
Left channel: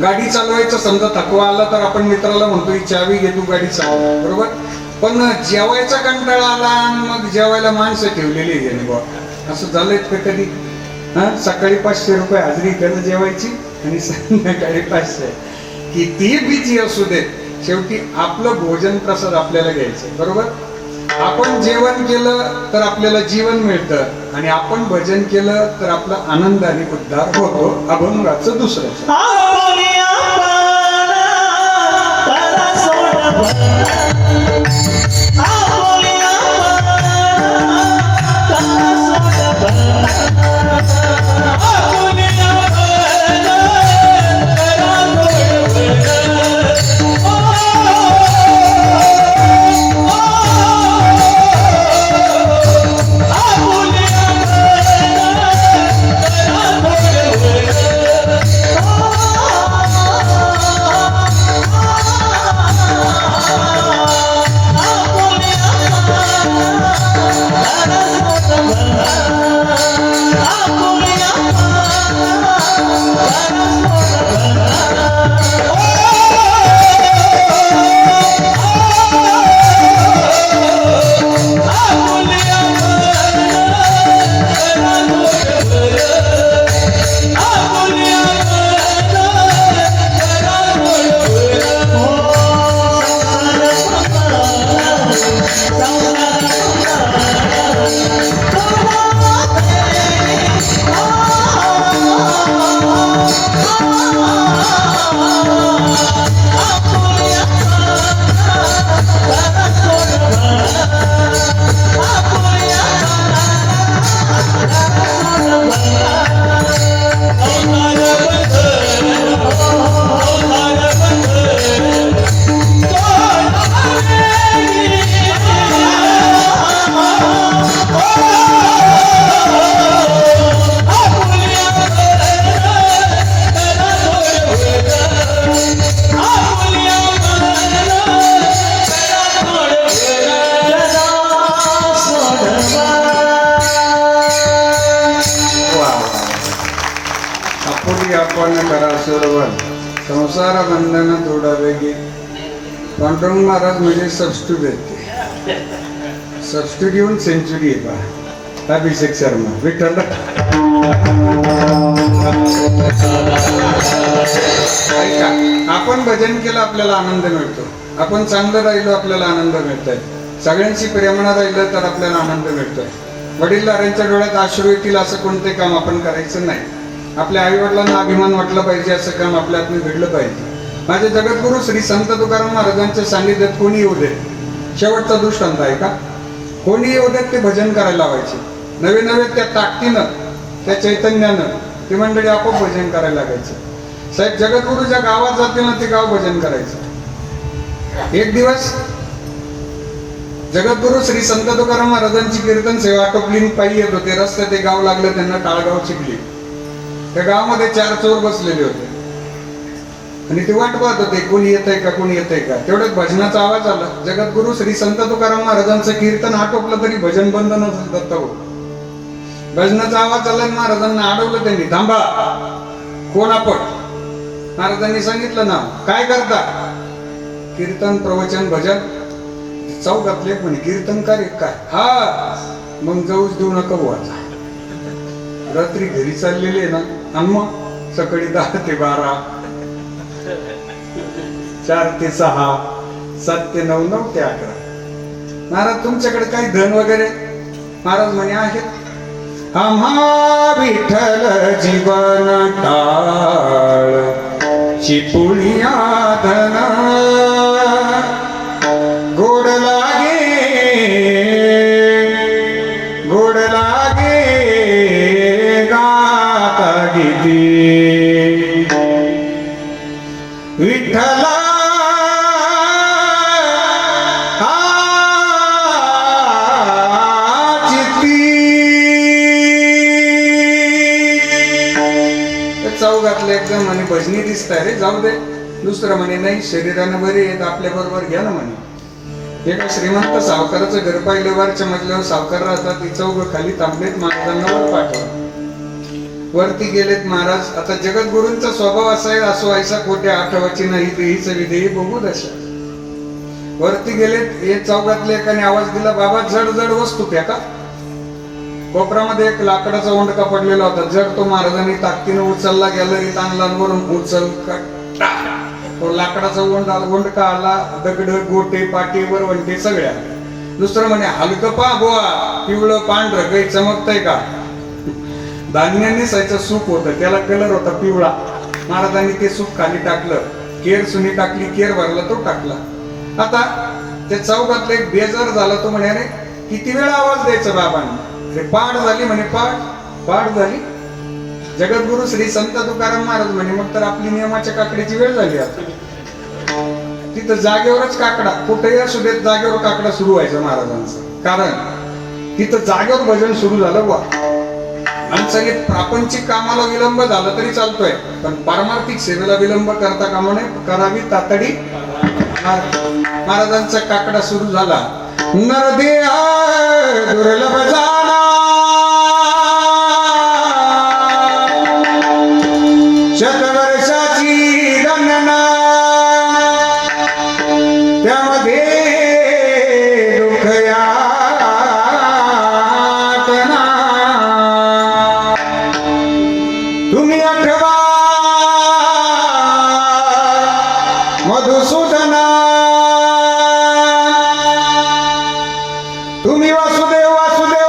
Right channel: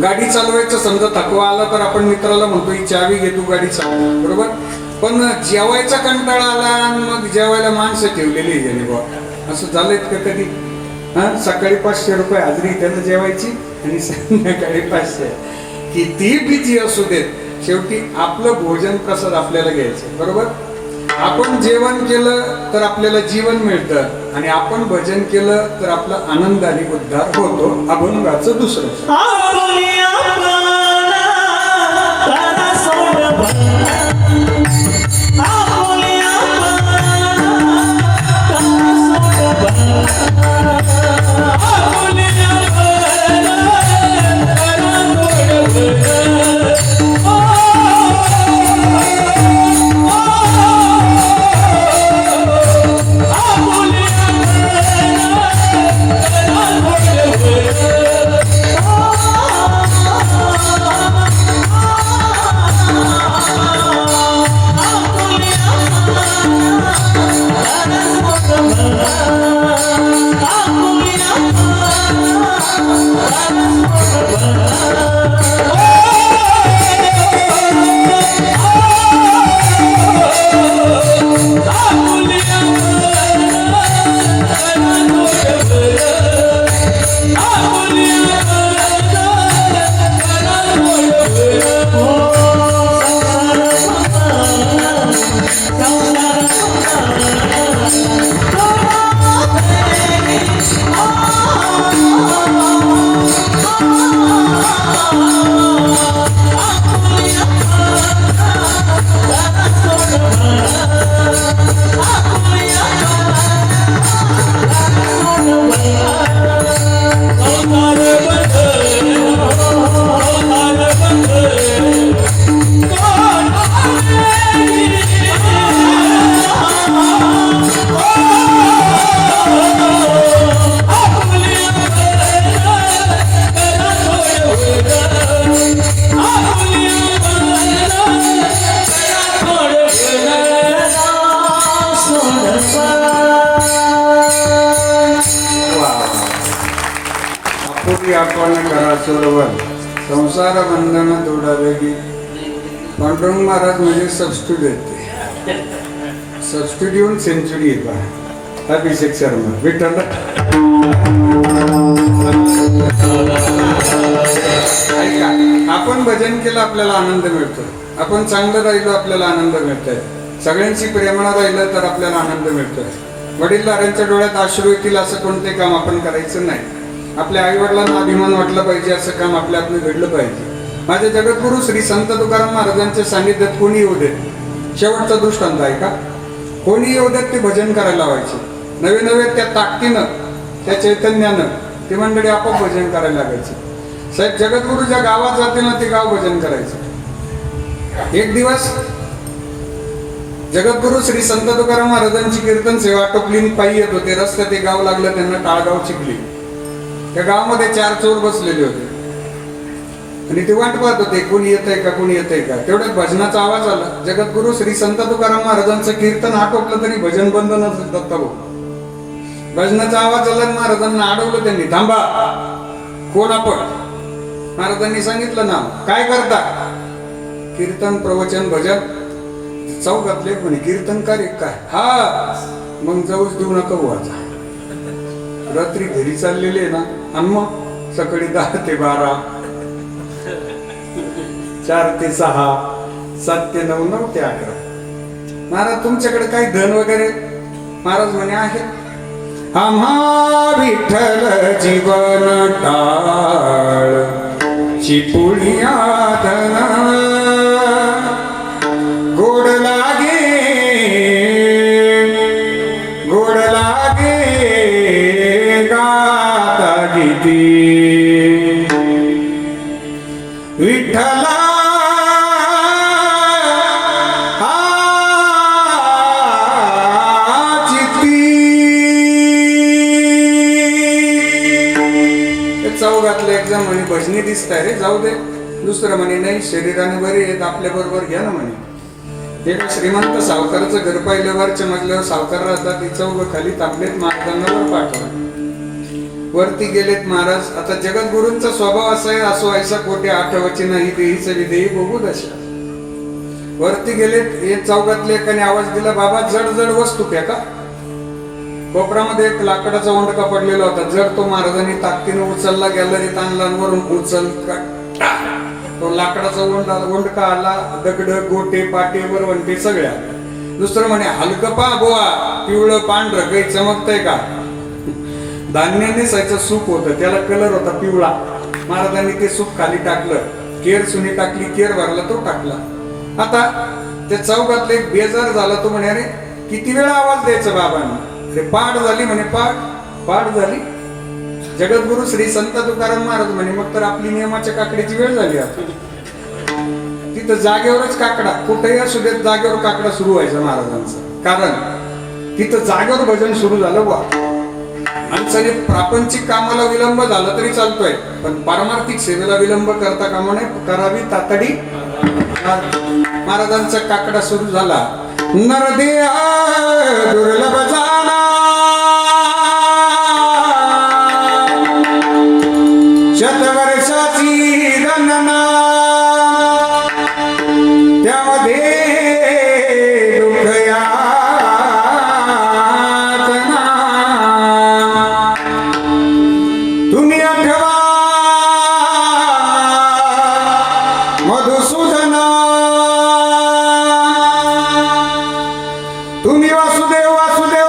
गाडी चालवायचं समजा थकवा आला तर आपण मित्राला म्हणतो ही चावी घे, तू गाडी चालव, बरोबर. पण जेवायचा कंटाळा आला आणि मग जेवायला माणसं ठेवलेली आहे त्याने बा, असं झालंय का कधी? सकाळी 500 रुपये हजरी त्यानं जेवायची आणि संध्याकाळी 500. किती बिझी असू देत, शेवटी आपलं भोजन प्रसाद आपल्याला घ्यायचं, बरोबर. आपण जेवण केलं तर आपल्याला जीवन मिळतं आणि आपण भजन केलं तर आपला आनंद आणि उद्धार होतो. अभंगाचं दुसरं. आपुली आपला तारा सोड आपुली आपला तारा सोड आपुली आपण करा सोडवण संसार बंधन तोडावे की. पांडुरंग महाराज म्हणजे सबस्टिट्यूट येते, सबस्टिट्यूट येऊन सेंचुरी येतात. अभिषेक शर्मा विठ्ठल. ऐका, आपण भजन केलं आपल्याला आनंद मिळतो, आपण चांगलं राहिलो आपल्याला आनंद मिळतोय, सगळ्यांशी प्रेमानं राहिलं तर आपल्याला आनंद मिळतोय. वडीलधाऱ्यांच्या डोळ्यात अश्रू येतील असं कोणते काम आपण करायचं नाही. आपल्या आईवडिलांना अभिमान वाटला पाहिजे असं काम आपल्या हातून घडलं पाहिजे. माझे जगद्गुरु श्री संत तुकाराम महाराजांच्या सान्निध्यात कोणी येऊ देत, शेवटचा दृष्टांत आहे का, कोणी येऊ देत ते भजन करायला लावायचे. नवे नवे त्या ताकदीनं, त्या चैतन्यानं ती मंडळी आपोआप भजन करायला लागायचं. साहेब जगद्गुरु ज्या गावात जातील ना ते गाव भजन करायचं. एक दिवस जगद्गुरु श्री संत तुकाराम महाराजांची कीर्तन सेवा आटोपली, पायी येत होते. रस्त्यात ते गाव लागलं त्यांना, टाळगाव चिखली. त्या गावामध्ये 4 चोर बसलेले होते आणि ते वाट पाहत होते कोणी येतंय का, कोणी येतंय का. तेवढ्यात भजनाचा आवाज आला. जगद्गुरु श्री संत तुकाराम महाराजांचं कीर्तन आटोपलं तरी भजन बंद नसत. दत्ताभाऊ भजनाचा आवाज आला, महाराजांना अडवलं त्यांनी. थांबा, कोण आपण? महाराजांनी सांगितलं ना, काय करता? कीर्तन, प्रवचन, भजन. चौकातले म्हणे कीर्तन कार्य काय? हा, मग जाऊच देऊ नका वाचा. रात्री घरी चाललेले ना, आणि मग सकाळी 10 ते 12, 4 ते 6, 7 ते 9, 9 ते 11. महाराज तुमच्याकडे काही धन वगैरे? महाराज म्हणे आहे. आम्हा विठ्ठल जीवन टाळ चिपुळिया धन गोड लागे, गोड लागे गाता गीती विठ्ठला चौघातले एक जण म्हणे भजनी दिसताय रे, जाऊ दे. दुसरं म्हणे नाही, शरीरानं बरे आहेत, आपल्या बरोबर घ्या ना म्हणे. एका श्रीमंत सावकाराचं घर पाहिल्यावरच्या मजल्यावर सावकार राहतात, तिचं उभं खाली थांबलेत, महाराजांना वर पाठवलं. वरती गेलेत महाराज. आता जगद्गुरूंचा स्वभाव असा आहे, असो ऐसा कोठे आठवायची नाही देहीच विधेयी बघू दशा. वरती गेलेत, एक चौकातले एकाने आवाज दिला, बाबा जड जड वस्तू फेका. कोपरामध्ये एक लाकडाचा ओंडका पडलेला होता. जड तो महाराजांनी ताकदीने उचलला, गॅलरीत आणला, वरून उचल तो लाकडाचा ओंडका आला. दगड गोटे पाटे वरवंटे सगळ्या. दुसरं म्हणे हलकं पा गोवा, पिवळं पांढरं काही चमकतंय का. धान्याने सायचं सूप होतं, त्याला कलर होता पिवळा. महाराजांनी ते सूप खाली टाकलं, केर सुनी टाकली, केर भरला, तो टाकला. आता त्या चौकातले एक बेजार झाला. तो म्हणे अरे किती वेळा आवाज द्यायचा बाबांना. अरे पाठ झाली म्हणे, पाठ झाली. जगद्गुरु श्री संत तुकाराम महाराज म्हणे मग तर आपली नियमाच्या काकडीची वेळ झाली. आता तिथं जागेवरच काकडा, कुठेही असू देत जागेवर काकडा सुरू व्हायचा महाराजांचा. कारण तिथं जागेवर भजन सुरू झालं बा. माणसाने प्रापंचिक कामाला विलंब झाला तरी चालतोय, पण पारमार्थिक सेवेला विलंब करता कामा नये, करावी तातडी. महाराजांचा काकडा सुरू झाला. नरदेहा दुर्लभ जाना, शतवर्षाची गणना, त्यामध्ये दुःख यातना. तुम्ही आठवा मधुसूदना, तुम्ही वासुदेव वासुदेव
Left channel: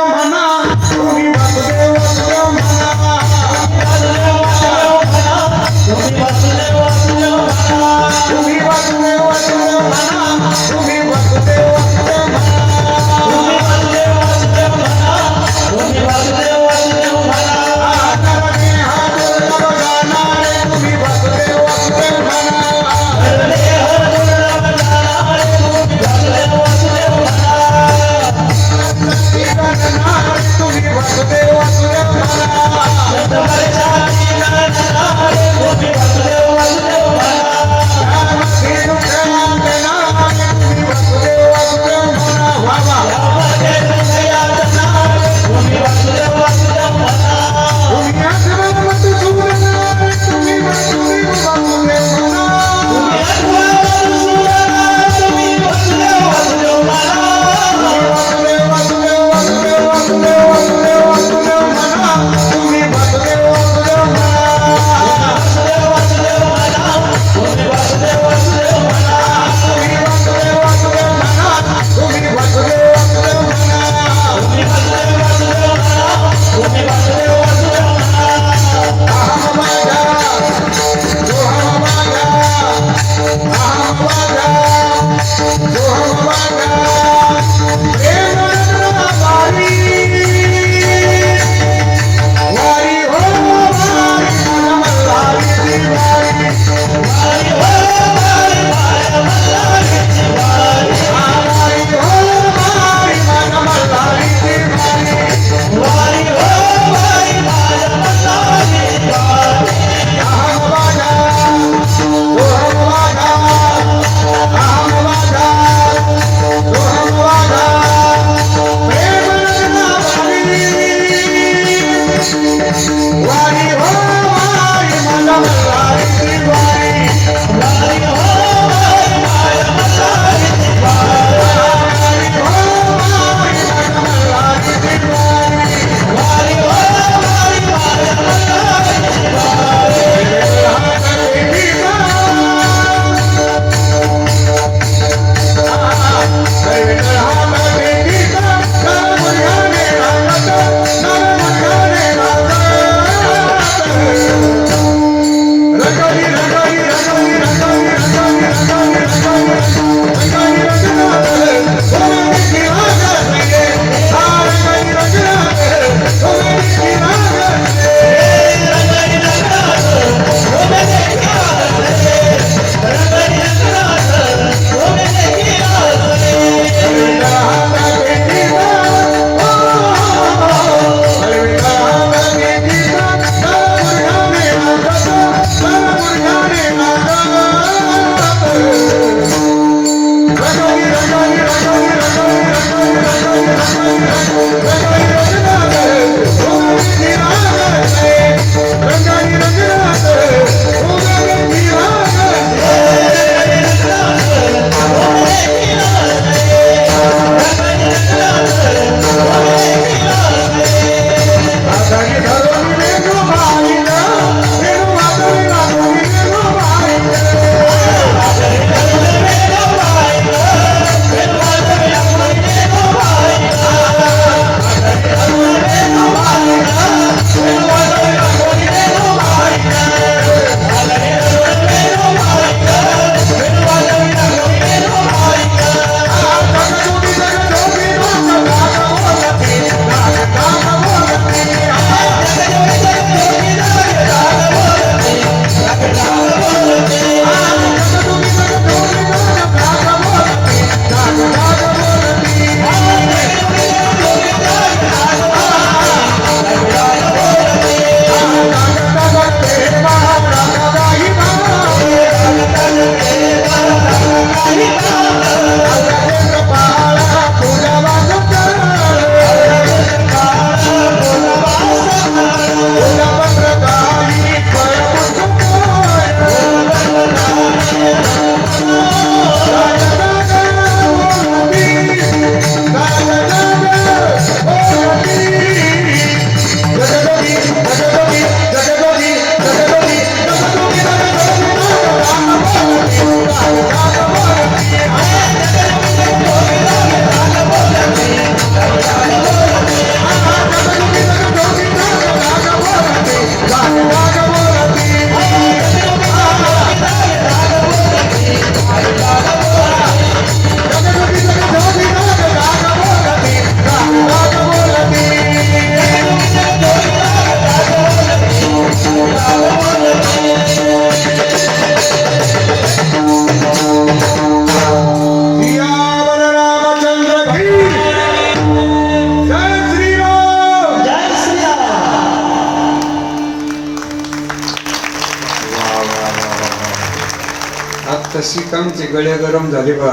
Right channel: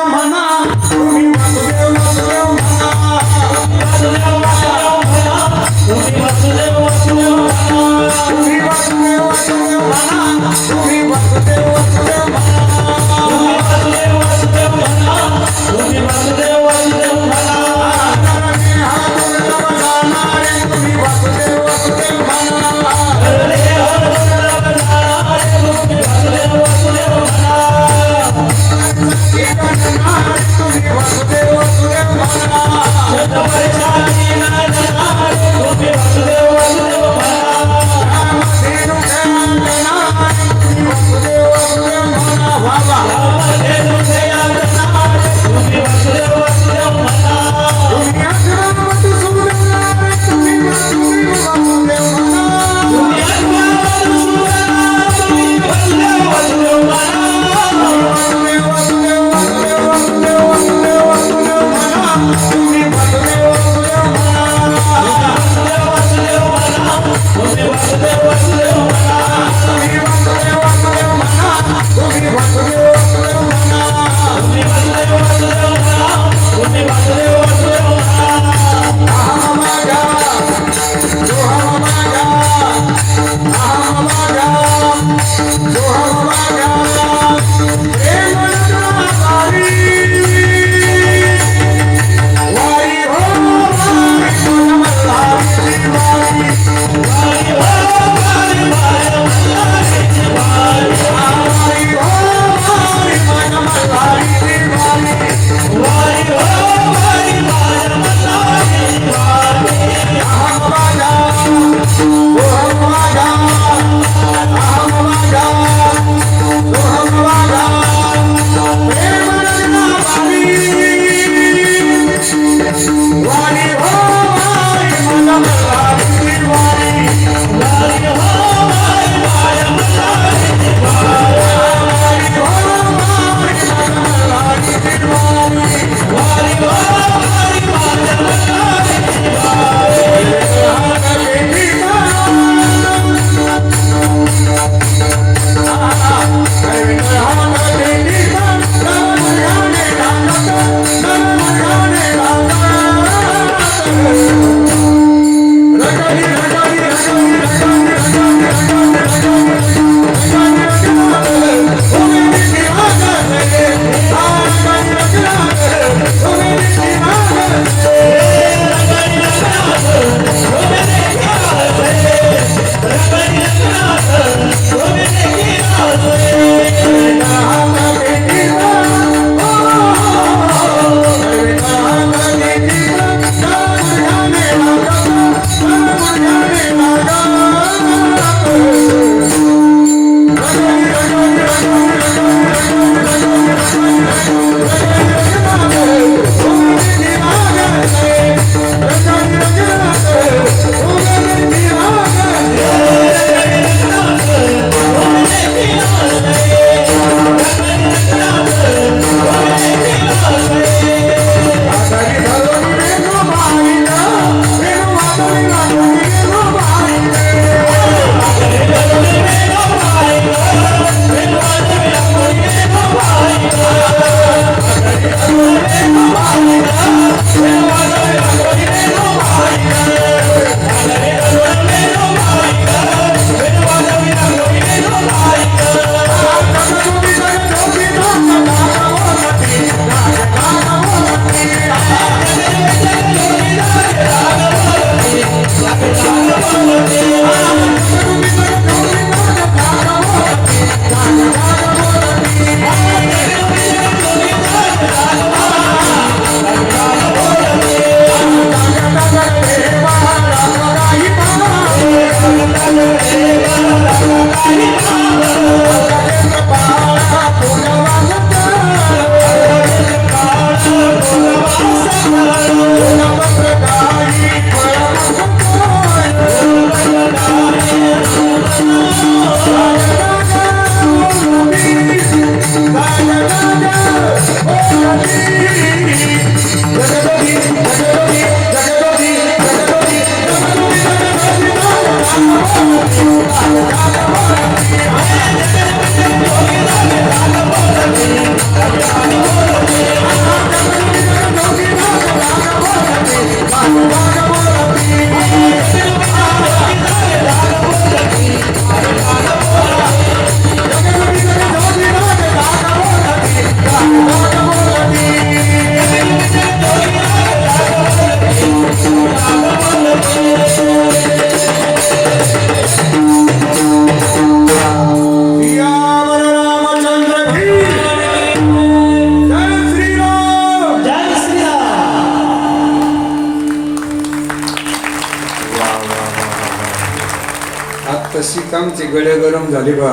आमचे गळे गरम झाले बा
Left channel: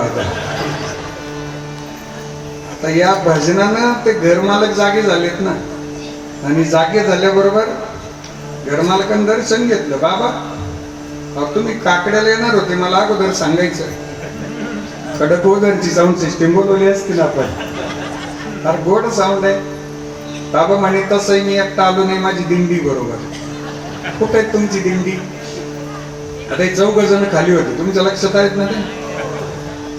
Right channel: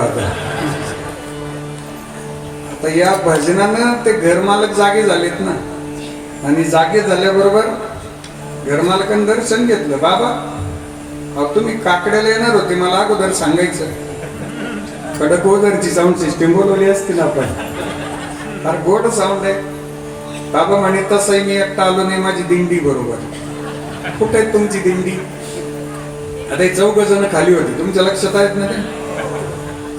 आता या भजनानं ते घरमालक जागे झालेत ना, आणि जागे झाल्याबरोबर घरमालकानं दर्शन घेतलं. बाबा तुम्ही काकड्याला येणार होते, मला अगोदर सांगायचं. कडक वगैरेची साऊंड सिस्टीम बोलवली असती ना आपण, फार गोड साऊंड आहे. बाबा म्हणे तसंही मी एकटा आलो नाही, माझी दिंडी बरोबर. कुठे आहे तुमची दिंडी? आता हे 4 जण खाली होते, तुमच्या लक्षात आहेत ना ते?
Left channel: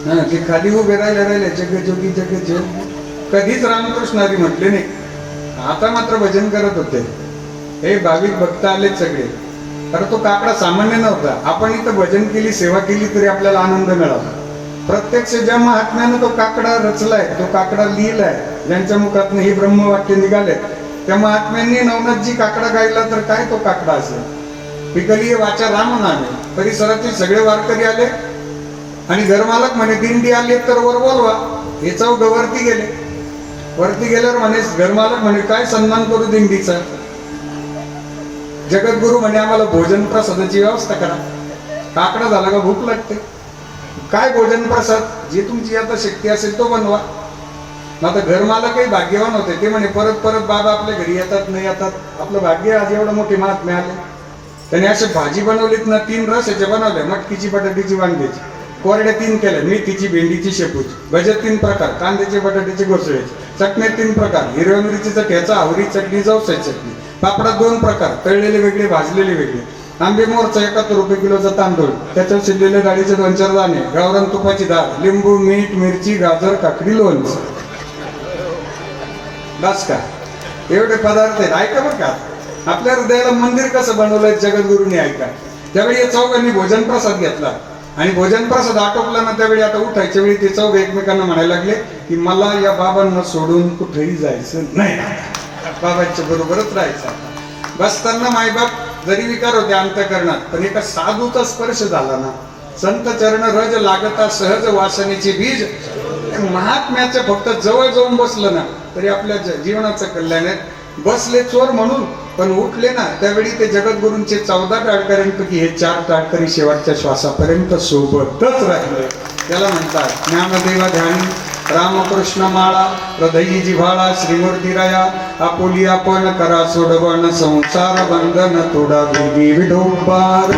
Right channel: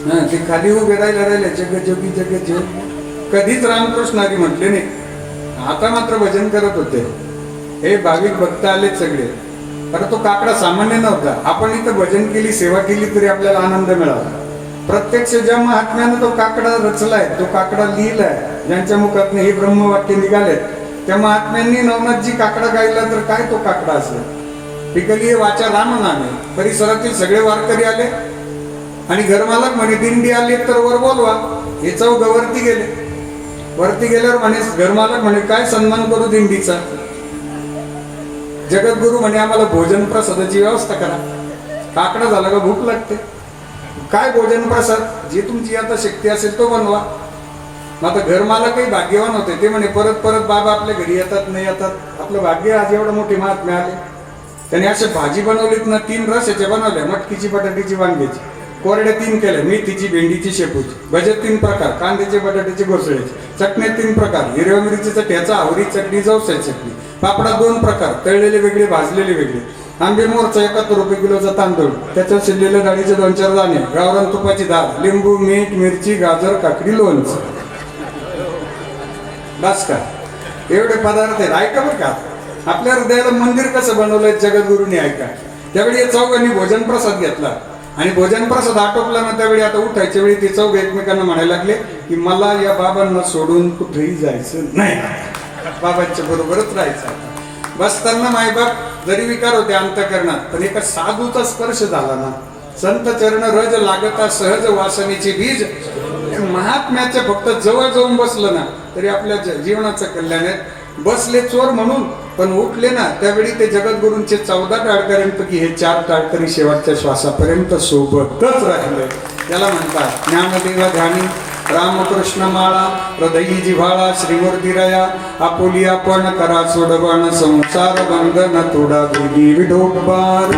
हा, ते खाली उभे राहिले जग जोगी जग जोगी. कधीच रामकृष्ण हरी म्हटले नाही, आता मात्र भजन करत होते. हे भाविक भक्त आलेत सगळे. कारण तो काकडा सामान्य नव्हता. आपण इथं भजन केली, सेवा केली तरी आपल्याला आनंद मिळाला. प्रत्यक्ष ज्या महात्म्याने तो काकडा रचलाय, तो काकडा लिहिलाय, ज्यांच्या मुखातून हे ब्रह्मवाक्य निघाले, त्या महात्म्यांनी नवनाथजी काकडा गायला तर काय तो काकडा असला. पिकली वाचा राम नामे. परिसरातील सगळे वारकरी आले आणि घरमालक म्हणे दिंडी आली तर वर बोलवा. हे चौघ वरती गेले. वरती गेल्यावर म्हणे घरमालक म्हणे काय सन्मान करू दिंडीचा? जगद्गुरु म्हणे आम्हाला भोजन प्रसादाची व्यवस्था करा. काकडा झाला का भूक लागते. काय भोजन प्रसाद? जे तुमची आता शक्ती असेल तो बनवा. आता घरमालकही भाग्यवान होते. ते म्हणे परत परत बाबा आपल्या घरी येतात नाही येतात, आपलं भाग्य आज एवढं मोठे महात्मे आले. त्याने असे भाजी बनवलीत ना, 3 रसाच्या बनवल्या, मटकीची, बटाट्याची, वांग्याची. कोरड्या 3 केल्या, मेथीची, भेंडीची, शेपूची. भज्यात 3 प्रकार, कांद्याचे, बटाट्याचे, घोसळ्याचे. चटण्या 3 प्रकार, हिरव्या मिरचीचा ठेचा, आवरी चटणी, जवसाची चटणी. पापडा 2 प्रकार, तळलेले वेगळे, भाजलेले वेगळे. आंबे मोरचा 71 रुपये किलोचा तांदूळ, त्याच्यात शिजलेले डाळीचे 2-4 दाणे, गावरान तुपाची डाळ, लिंबू, मीठ, मिरची, गाजर, काकडी, लोणचं. बस का? एवढे पदार्थ आहेत. ऐका बरं का, आपल्या हृदयाला मंदिर कसं बनवलंय जगद्गुरूंनी, ऐका. त्यावेळी या चौघांनी भोजन प्रसाद घेतला आणि भोजन प्रसाद आटोपला ना, त्यावेळी आता उठायच्या वेळी ते चौघ एकमेकांना म्हणायला लागले की मला या बाबांना सोडून कुठेही जायचं नाही, बाबांच्या बरोबरच राहायचं. बसताना मायबाप जरी विकार होते अंतःकरणात, पण एका साधूचा स्पर्श झाला ना, संत चरण रज लागता सहज वासनेचे बीज, महात्म्याचे फक्त जवळ जाऊन बसलं ना तरी आपल्या जीवनाचं कल्याण आहे. बसले चोर म्हणून, पण उठले ना त्यावेळी ते जगद्गुरूंचे 14 टाळकऱ्यांपैकी हे 4 टाळकरी शेवटच्या श्वासापर्यंत सोबतच राहिले. त्याला म्हणतात ज्ञानदेव ध्यानी, रामकृष्ण माळा, हृदयी जिव्हाळा, श्रीमूर्ती रया, आपुली आपण करा सोडवण, संसार बंधन तोडा, विडोबार.